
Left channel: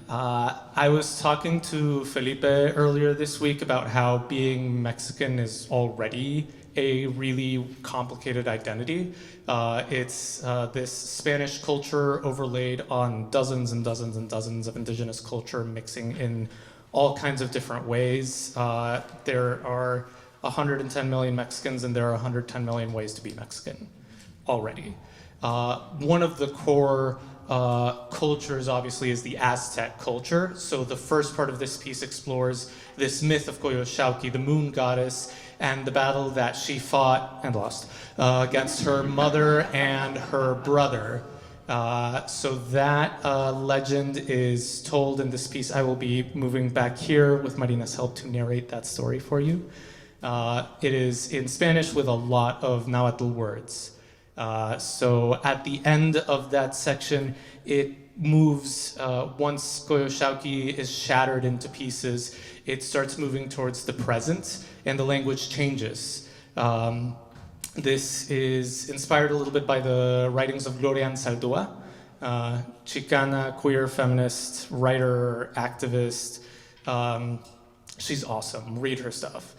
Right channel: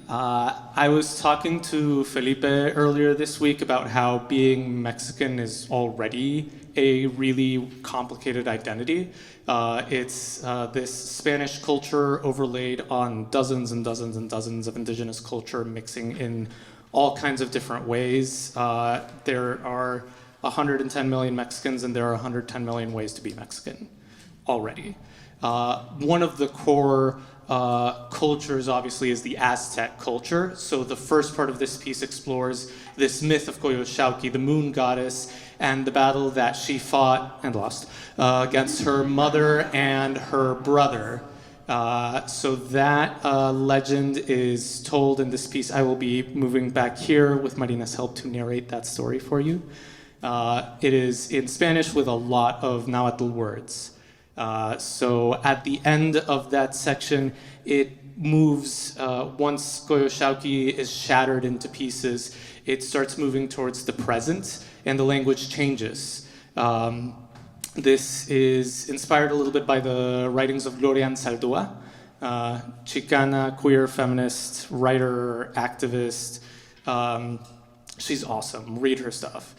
I was talking to Felipe earlier this week about how being Mexican is already a really complicated identity. It's this Spanish culture overlaid on dozens and dozens and dozens of indigenous culture mixing in all kinds of different ways. There are 110 million Mexicans, and there are 110 million ways to be Mexican already. One of the core cultures, obviously, is the Aztec culture. So the first part of this piece explores this myth of Coyoshauqui, the moon goddess, and the battle that she fought and lost against her mother and her brother. So that legend is told in this piece. I will be moving back here with Marina's help to narrate that story for you. It is in Spanish with a lot of Nahuatl words. So at the end of that section, it moves, once Coyoshauqui is shattered into pieces, it starts moving towards the present, and the language changes. This is inspired a little bit by the writings of Gloria Anzaldúa, Chicana, queer, feminist, writer, activist. She's awesome. Read her stuff.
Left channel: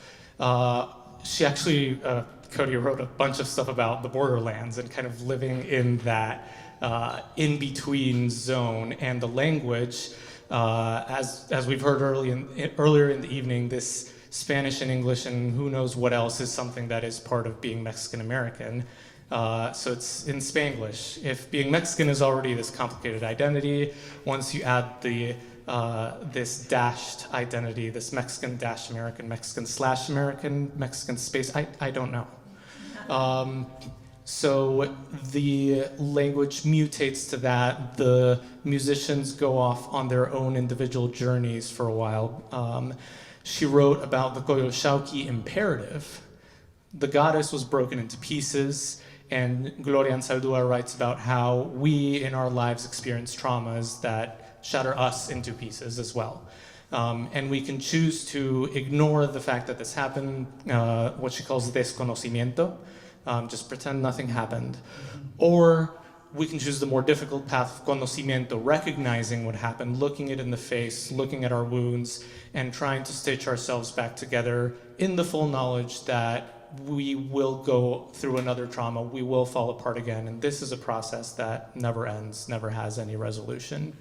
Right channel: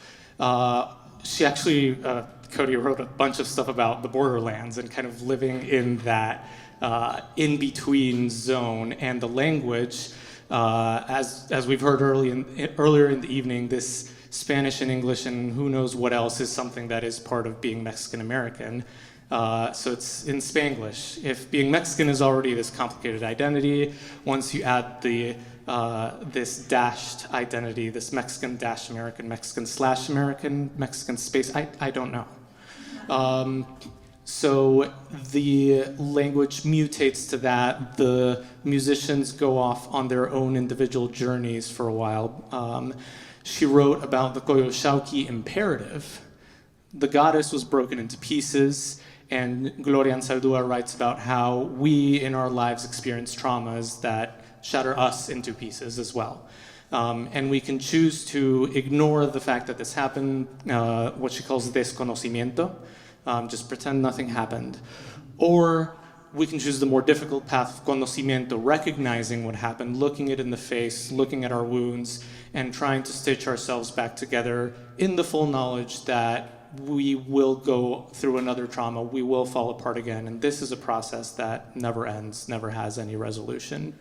She actually, Cody wrote a bunch of stuff about the borderlands and kind of living in that in-between zone, and the language, as we've heard earlier in the evening, this Spanish and English and who knows what else is something that is part of being Mexican American. So it's in Spanglish. If being Mexican is already this complicated identity, once you add the this dashed identity, this Mexican dash American, Mexican slash American, Mexican space, I don't know. So the language mutates to that. The musicians go off on their own individual journeys for a while. She wrote about the Coyoshauqui imperative. The goddess was broken into pieces, and Gloria Anzaldúa writes about how we in our lives experience traumas that shatter us into pieces as well. And we can choose to ignore the fact that this happened, what she calls desconocimiento, just pretend nothing happened. Or we can choose the more difficult path of conocimiento, recognizing what happened, looking it in the face, looking at our wounds, and trying to stitch ourselves back together in the full knowledge that we will go through another trauma, we will fall apart again, and this is a process that never ends, never has any resolution.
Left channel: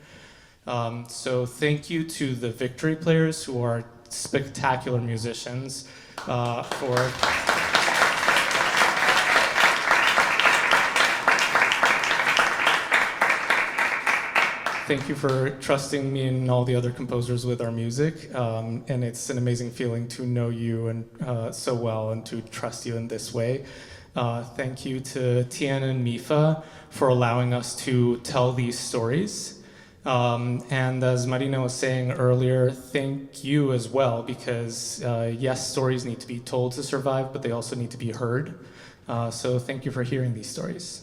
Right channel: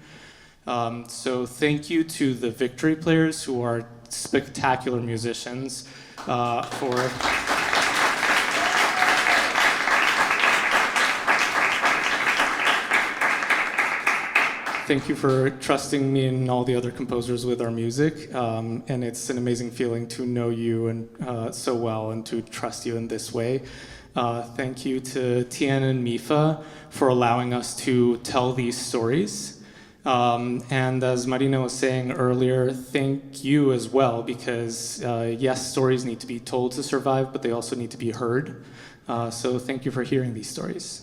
So thank you to the Victory players, who are spectacular musicians, for thank you for trusting me and all the other composers with our music. And it's an amazing feeling to know you and so well and to trust you in this way. Thank you to Tien and Mifa for allowing us to tell these stories. And as Marina was saying earlier, thank you as well, because yes, stories need to be told to survive, but they also need to be heard. So thank you for hearing these stories.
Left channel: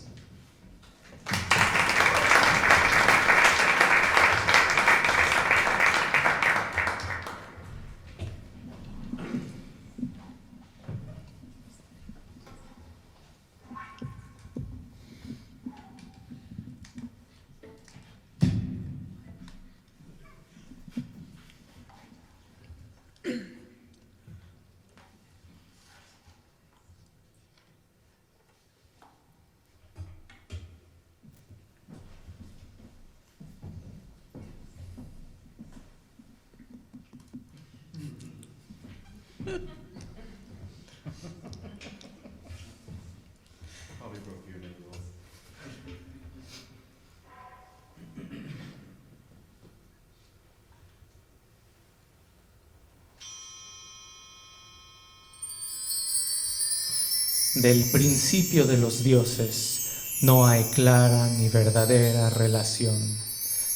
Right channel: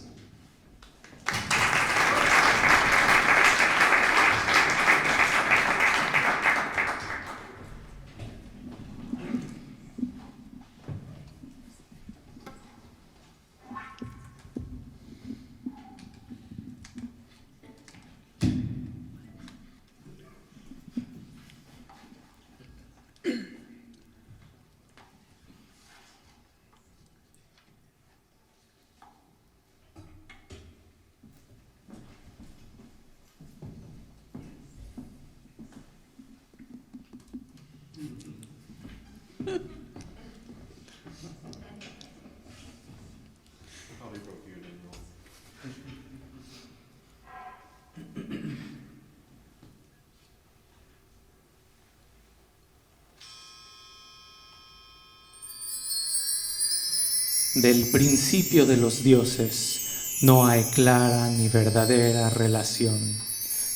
Del principio de los dioses, No hay clara ni verdadera relación,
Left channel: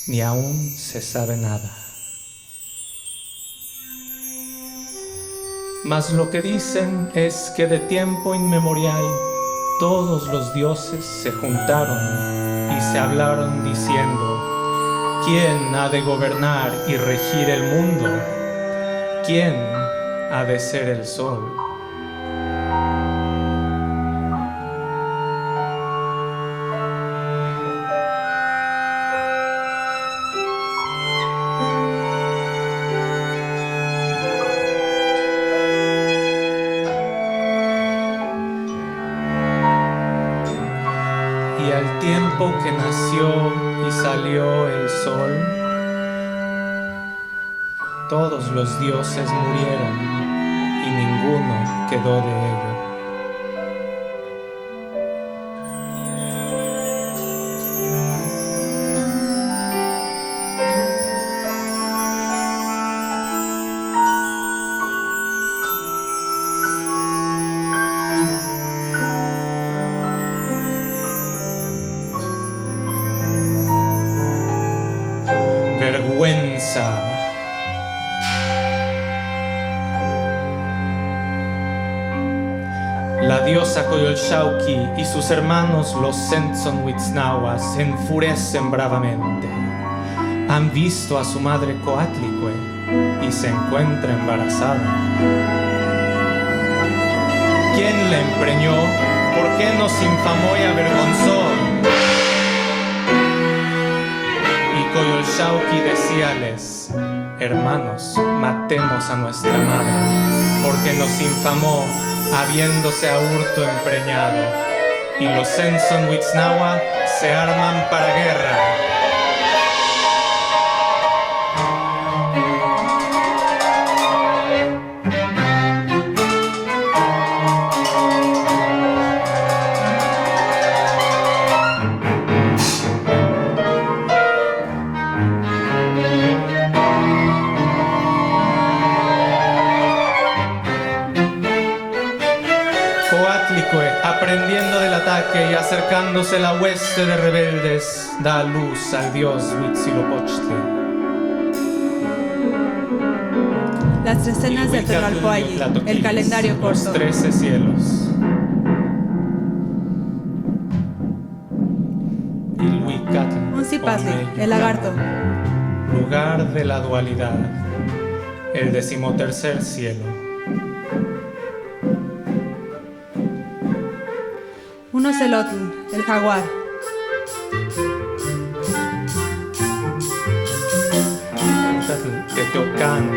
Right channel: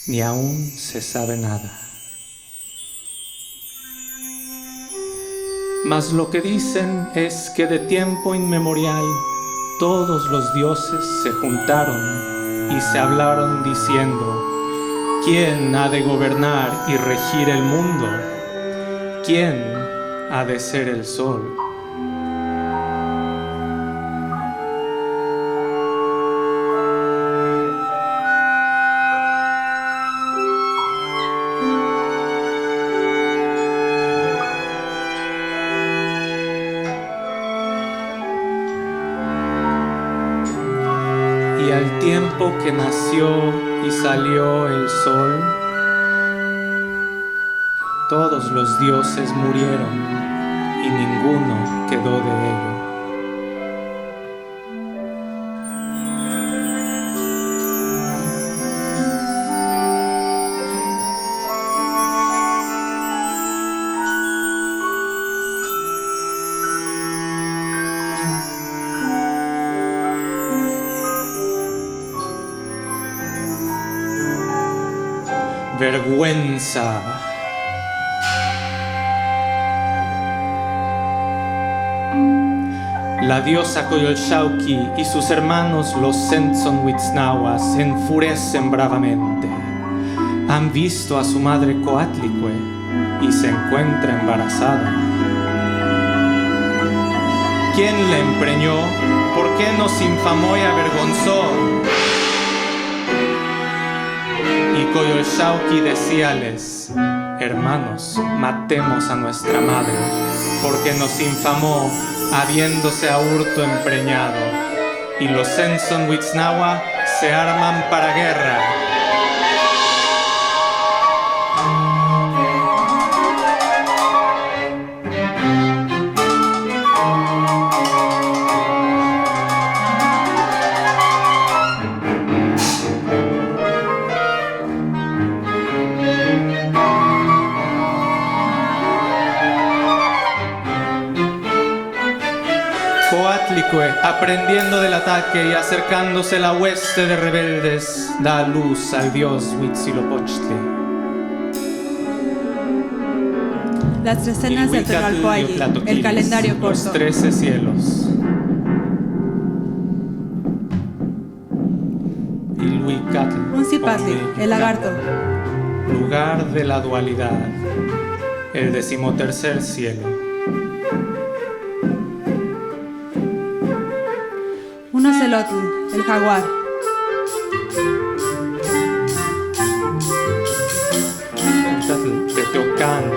ni aún se sabe nada. Mas lo que dicen es que de tiempo inmemorial todos los dioses se juntaron y se hablaron diciendo: ¿quién ha de gobernar y regir el mundo? ¿Quién ha de ser el sol? Y al tiempo que nació y salió el sol, todos los dioses murieron y ninguno quedó de ello. Vergüenza. La diosa Coyolxauhqui y sus hermanos los Sentzonhuitznahuas se enfurecen bravamente. Han visto a su madre Coatlicue y se encuentra embarazada. ¿Quién la empreñó? ¿Por qué nos infamó y avergonzó? Y Coyolxauhqui decíales: hermanos, matemos a nuestra madre, porque nos infamó habiéndose a hurto empreñado. Y los Sentzonhuitznahua se arman para guerra. Coatlicue, aprendiendo del ataque y acercándose la hueste de rebeldes, da a luz al dios Huitzilopochtli. Las 3 cenas del Tonalpoalli, el calendario corto. Los 13 cielos. Ilhuicatl, Uncipatli, el lagarto. Lugar de la dualidad, el 13º cielo. Un ocelotl, el jaguar. Teotihuacán,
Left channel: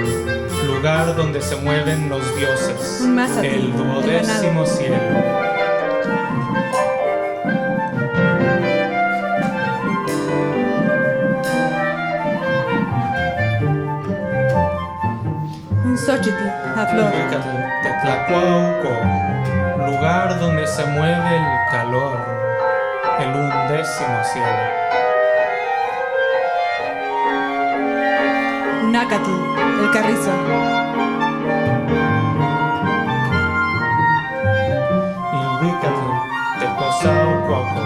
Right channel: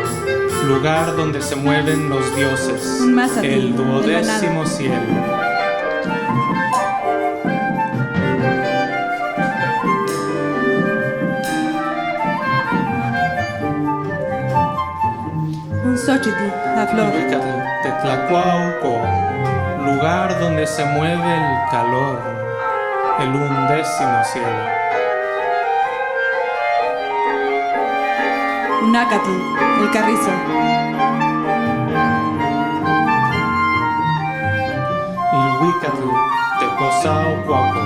lugar donde se mueven los dioses. Un Mazatl, el 12º cielo. Un Xochitl, la flor. Tetlacuauco, lugar donde se mueve el calor, el 11º cielo. Un Acatl, el carrizo. Ilhuicatl, Tecosaucuauco,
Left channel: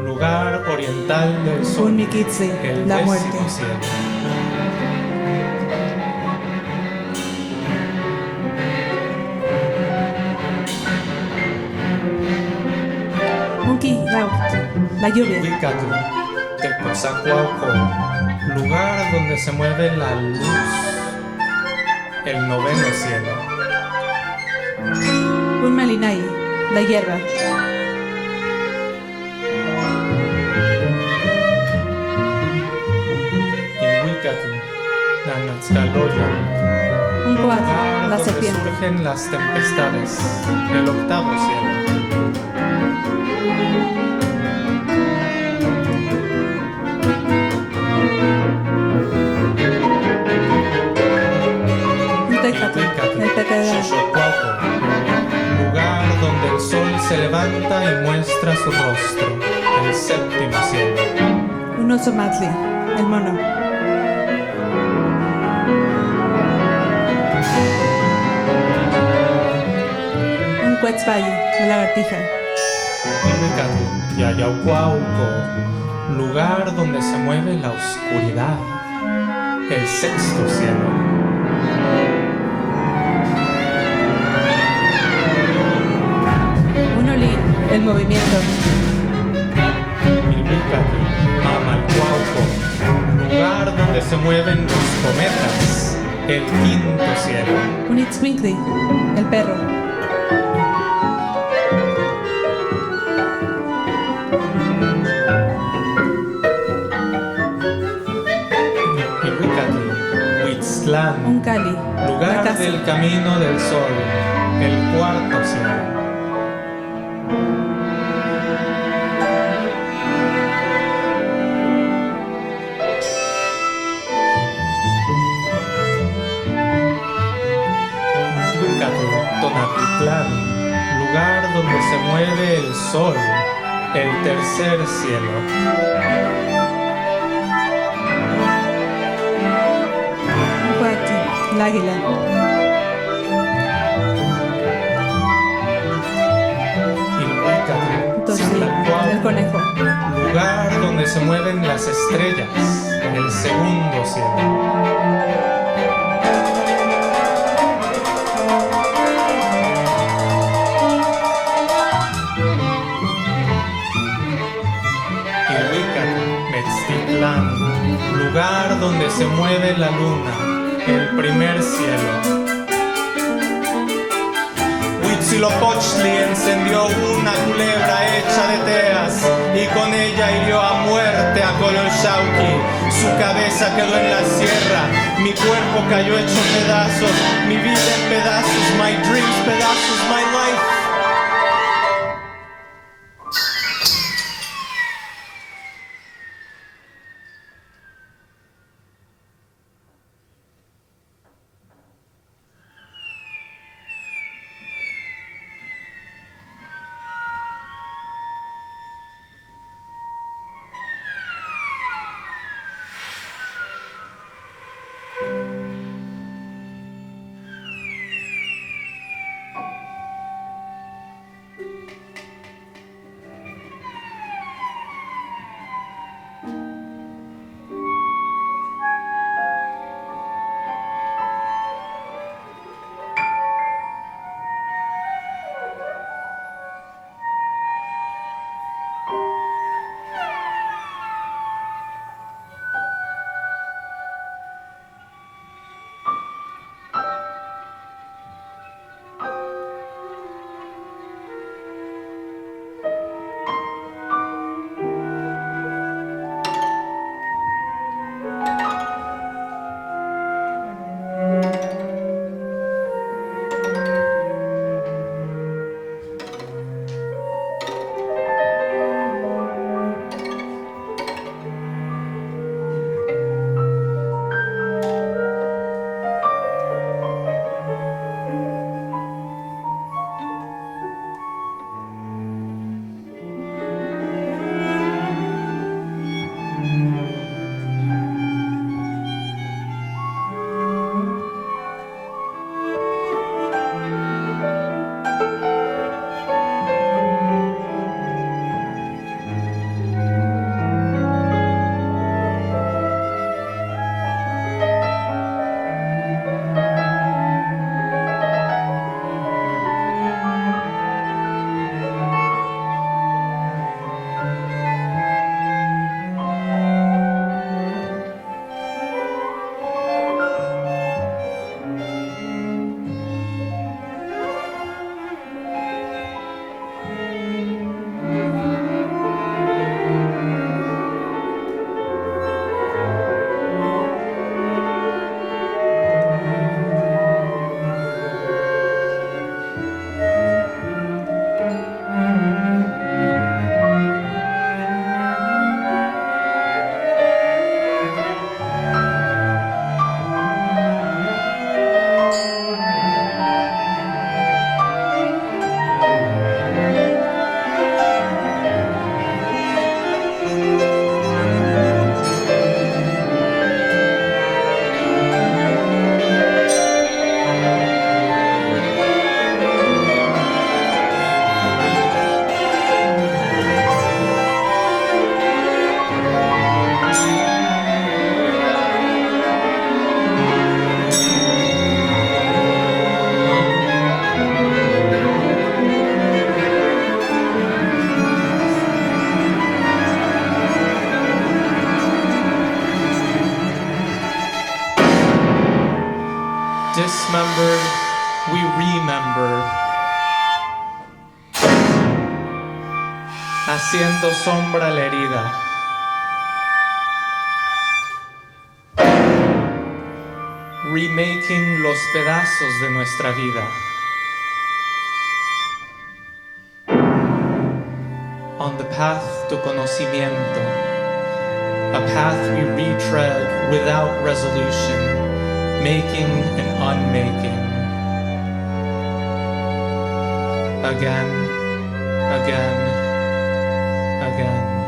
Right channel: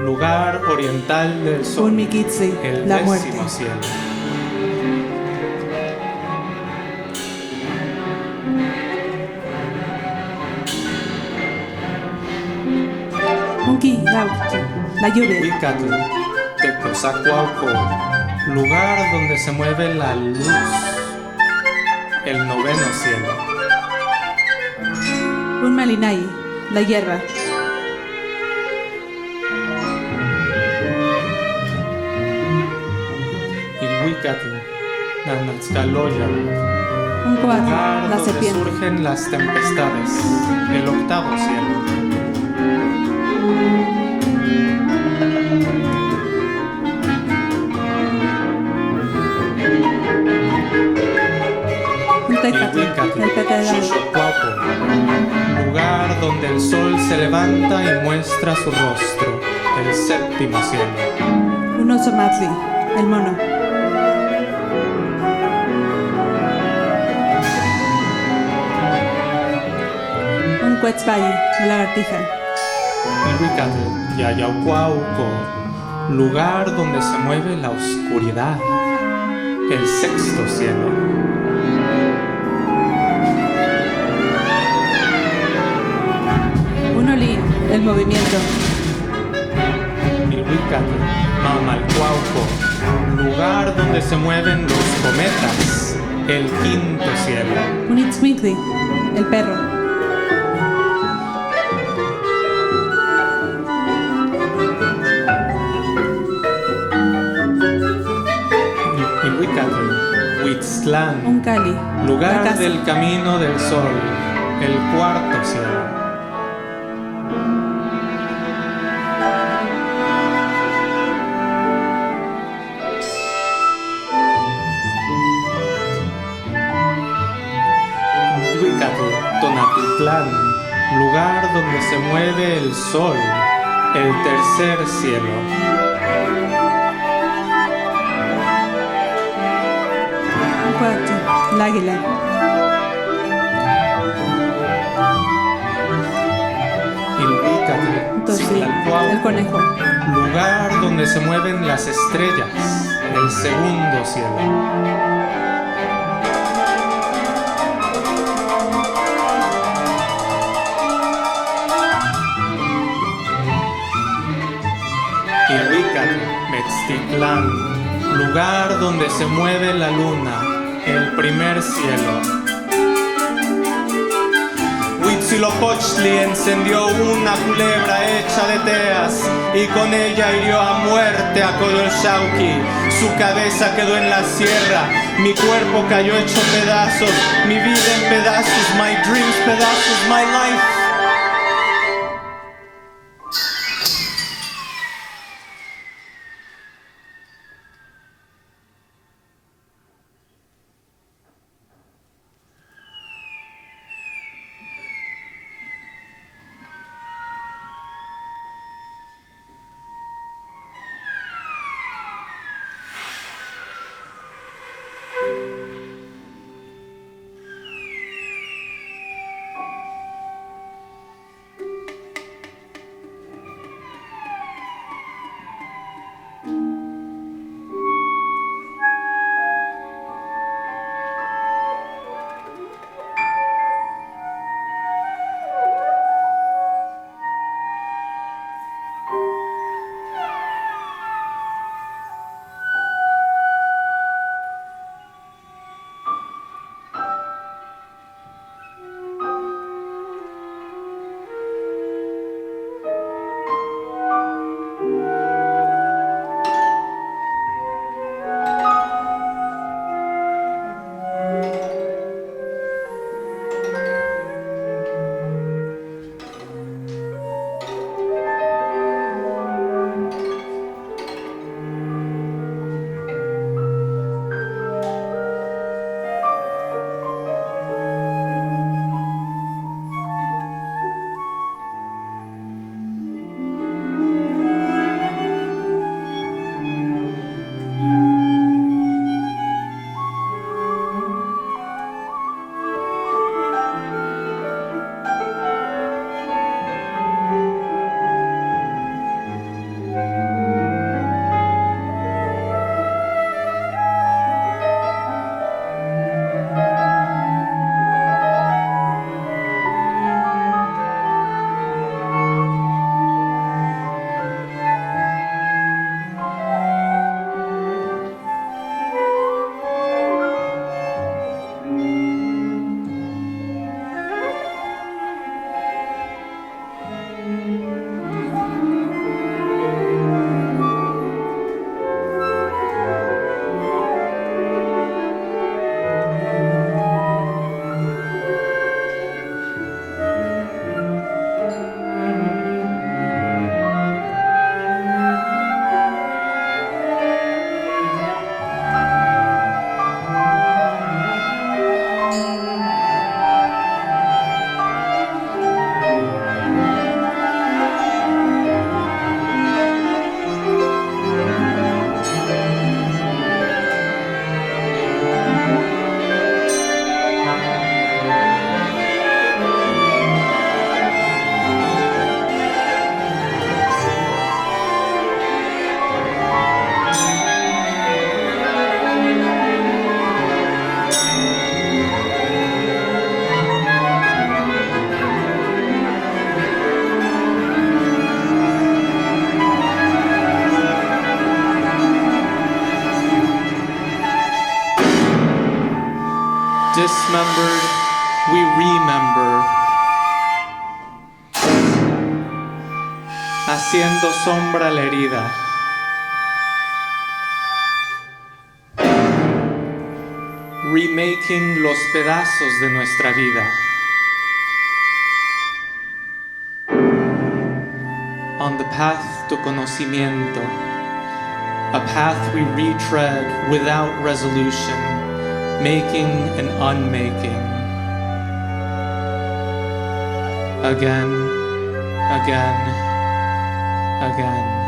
lugar oriental del sol, Un Miquitzi, el la 10º muerte. cielo. Un Quillautl, la lluvia. Ilhuicatl, Tecozacuauco, lugar donde se mueve la luz, el 9º cielo. Un Malinai, la hierba. Ilhuicatl, Nanatzcaloya, Un Coatl, lugar la donde serpiente. surgen las tempestades, el 8º cielo. Un Tecatl, el pepe de la Xochotlaco, lugar donde el sol se levanta y muestra su rostro, el 7º cielo. Un Ozomatli, el mono. Un Quetzalli, la lagartija. Ilhuicatl, Yayaucuauco, lugar donde se mueve la oscuridad, el sexto cielo. Unolín, el movimiento. Ilhuicatl, Mamalcuauco, lugar donde se mueven los cometas, el quinto cielo. Unitzwinkli, el perro. Ilhuicatl, Huitztlán, Uncali, la lugar casa. del camino del sol, el cuarto cielo. Ilhuicatl, Tonatitlán, lugar donde se mueve el sol, el tercer cielo. Uncuati, el águila. Ilhuicatl, Tosi, Citlalcuauhco, el conejo. lugar donde se mueven las estrellas, el segundo cielo. Ilhuicatl, Metztitlán, lugar donde se mueve la luna, el primer cielo. Huitzilopochtli encendió una culebra hecha de teas y con ella hirió a muerte a Coyolxauhqui. Su cabeza quedó en la sierra, mi cuerpo cayó hecho pedazos, mi vida en pedazos, my dreams pedazos, my life. Dismembered, we remember. Haciendo sombra la herida. Remaking los pedazos de nuestra vida. On the path to conocimiento, a path we retread without resolution, making and unmaking. Again, again, again.